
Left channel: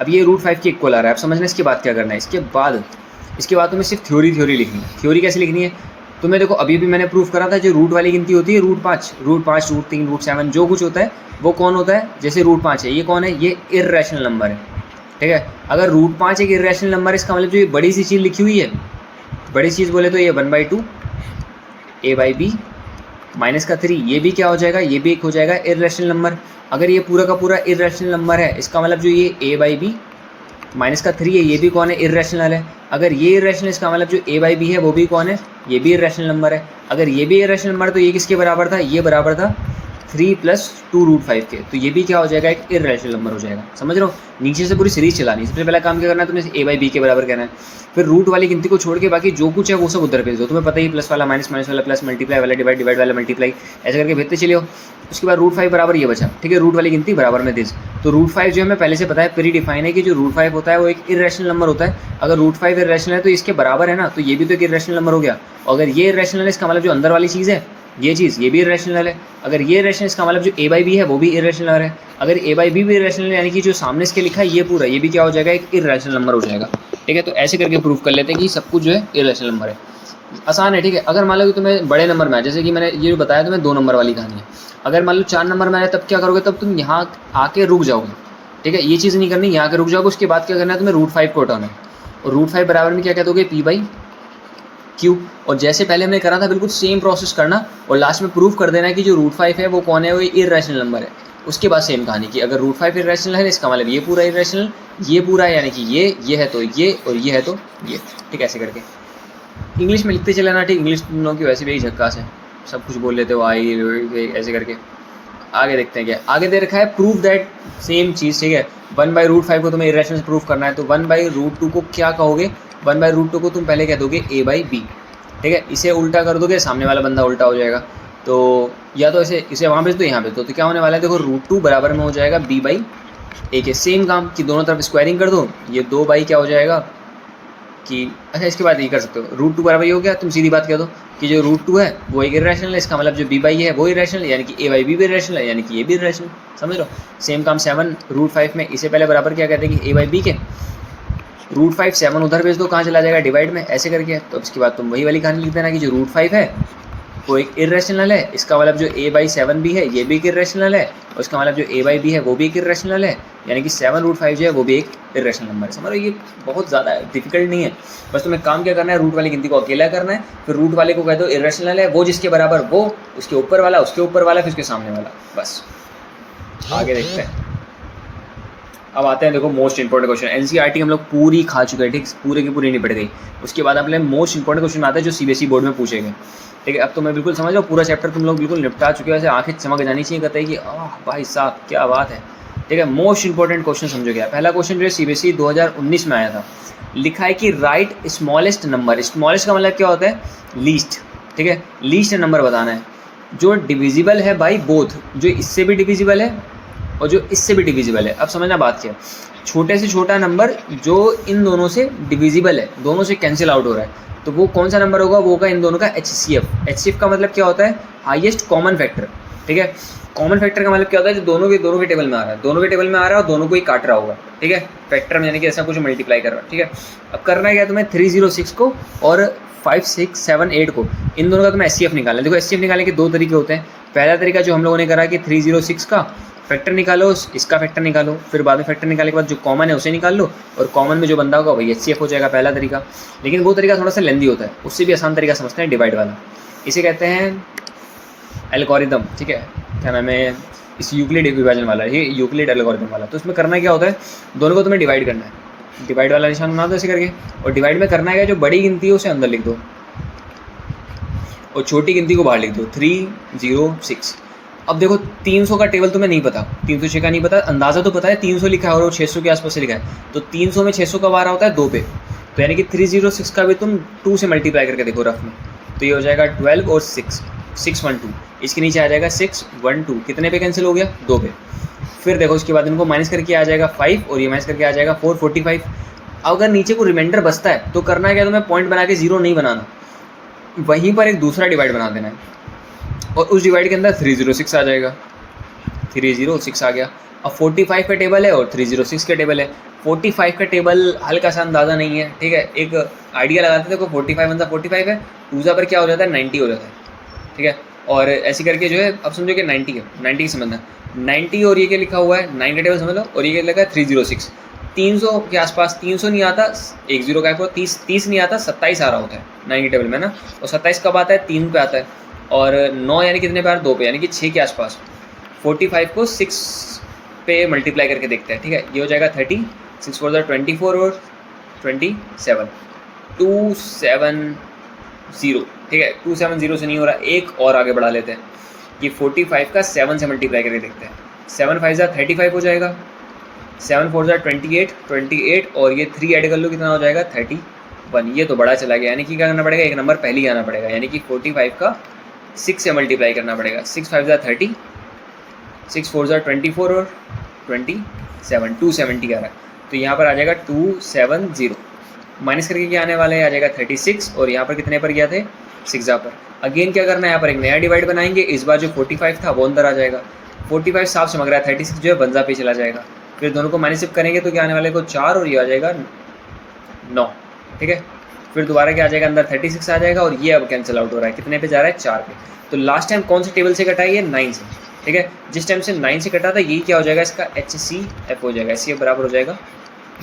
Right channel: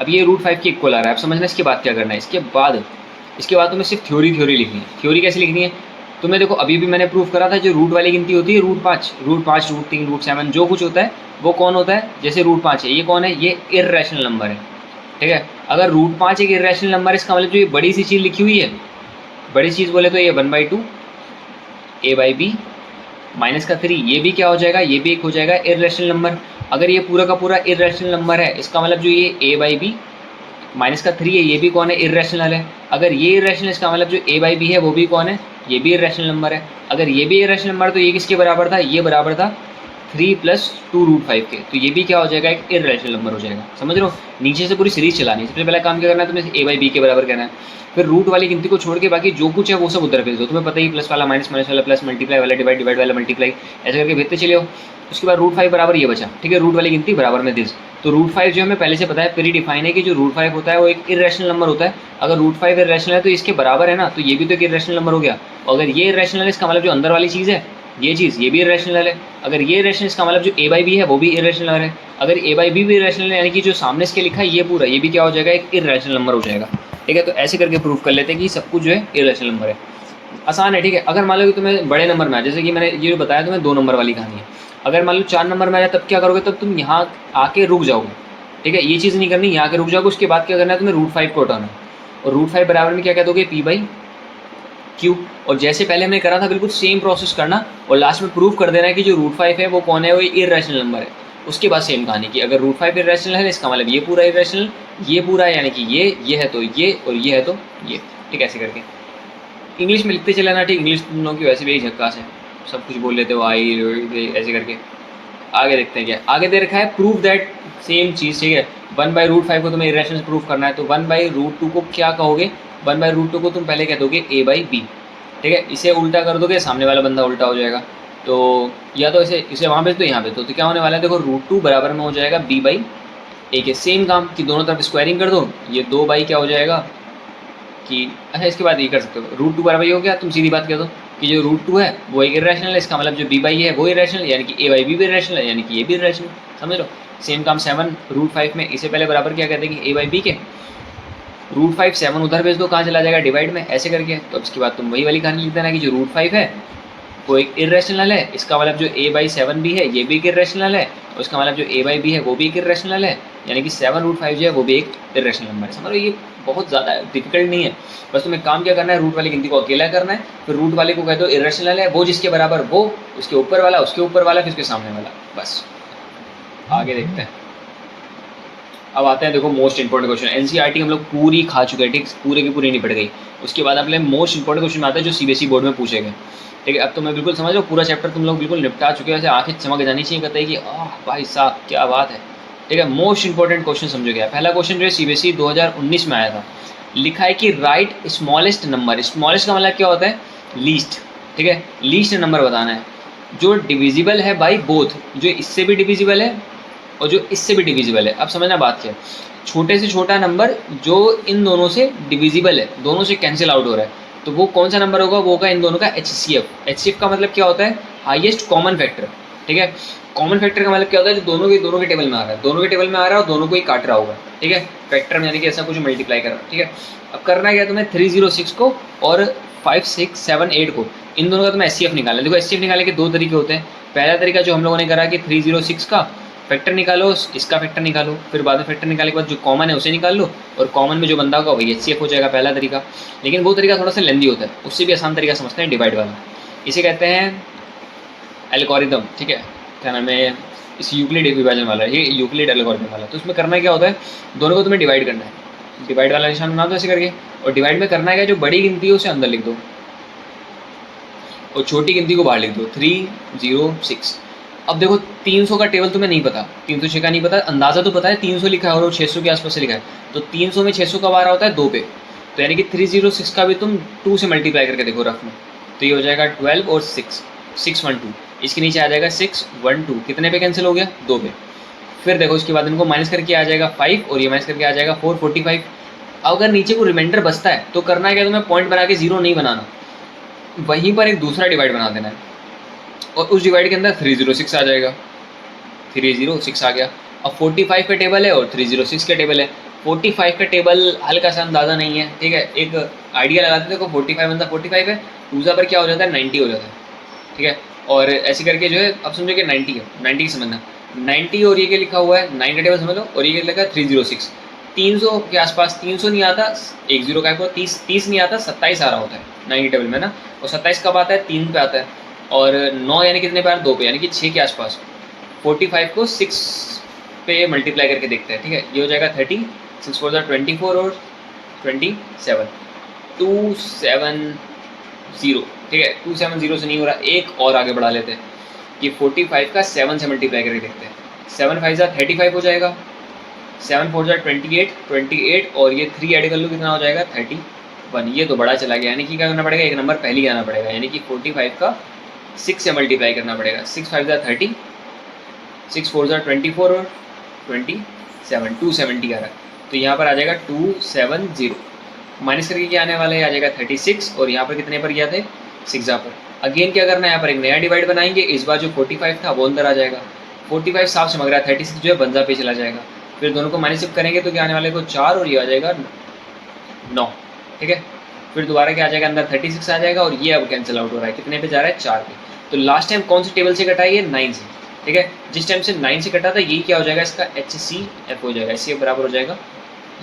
अब ये √5 के इक्वल आ रहा है। अब समझना इसके बाद क्या करना है। इसके बाद तुम्हें सिर्फ थ्योरी लिखनी है। थ्योरी कैसे लिखनी है? तुम्हें देखो अभी भी मैंने प्रूफ करा था, जो रूट वाली गिनती होती है √5, √3, √7 जो कुछ होता है वो कौन होता है? जैसे √5 है, ये कौन है? ये इर्रेशनल नंबर है, ठीक है। अगर रूट 5 एक इरेशनल नंबर है, इसका मतलब जो ये बड़ी सी चीज़ लिखी हुई है, बड़ी चीज़ बोले तो ये 1/2 a/b माइनस का 3, ये भी क्या हो जाएगा, ये भी एक हो जाएगा इरेशनल नंबर। अगर ये पूरा का पूरा इरेशनल नंबर है, इसका मतलब जो ये a/b माइनस का 3 है, ये भी कौन है, इरेशनल है। अगर ये इरेशनल, इसका मतलब जो a/b है वो भी कौन है, ये भी इरेशनल नंबर है। अगर ये भी इरेशनल नंबर, तो ये किसके बराबर था, ये बराबर था 3 + 2√5 के, तो ये भी क्या हो जाएगा, एक इरेशनल नंबर हो जाएगा। समझ रहे हो, नीचे से पूरी सीरीज चलानी है। सबसे पहला काम क्या करना है, तुम्हें a/b के बराबर कहना है, फिर रूट वाली गिनती को छोड़ के बाकी जो कुछ है वो सब उधर भेज दो। तुम्हें पता ही, प्लस वाला माइनस, माइनस वाला प्लस, मल्टीप्लाई वाला डिवाइड, डिवाइड वाला मल्टीप्लाई, ऐसे करके भेजते चले हो। उसके बाद √5 बराबर ये बचा, ठीक है, रूट वाली गिनती बराबर में दिस। तो √5 जो हमें पहले से पता है, प्री डिफाइन है कि जो √5 होता है वो एक इरेशनल नंबर होता है। अगर √5 इरेशनल है तो इसके बराबर है ना, तो ये भी तो एक इरेशनल नंबर हो गया। अगर ये इरेशनल है, इसका मतलब जो अंदर वाली चीज़ है ये चीज़, ये भी इरेशनल है। अगर ये इरेशनल, इसका मतलब जो a/b है वो भी इरेशनल है। अगर a/b भी इरेशनल है, यानी कि जो सामने इसके लिखा है ये पूरा, ये भी क्या हो जाएगा, एक इरेशनल नंबर हो जाएगा। ठीक है, तो ऐसे करके प्रूफ कर लेते हैं कि सब कुछ जो है इरेशनल नंबर है। आसान है, ठीक है। अगर मान लो कि तुम्हें बड़े नंबर में आए, जैसे कि मैंने ये बताया तुम्हें 2 नंबर वाली कहानी है, अगर मान लो 4 नंबर में आए तब क्या करोगे, तब तुम यहाँ आके रुक जाओगे। ठीक है, ये चीज़ नहीं करनी, यहाँ के रुक जाओगे। उसके बाद क्या करना है, तुम्हें √5 को हटाना, और √5 बराबर में क्या कह दोगे, p/q। और जैसे पहले हमने करा था बिल्कुल सेम प्रोसेस करना, और लास्ट में प्रूफ कर देना है कि जो √5 है वो कौन है, वो इरेशनल नंबर है। उसके बाद सेम कहानी की, अगर √5 इरेशनल है, इसका मतलब ये पूरा इरेशनल, ये पूरा है, यानी कि ये है तो ये, और ये है तो ये। ठीक है, ऐसे करके इंग्लिश में लिखते चले ना। ठीक, इंग्लिश तुम लोगों की वैसे भी झक्कास है, सब कुछ बोल लेते हो, आई ऐसे करके। आगे देखते हैं क्या आगे दे रखा है, प्रूफ दैट सेम चीज़। ठीक है, 1/√5 को तुम्हें इरेशनल प्रूफ करना है, तो 1/√2 को क्या कहोगे, 1/√2 को तुम पहले कह दोगे a/b। ठीक है, इसे उल्टा कर दोगे, सामने वाला बंदा उल्टा हो जाएगा। तो या तो इसे वहाँ भेज दो, यहाँ भेज दो, तो क्या होने वाला है, देखो √2 बराबर में हो जाएगा b/a के। सेम काम कि दोनों तरफ स्क्वायरिंग कर दो, ये 2 क्या हो जाएगा कि, अच्छा इसके बाद ये कर सकते हो, √2 बराबर ये हो गया, तुम सीधी बात कह दो कि जो √2 है वो एक इरेशनल है, इसका मतलब जो b/a है वो इरेशनल, यानी कि a/b भी इरेशनल है, यानी कि ये भी इरेशनल। समझ लो, सेम काम 7 √5 में, इसे पहले बराबर क्या कहते हैं कि a/b के, √5 7 उधर भेज दो, कहाँ चला जाएगा, डिवाइड में, ऐसे करके। तो उसके बाद तुम वही वाली कहानी लिख देना कि जो √5 है वो एक इरेशनल है, इसका मतलब जो a/7 भी है ये भी एक इरेशनल है, और उसका मतलब जो a/b है वो भी एक इरेशनल है, यानी कि 7√5 जो है वो भी एक इरेशनल नंबर है। समझ लो, ये बहुत ज़्यादा डिफिकल्ट नहीं है, बस तुम्हें काम क्या करना है, रूट वाली गिनती को अकेला करना है, फिर रूट वाले को कह दो इरेशनल है, वो जिसके बराबर वो, उसके ऊपर वाला, उसके ऊपर वाला, फिर उसके सामने वाला, बस। आगे देखते हैं, अब आते हैं, देखो मोस्ट इंपॉर्टेंट क्वेश्चन। एनसीईआरटी हम लोग पूरी खा चुके हैं, ठीक, पूरे की पूरी निपट गई। उसके बाद अपने मोस्ट इंपॉर्टेंट क्वेश्चन आते हैं जो सीबीएसई बोर्ड में पूछे गए। ठीक है, अब तो मैं बिल्कुल समझ लो पूरा चैप्टर तुम लोग बिल्कुल निपटा चुके हो, ऐसे आंखें चमक जानी चाहिए, कहते हैं कि भाई साहब क्या बात है। ठीक है, मोस्ट इंपॉर्टेंट क्वेश्चन समझो क्या। पहला क्वेश्चन जो है सीबीएसई 2019 में आया था, लिखा है कि राइट स्मॉलेस्ट नंबर। स्मॉलेस्ट का मतलब क्या होता है, लीस्ट। ठीक है, लीस्ट नंबर बताना है जो डिविजिबल है बाई बोथ, जो इससे भी डिविजिबल है और जो इससे भी डिविजिबल है। अब समझना बात क्या है, छोटे से छोटा नंबर जो इन दोनों से डिविजिबल है, दोनों से कैंसिल आउट हो रहा है, तो वो कौन सा नंबर होगा, वो होगा इन दोनों का HCF। HCF का मतलब क्या होता है, हाईएस्ट कॉमन फैक्टर। ठीक है, कॉमन फैक्टर का मतलब क्या होता है, जो दोनों के टेबल में आ रहा है, दोनों के टेबल में आ रहा है और दोनों को ही काट रहा होगा। ठीक है, फैक्टर में यानी कि ऐसा कुछ मल्टीप्लाई कर रहा है। ठीक है, अब करना क्या है तुम्हें, 306 को और 5, 6, 7, 8 को, इन दोनों का तुम्हें HCF निकालना है। देखो HCF निकालने के 2 तरीके होते हैं। पहला तरीका जो हम लोगों ने करा कि 306 का फैक्टर निकालो, इसका फैक्टर निकालो, फिर बाद में फैक्टर निकालने के बाद जो कॉमन है उसे निकाल लो, और कॉमन में जो बंदा होगा वही HCF हो जाएगा, पहला तरीका। लेकिन वो तरीका थोड़ा सा लेंदी होता है, उससे भी आसान तरीका समझते हैं डिवाइड वाला। इसे कहते हैं एल्गोरिदम। ठीक है, क्या नाम है, इस यूक्लिड विभाजन वाला, ये यूक्लिड एल्गोरिदम वाला। तो उसमें करना क्या होता है, दोनों को तुम्हें डिवाइड करना है, डिवाइड वाला निशान बना दो ऐसे करके, और डिवाइड में करना है जो बड़ी गिनती है उसे अंदर लिख दो और छोटी गिनती को बाहर लिख दो, 306। अब देखो 300 का टेबल तुम्हें नहीं पता, 306 का नहीं पता, अंदाज़ा तो पता है 300 लिखा है और वो 600 के आसपास से लिखा है, तो 300 में 600 का बार होता है 2 पे, तो यानी कि 306 का भी तुम 2 से मल्टीप्लाई करके देखो रफ में, तो ये हो जाएगा 12 और 6, 612। इसके नीचे आ जाएगा 612, कितने पे कैंसिल हो गया, 2 पे। फिर देखो उसके बाद इनको माइनस करके आ जाएगा 5 और ये माइनस करके आ जाएगा 445। अगर नीचे को रिमाइंडर बचता है तो करना है क्या, तुम्हें पॉइंट बना के 0 नहीं बनाना, वहीं पर एक दूसरा डिवाइड बना देना है और उस डिवाइड के अंदर 306 आ जाएगा, 306 आ गया। अब 45 का टेबल है और 306 का टेबल है। 45 का टेबल हल्का सा अंदाज़ा नहीं है, ठीक है, एक आइडिया लगाते थे, 45 वन 45 है, 2 पर क्या हो जाता है 90 हो जाता है। ठीक है, और ऐसे करके जो है अब समझो कि 90 है, 90 की समझना, 90 और ये क्या लिखा हुआ है 9 का टेबल समझ लो, और ये क्या लिखा है 306। 300 के आसपास, 300 नहीं आता, एक जीरो का 30 नहीं आता, 27 आ रहा होता है 90 टेबल में ना। और 27 कब आता है? 3 पे आता है। और 9 यानी कितने पे? 2 पे, यानी कि 6 के आसपास। 45 को 6 पे मल्टीप्लाई करके देखते हैं, ठीक है। ये हो जाएगा 30, 6 4 24 और 27, 270, ठीक है। 270 से नहीं हो रहा, एक और आगे बढ़ा लेते हैं। ये 45 का 7 से मल्टीप्लाई करके देखते हैं। 7 5 35 हो जाएगा, 7 4 28 और ये 3 ऐड कर लो, कितना हो जाएगा? 31। ये तो बड़ा चला गया, यानी कि क्या करना पड़ेगा? एक नंबर पहले ही आना पड़ेगा, यानी कि 45 का 6 से मल्टीप्लाई करना पड़ेगा। 6 5 30, 6 4 24 और 27, 270 आ रहा है। तो यहाँ पर आ जाएगा 270, माइनस करके क्या आने वाला है? आ जाएगा 36, और यहाँ पर कितने पर गया थे? 6 पर। अगेन क्या करना है? यहाँ पर एक नया डिवाइड बनाएंगे। इस बार जो 45 था वो अंदर आ जाएगा, 45 साफ से मग रहा है, 36 जो है बंजा पे चला जाएगा। फिर दोनों को माइनस करेंगे तो क्या आने वाले को? 4, और ये आ जाएगा 9, ठीक है। फिर दोबारा क्या आ जाएगा? अंदर 36 आ जाएगा, और ये अब कैंसिल आउट हो रहा है, कितने पे जा रहा है? 4 पे। तो लास्ट टाइम कौन सी टेबल से कटा है? ये 9 से, ठीक है। जिस टाइम से 9 से कटा था, यही क्या हो जाएगा? इसका HCF हो जाएगा, HCF बराबर हो जाएगा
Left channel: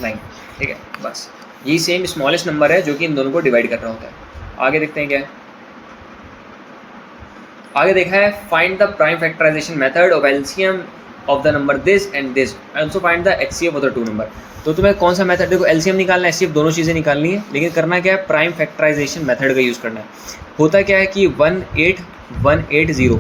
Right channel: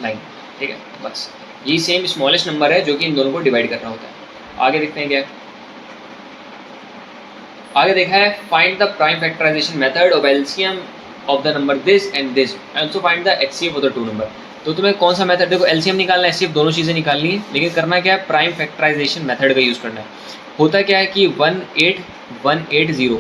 9, ठीक है। बस यही सेम स्मॉलेस्ट नंबर है जो कि इन दोनों को डिवाइड कर रहा होता है। आगे देखते हैं क्या है। आगे देखा है, find the prime factorisation method of LCM of the number this and this and also find the HCF of the two number. तो तुम्हें कौन सा मेथड? देखो एलसीएम निकालना है, HCF दोनों चीज़ें निकालनी है, लेकिन करना क्या है? प्राइम फैक्टराइजेशन मेथड का यूज़ करना है। होता क्या है कि 18180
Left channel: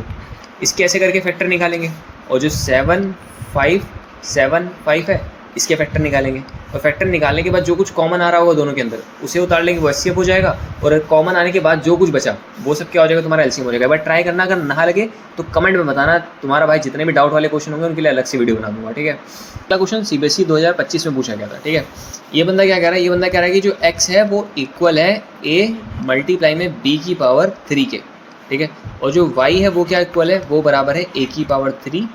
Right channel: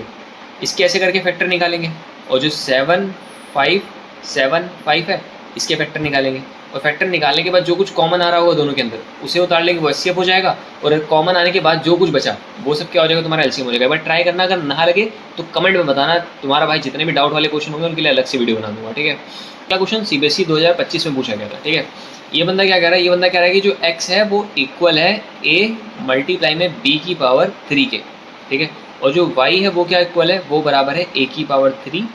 इसके ऐसे करके फैक्टर निकालेंगे, और जो 7575 है इसके फैक्टर निकालेंगे। और फैक्टर निकालने के बाद जो कुछ कॉमन आ रहा होगा दोनों के अंदर उसे उतार लेंगे, वो HCF हो जाएगा। और कॉमन आने के बाद जो कुछ बचा वो सब क्या हो जाएगा? तुम्हारा LCM हो जाएगा। बट ट्राई करना, अगर ना लगे तो कमेंट में बताना। तुम्हारा भाई जितने भी डाउट वाले क्वेश्चन होंगे उनके लिए अलग से वीडियो बना दूंगा, ठीक है। अगला क्वेश्चन CBSE 2025 में पूछा गया था, ठीक है। ये बंदा क्या कह रहा है? ये बंदा कह रहा है कि जो x है वो इक्वल है a मल्टीप्लाई में b की पावर 3 के, ठीक है। और जो y है वो क्या इक्वल है? वो बराबर है a की पावर 3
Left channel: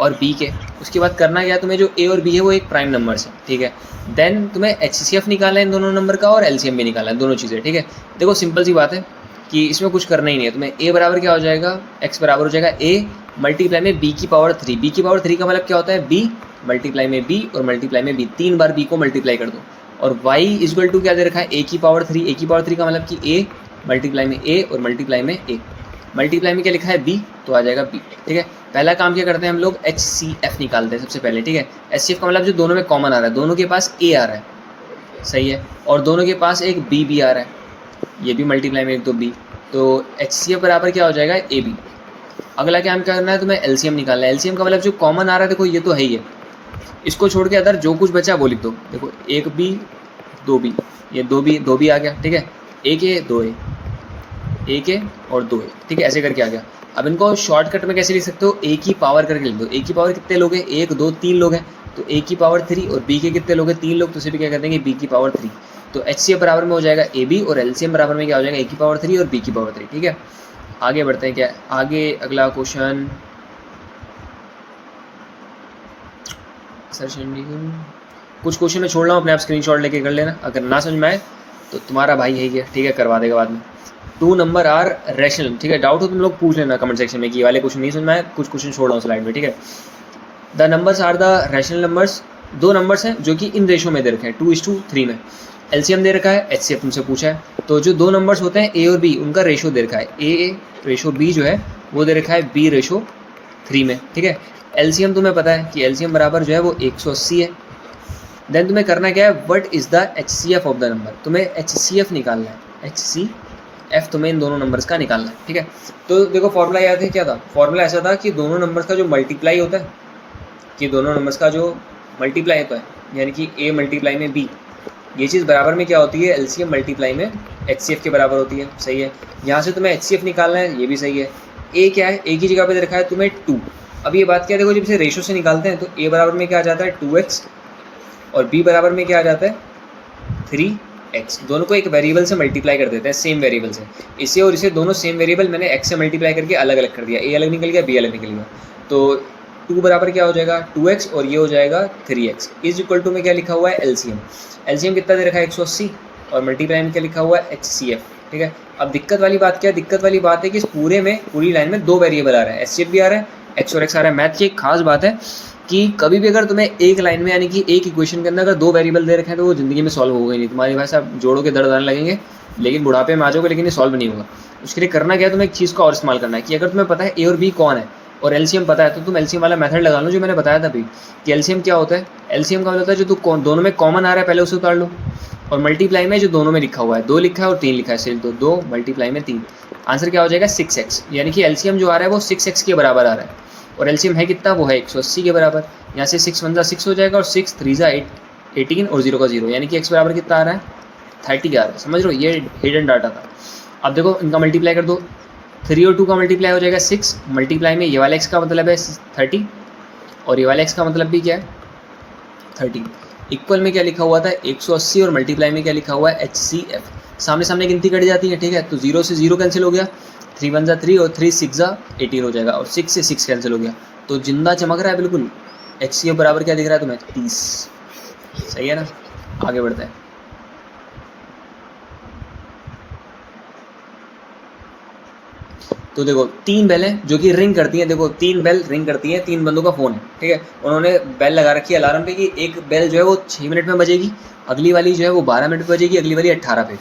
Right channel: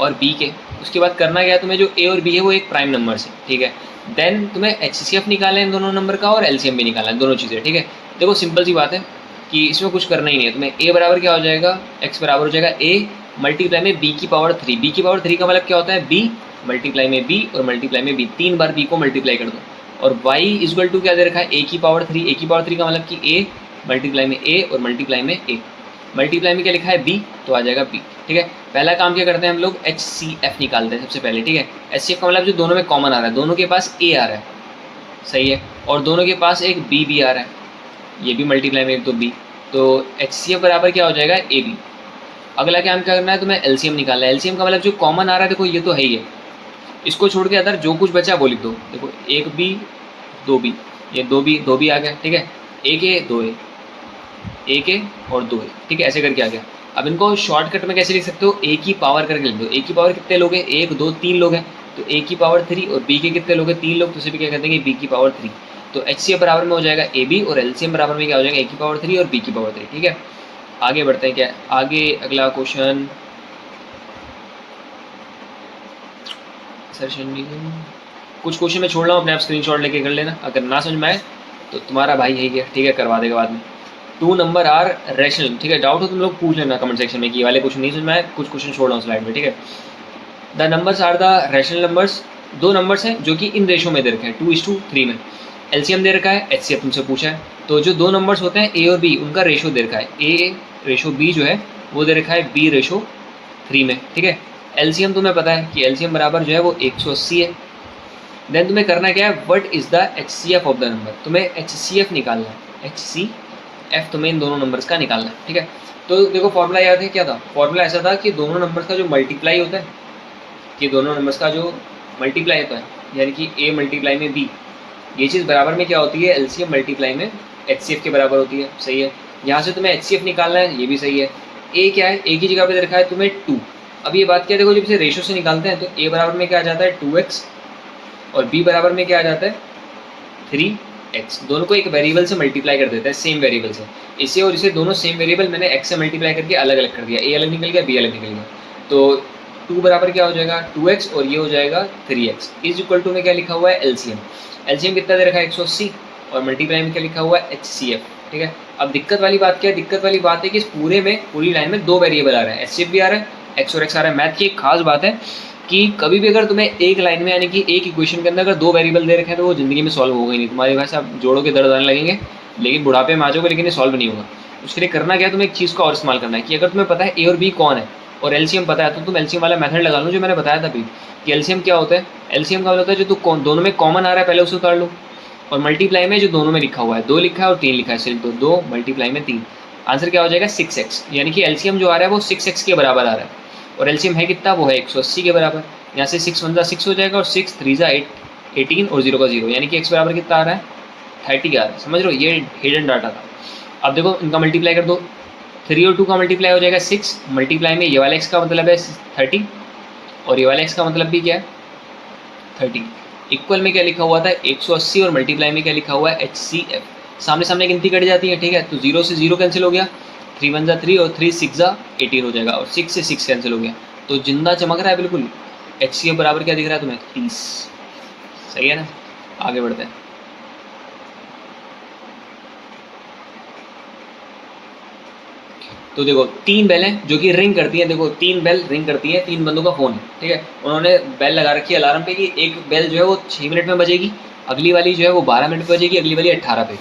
और b के। उसके बाद करना क्या है तुम्हें? जो a और b है वो एक प्राइम नंबर है, ठीक है। देन तुम्हें HCF निकालना है इन दोनों नंबर का, और LCM भी निकालना है, दोनों चीज़ें, ठीक है। देखो सिंपल सी बात है कि इसमें कुछ करना ही नहीं है तुम्हें। a बराबर क्या हो जाएगा? x बराबर हो जाएगा a मल्टीप्लाई में b की पावर 3। b की पावर 3 का मतलब क्या होता है? b मल्टीप्लाई में b और मल्टीप्लाई में b, 3 बार b को मल्टीप्लाई कर दो। और y इक्वल टू क्या दे रखा है? a की पावर 3। a की पावर 3 का मतलब कि a मल्टीप्लाई में a और मल्टीप्लाई में a। मल्टीप्लाई में क्या लिखा है? b, तो आ जाएगा b, ठीक है। पहला काम क्या करते हैं हम लोग? HCF निकालते हैं सबसे पहले, ठीक है। HCF का मतलब जो दोनों में कॉमन आ रहा है, दोनों के पास a आ रहा है, सही है, और दोनों के पास एक b भी आ रहा है, ये भी मल्टीप्लाई में एक तो b, तो HCF बराबर क्या हो जाएगा? AB। अगला काम क्या करना है तुम्हें? LCM निकालना है। LCM का मतलब जो कॉमन आ रहा है, देखो ये तो है ही है, इसको छोड़ के अदर जो कुछ बचा वो लिख दो। देखो एक b 2b, ये 2b आ गया, ठीक है। एक a 2a, एक a और 2a, ठीक है, ऐसे करके आ गया। अब इनको शॉर्टकट में कैसे लिख सकते हो? a की पावर करके लिख दो। a की पावर कितने लोग हैं? 1 2 3 लोग हैं, तो a की पावर 3, और b के कितने लोग हैं? 3 लोग, तो उसे भी क्या कर देंगे? b की पावर 3। तो HCF बराबर में हो जाएगा AB, और LCM बराबर में क्या हो जाएगा? a की पावर 3 और b की पावर 3, ठीक है। आगे बढ़ते हैं क्या आगे। अगला क्वेश्चन, कुछ क्वेश्चन मैं छोड़ रहा हूँ, अपने आप स्क्रीनशॉट लेके कर लेना। अगर ना समझ में आए तो तुम्हारा भाई है ये, ठीक है, करवा देगा बाद में। 2 नंबर आर रैशनल, ठीक है। डाउट हो तुम लोग पूछ लेना कमेंट सेक्शन में कि वाले क्वेश्चन नहीं समझ में आए, कुछ क्वेश्चन छोड़ रहा हूँ स्लाइड में, ठीक है। The numbers are the rational numbers, 2 numbers हैं जो कि इन रेशो में दे रखे हैं, 2:3 में। LCM दे रखा है, HCF तुमसे पूछा है। तो जो 2 नंबर्स होते हैं A और B, उनका रेशो दे रखा है, A रेशो B जो है वो दे रखा है B/3 में, ठीक है। LCM तुम्हें पता है कि LCM बराबर जो है वो 180 है। देन तुम्हें करना क्या है? What is the HCF of the number, तुम्हें HCF निकालना है। HCF तुम्हें इन दोनों नंबर्स का निकालना है, ठीक है। तो देखो फॉर्मूला याद है क्या था? फॉर्मूला ऐसा था कि दोनों नंबर्स का जो मल्टीप्लाई होता है, कि दोनों नंबर्स का जो मल्टीप्लाई होता है, यानी कि A मल्टीप्लाई में B, ये चीज़ बराबर में क्या होती है? LCM मल्टीप्लाई में HCF के बराबर होती है, सही है। यहाँ से तुम्हें HCF निकालना है, ये भी सही है। A क्या है? A की जगह पे दे रखा है तुम्हें 2। अब ये बात क्या है? देखो जब इसे रेशो से निकालते हैं तो A बराबर में क्या आ जाता है? 2x, और B बराबर में क्या आ जाता है? 3x। दोनों को एक वेरिएबल से मल्टीप्लाई कर देते हैं, सेम वेरिएबल से। इसे और इसे दोनों सेम वेरिएबल मैंने x से मल्टीप्लाई करके अलग अलग कर दिया, A अलग निकल गया, B अलग निकल गया। तो 2 बराबर क्या हो जाएगा? 2x, और ये हो जाएगा 3x। इज इक्वल टू में क्या लिखा हुआ है? LCM। LCM कितना दे रखा है? 180, और मल्टीप्लाई में क्या लिखा हुआ है? HCF, ठीक है। अब दिक्कत वाली बात क्या है? दिक्कत वाली बात है कि इस पूरे में, पूरी लाइन में 2 वेरिएबल आ रहे हैं, HCF भी आ रहा है, x और x आ रहा है। मैथ की एक खास बात है कि कभी भी अगर तुम्हें एक लाइन में यानी कि एक इक्वेशन के अंदर अगर 2 वेरिएबल दे रखे हैं तो वो ज़िंदगी में सॉल्व होगा ही नहीं। तुम्हारे भाई साहब जोड़ों के दर्द आने लगेंगे, लेकिन बुढ़ापे में आ जाओगे लेकिन ये सॉल्व नहीं होगा। उसके लिए करना क्या है, तुम्हें एक चीज़ का और इस्तेमाल करना है कि अगर तुम्हें पता है ए और बी कौन है और एलसीएम पता है, तो तुम एलसीएम वाला मेथड लगा लो जो मैंने बताया था अभी कि एलसीएम क्या होता है। एलसीएम का मतलब होता है जो तो दोनों में कॉमन आ रहा है पहले उसे उतार लो, और मल्टीप्लाई में जो दोनों में लिखा हुआ है, 2 लिखा है और 3 लिखा है, सिर्फ 2 मल्टीप्लाई में 3, आंसर क्या हो जाएगा 6x। यानी कि एलसीएम जो आ रहा है वो 6x के बराबर आ रहा है, और एलसीएम है कितना, वो है 180 के बराबर। यहाँ से 6 1 6 हो जाएगा और 6 3 18 और 0 का 0, यानी कि x बराबर कितना आ रहा है 30 आ रहा है। समझ लो, ये हिडन डाटा था। अब देखो इनका मल्टीप्लाई कर दो, 3 और 2 का मल्टीप्लाई हो जाएगा 6, मल्टीप्लाई में ये वाला x का मतलब है 30 और ये वाला x का मतलब भी क्या है 30। इक्वल में क्या लिखा हुआ था 180 और मल्टीप्लाई में क्या लिखा हुआ है HCF। सामने सामने गिनती कट जाती है, ठीक है, तो 0 से 0 कैंसिल हो गया, 3 1 3 और 3 6 18 हो जाएगा, और 6 से 6 कैंसिल हो गया, तो जिंदा चमक रहा है बिल्कुल। HCF बराबर क्या दिख रहा है तुम्हें 30। सही है ना, आगे बढ़ते हैं। तो देखो 3 बेल हैं जो कि रिंग करती हैं, देखो 3 बेल रिंग करती हैं, 3 बंदों का फ़ोन है, ठीक है, उन्होंने बेल लगा रखी है अलार्म पे कि एक बेल जो है वो 6 मिनट में बजेगी, अगली वाली जो है वो 12 मिनट पे बजेगी, अगली वाली 18 पे।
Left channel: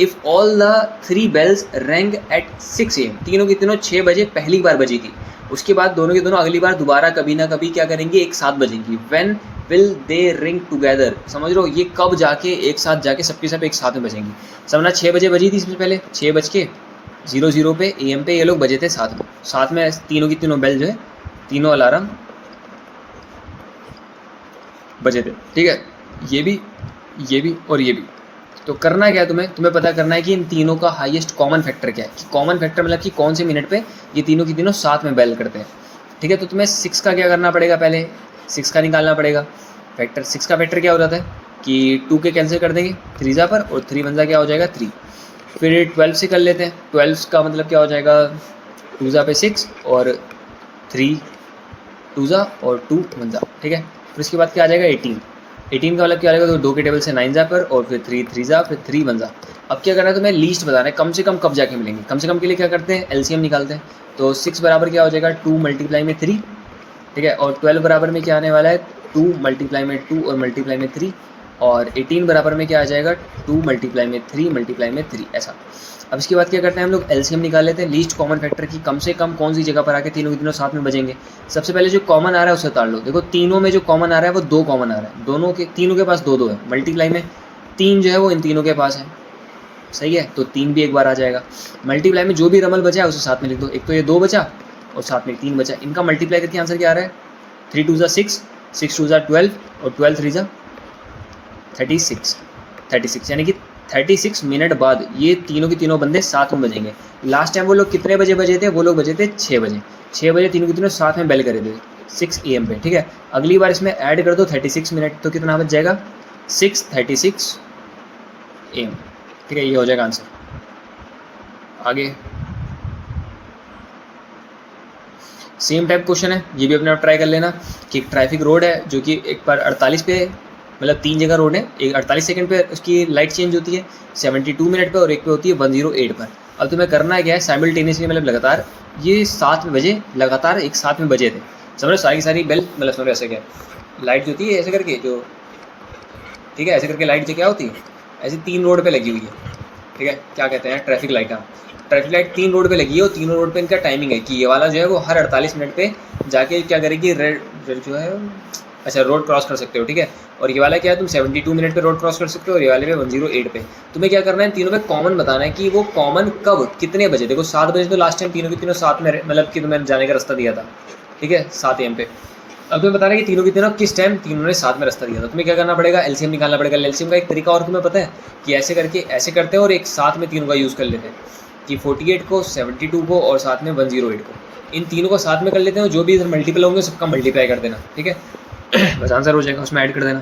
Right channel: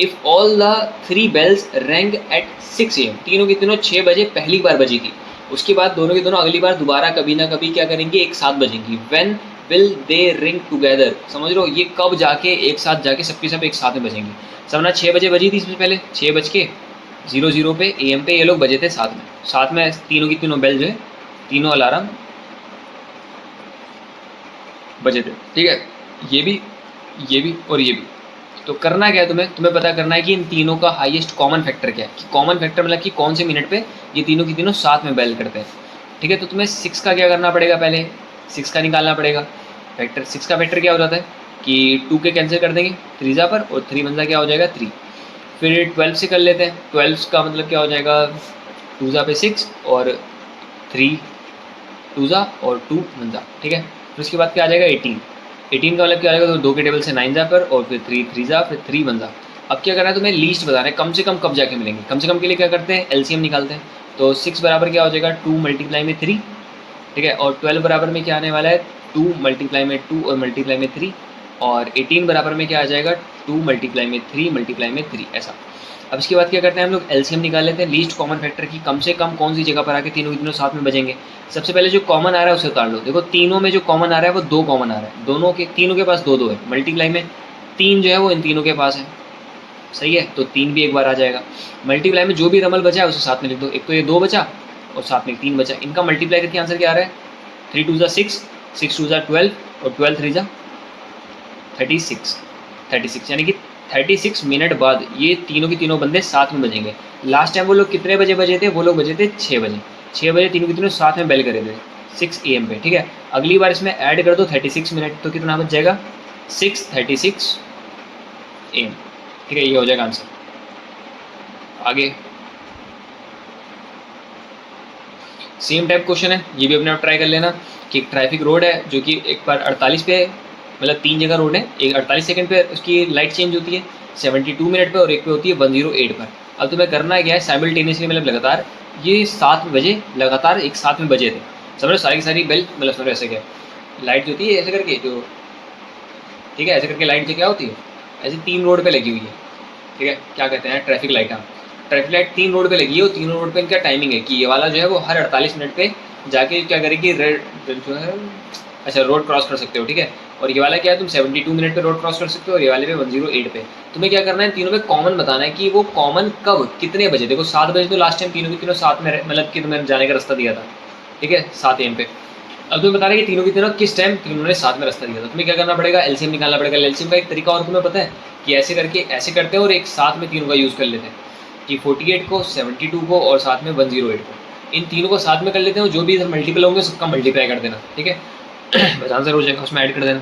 If all the 3 bells rang at 6 AM, तीनों की तीनों 6 बजे पहली बार बजेगी, उसके बाद दोनों की दोनों अगली बार दोबारा कभी ना कभी क्या करेंगी, एक साथ बजेंगी। When will they ring together, समझ लो ये कब जाके एक साथ जाके सबकी सब एक साथ में बजेंगी। समझना 6 बजे बजी थी इसमें पहले, 6 बज के 00 पे AM पे ये लोग बजे थे साथ में तीनों की तीनों बेल जो है, तीनों अलार्म बजे थे, ठीक है, ये भी और ये भी। तो करना क्या है, तुम्हें पता करना है कि इन तीनों का हाईएस्ट कॉमन फैक्टर क्या है। कॉमन फैक्टर मतलब कि कौन से मिनट पे ये तीनों की तीनों साथ में बेल करते हैं, ठीक है। तो तुम्हें 6 का क्या करना पड़ेगा, पहले 6 का निकालना पड़ेगा फैक्टर। 6 का फैक्टर क्या हो जाता है कि 2 के कैंसिल कर देंगे 3 जा पर, और 3 1 क्या हो जाएगा 3। फिर 12 से कर लेते हैं, 12 का मतलब क्या हो जाएगा 2 जा पे 6 और 3 2 जा और 2 1 जा, ठीक है। फिर उसके बाद क्या आ जाएगा 18 का मतलब क्या आ जाएगा, तो 2 के टेबल से 9 जा पर, और फिर 3 3 जा, फिर 3 1 जा। अब क्या करना है, तुम्हें लीस्ट बताना है, कम से कम कब जाके मिलेंगे। कम से कम के लिए क्या करते हैं, एलसीएम निकालते हैं। तो 6 बराबर क्या हो जाएगा 2 मल्टीप्लाई में 3, ठीक है, और 12 बराबर में क्या आने वाला है 2 मल्टीप्लाई में 2 और मल्टीप्लाई में 3, और 18 बराबर में क्या आ जाएगा 2 मल्टीप्लाई में 3 मल्टीप्लाई में 3, ऐसा। अब इसके बाद क्या करते हैं हम लोग, एलसीएम निकाल लेते हैं लीस्ट कॉमन फैक्टर की, कम से कम कौन सी जगह पर आके तीनों की तीनों साथ में बजेंगे। सबसे पहले जो कॉमन आ रहा है उसे उतार लो। देखो तीनों में जो कॉमन आ रहा है वो 2 कॉमन आ रहा है, तीनों के पास 2 2 है। मल्टीप्लाई में 3 जो है वो इन तीनों के पास है, सही है, तो 3 भी एक बार आ जाएगा। मल्टीप्लाई में जो भी रमल बचा है उसे साथ में लिख दो, एक तो ये 2 बचा और साथ में 3 बचा, इनका मल्टीप्लाई करके आंसर क्या आ रहा है 3 2 6, 6 2 12 और 12 3 36, यानी कि 36 मिनट बाद ये तीनों की तीनों बंदे साथ में बजेंगे। लास्ट टाइम वो लोग कितने बजे बजे थे, वो लोग बजे थे 6 बजे। 6 बजे तीनों की तीनों साथ में बेल करे थे 6 AM पे, ठीक है। अगली बार इसमें ऐड कर दो 36 मिनट, तो कितना बच जाएगा 6:36 AM, ठीक है, ये हो जाएगा आंसर। आगे सेम टाइप क्वेश्चन है, ये भी अपने आप ट्राई कर लेना कि एक ट्रैफिक रोड है जो कि एक बार 48 पे, मतलब 3 जगह रोड है, एक 48 सेकंड पे उसकी लाइट चेंज होती है, 72 मिनट पे, और एक पे होती है 108 पर। अब तुम्हें करना क्या है, साइमल्टेनियसली मतलब लगातार ये 7 बजे लगातार एक साथ में बजे थे, समझो सारी की सारी बेल, मतलब समझो ऐसे क्या लाइट जो होती है ऐसे करके जो, ठीक है, ऐसे करके लाइट जो क्या होती है ऐसे 3 रोड पे लगी हुई है, ठीक है, क्या कहते हैं ट्रैफिक लाइट। हाँ, ट्रैफिक लाइट 3 रोड पे लगी है, और तीनों रोड पे इनका टाइमिंग है कि ये वाला जो है वो हर 48 मिनट पे जाके क्या करेगी, रेड जो है अच्छा रोड क्रॉस कर सकते हो, ठीक है, और ये वाला क्या है तुम 72 मिनट पे रोड क्रॉस कर सकते हो, और ये वाले पे 108 पे। तुम्हें क्या करना है, तीनों में कॉमन बताना है कि वो कॉमन कब कितने बजे। देखो 7 बजे तो लास्ट टाइम तीनों की तीनों साथ में, मतलब कि तुम्हें जाने का रास्ता दिया था, ठीक है, 7 AM पे। अब तुम्हें बता रहे हैं कि तीनों की तीनों किस टाइम तीनों ने साथ में रास्ता दिया था। तुम्हें क्या करना पड़ेगा, एलसीएम निकालना पड़ेगा। एलसीएम का एक तरीका और तुम्हें पता है कि ऐसे करके ऐसे करते हैं और एक साथ में तीनों का यूज़ कर लेते हैं कि 48 को 72 को और साथ में 108 को, इन तीनों को साथ में कर लेते हैं, और जो भी इधर मल्टीपल होंगे सबका मल्टीप्लाई कर देना, ठीक है, बस आंसर हो जाएगा, उसमें ऐड कर देना।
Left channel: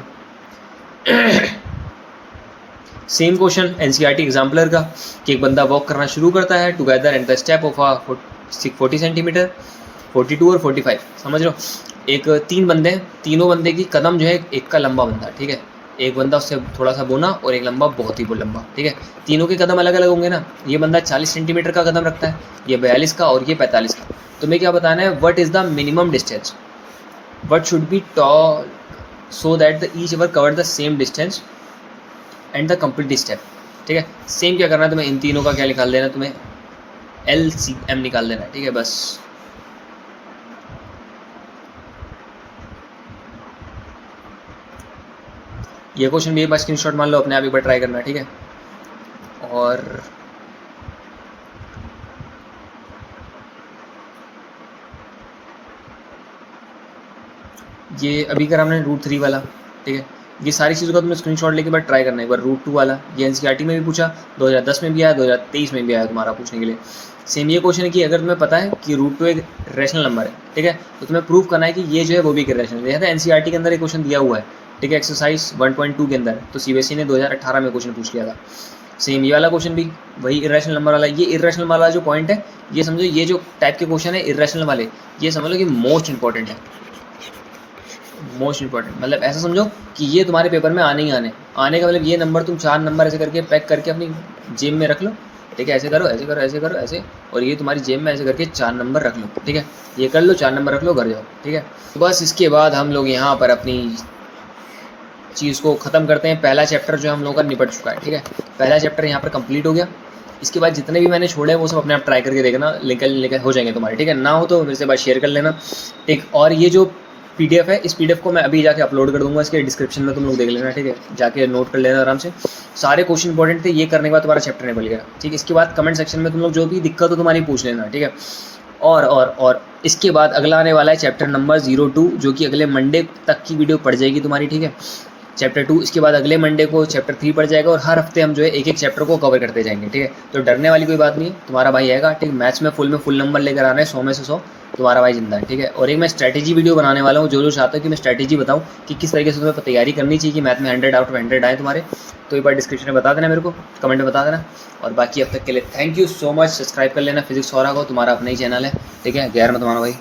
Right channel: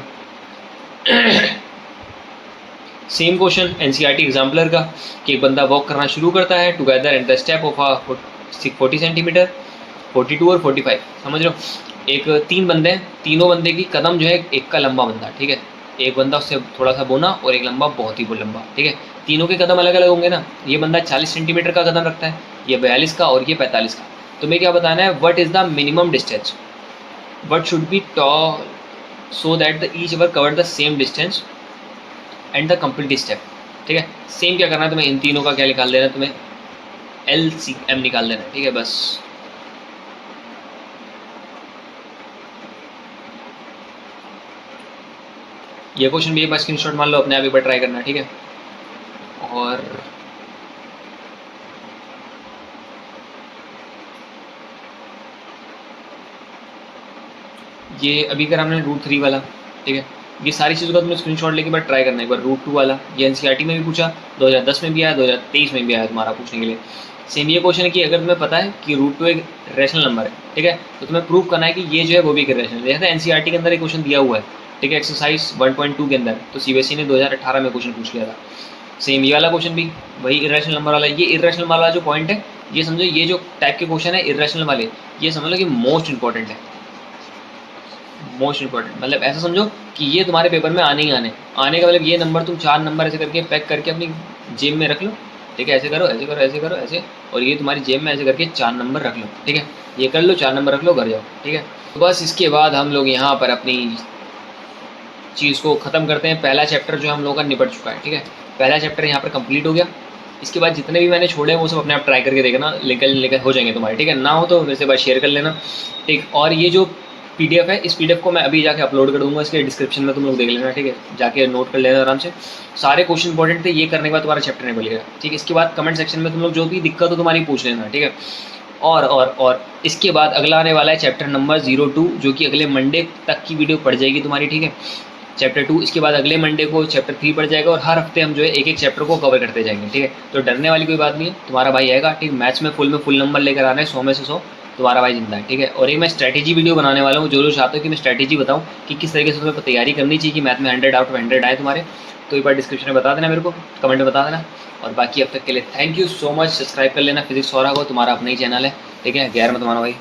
सेम क्वेश्चन एनसीईआरटी एग्जाम्पलर का कि एक बंदा वॉक करना शुरू करता है together at the step of 40 centimetre, 42 और 45, समझ लो एक 3 बंदे हैं, तीनों बंदे की कदम जो है, एक का लंबा बंदा, ठीक है, एक बंदा उससे थोड़ा सा बोना और एक लंबा बहुत ही लंबा, ठीक है, तीनों के कदम अलग अलग होंगे ना। ये बंदा 40 सेंटीमीटर का कदम रखता है, ये 42 का और ये 45 का। तुम्हें क्या बताना है, what is the minimum distance, what should be tall so that the each ever covered the same distance and the complete step. ठीक है, सेम क्या करना है तुम्हें, इन तीनों का क्या निकाल देना है, तुम्हें LCM निकाल देना है, ठीक है बस। ये क्वेश्चन भी एक बार स्क्रीनशॉट मान लो, अपने आप एक बार ट्राई करना, ठीक है। और ये अभी कर हमने √3 वाला, ठीक है। ये सारी चीज़ों का तुमने स्क्रीनशॉट लेके बाद ट्राई करना है एक बार। √2 वाला ये NCERT में भी पूछा, 2010 में भी आया, 2023 में भी आया तुम्हारा पूछने के लिए। सेम ये क्वेश्चन है कि अगर तुम्हें पता है कि √2 एक रेशनल नंबर है, ठीक है, तो तुम्हें प्रूव करना है कि ये जो है वो भी एक रेशनल है। देखा था NCERT के अंदर एक क्वेश्चन दिया हुआ है, ठीक है, एक्सरसाइज 1.2 के अंदर, तो CBSE ने 2018 में क्वेश्चन पूछ लिया था। सेम ये वाला क्वेश्चन भी वही इरेशनल नंबर वाला। ये इरेशनल वाला जो पॉइंट है, ये समझो ये जो टाइप के क्वेश्चन है इरेशनल वाले, ये समझ लो कि मोस्ट इंपॉर्टेंट है, मोस्ट इंपॉर्टेंट। मतलब ऐसा समझो कि ये तुम्हारे पेपर में आने ही आने का मतलब ये नंबर तुम 4 नंबर ऐसे करके पैक करके अपनी जेब में रख लो, ठीक है, ऐसे करो ऐसे करो ऐसे करो ऐसे, और ये तुम्हारी जेब में ऐसे करके 4 नंबर रख लो, ठीक है, ये कर लो, 4 नंबर रख लो, घर जाओ, ठीक है। तो बस इसके बाद हम लोग यहाँ पर अपनी चीज़ को ख़त्म करते हैं। पहला चैप्टर जो हम लोगों का निपट चुका है, ठीक है, पहला चैप्टर यहाँ पर कंप्लीट हो गया। इसके बाद जितने भी मैंने छोड़े हैं वो सब अपने आप ट्राई करके देखना, लेकर हो जाएंगे तुम्हारे, ठीक है। ना हो तो मेरे से बात शेयर कर लेना, ठीक। और ये जो PDF है, इस PDF को मैं अभी जाके अपलोड कर दूंगा, इसके डिस्क्रिप्शन में तुम लोग देख लेना, ठीक है, जाके नोट कर लेना आराम से। सारे क्वेश्चन इंपॉर्टेंट थे, ये करने के बाद तुम्हारा चैप्टर निकल गया, ठीक है। इसके बाद कमेंट सेक्शन में तुम लोग जो भी दिक्कत हो तुम्हारी पूछ लेना, ठीक है। और इसके बाद अगला आने वाला है चैप्टर नंबर 02, जो कि अगले मंडे तक की वीडियो पड़ जाएगी तुम्हारी, ठीक है, चैप्टर 2। इसके बाद अगले मंडे को चैप्टर 3 पड़ जाएगा, और हर हफ्ते हम जो है एक एक चैप्टर को कवर करते जाएंगे, ठीक है। तो डरने वाली कोई बात नहीं है, तुम्हारा भाई आएगा, ठीक। मैथ्स में फुल नंबर लेकर आना है, 100 में से 100, तुम्हारा भाई जिंदा है, ठीक है। और एक मैं स्ट्रैटेजी वीडियो बनाने वाला हूँ, जो चाहते हो कि मैं स्ट्रैटेजी बताऊँ कि किस तरीके से तुम्हें तैयारी करनी चाहिए कि मैथ में 100 आउट ऑफ 100 आए तुम्हारे, तो एक बार डिस्क्रिप्शन में बता देना मेरे को, कमेंट में बता देना। और बाकी अब तक के लिए thank you so much, subscribe कर लेना फिजिक्स 100 को, तुम्हारा अपना ही चैनल है, ठीक है, गैर में तुम्हारा भाई।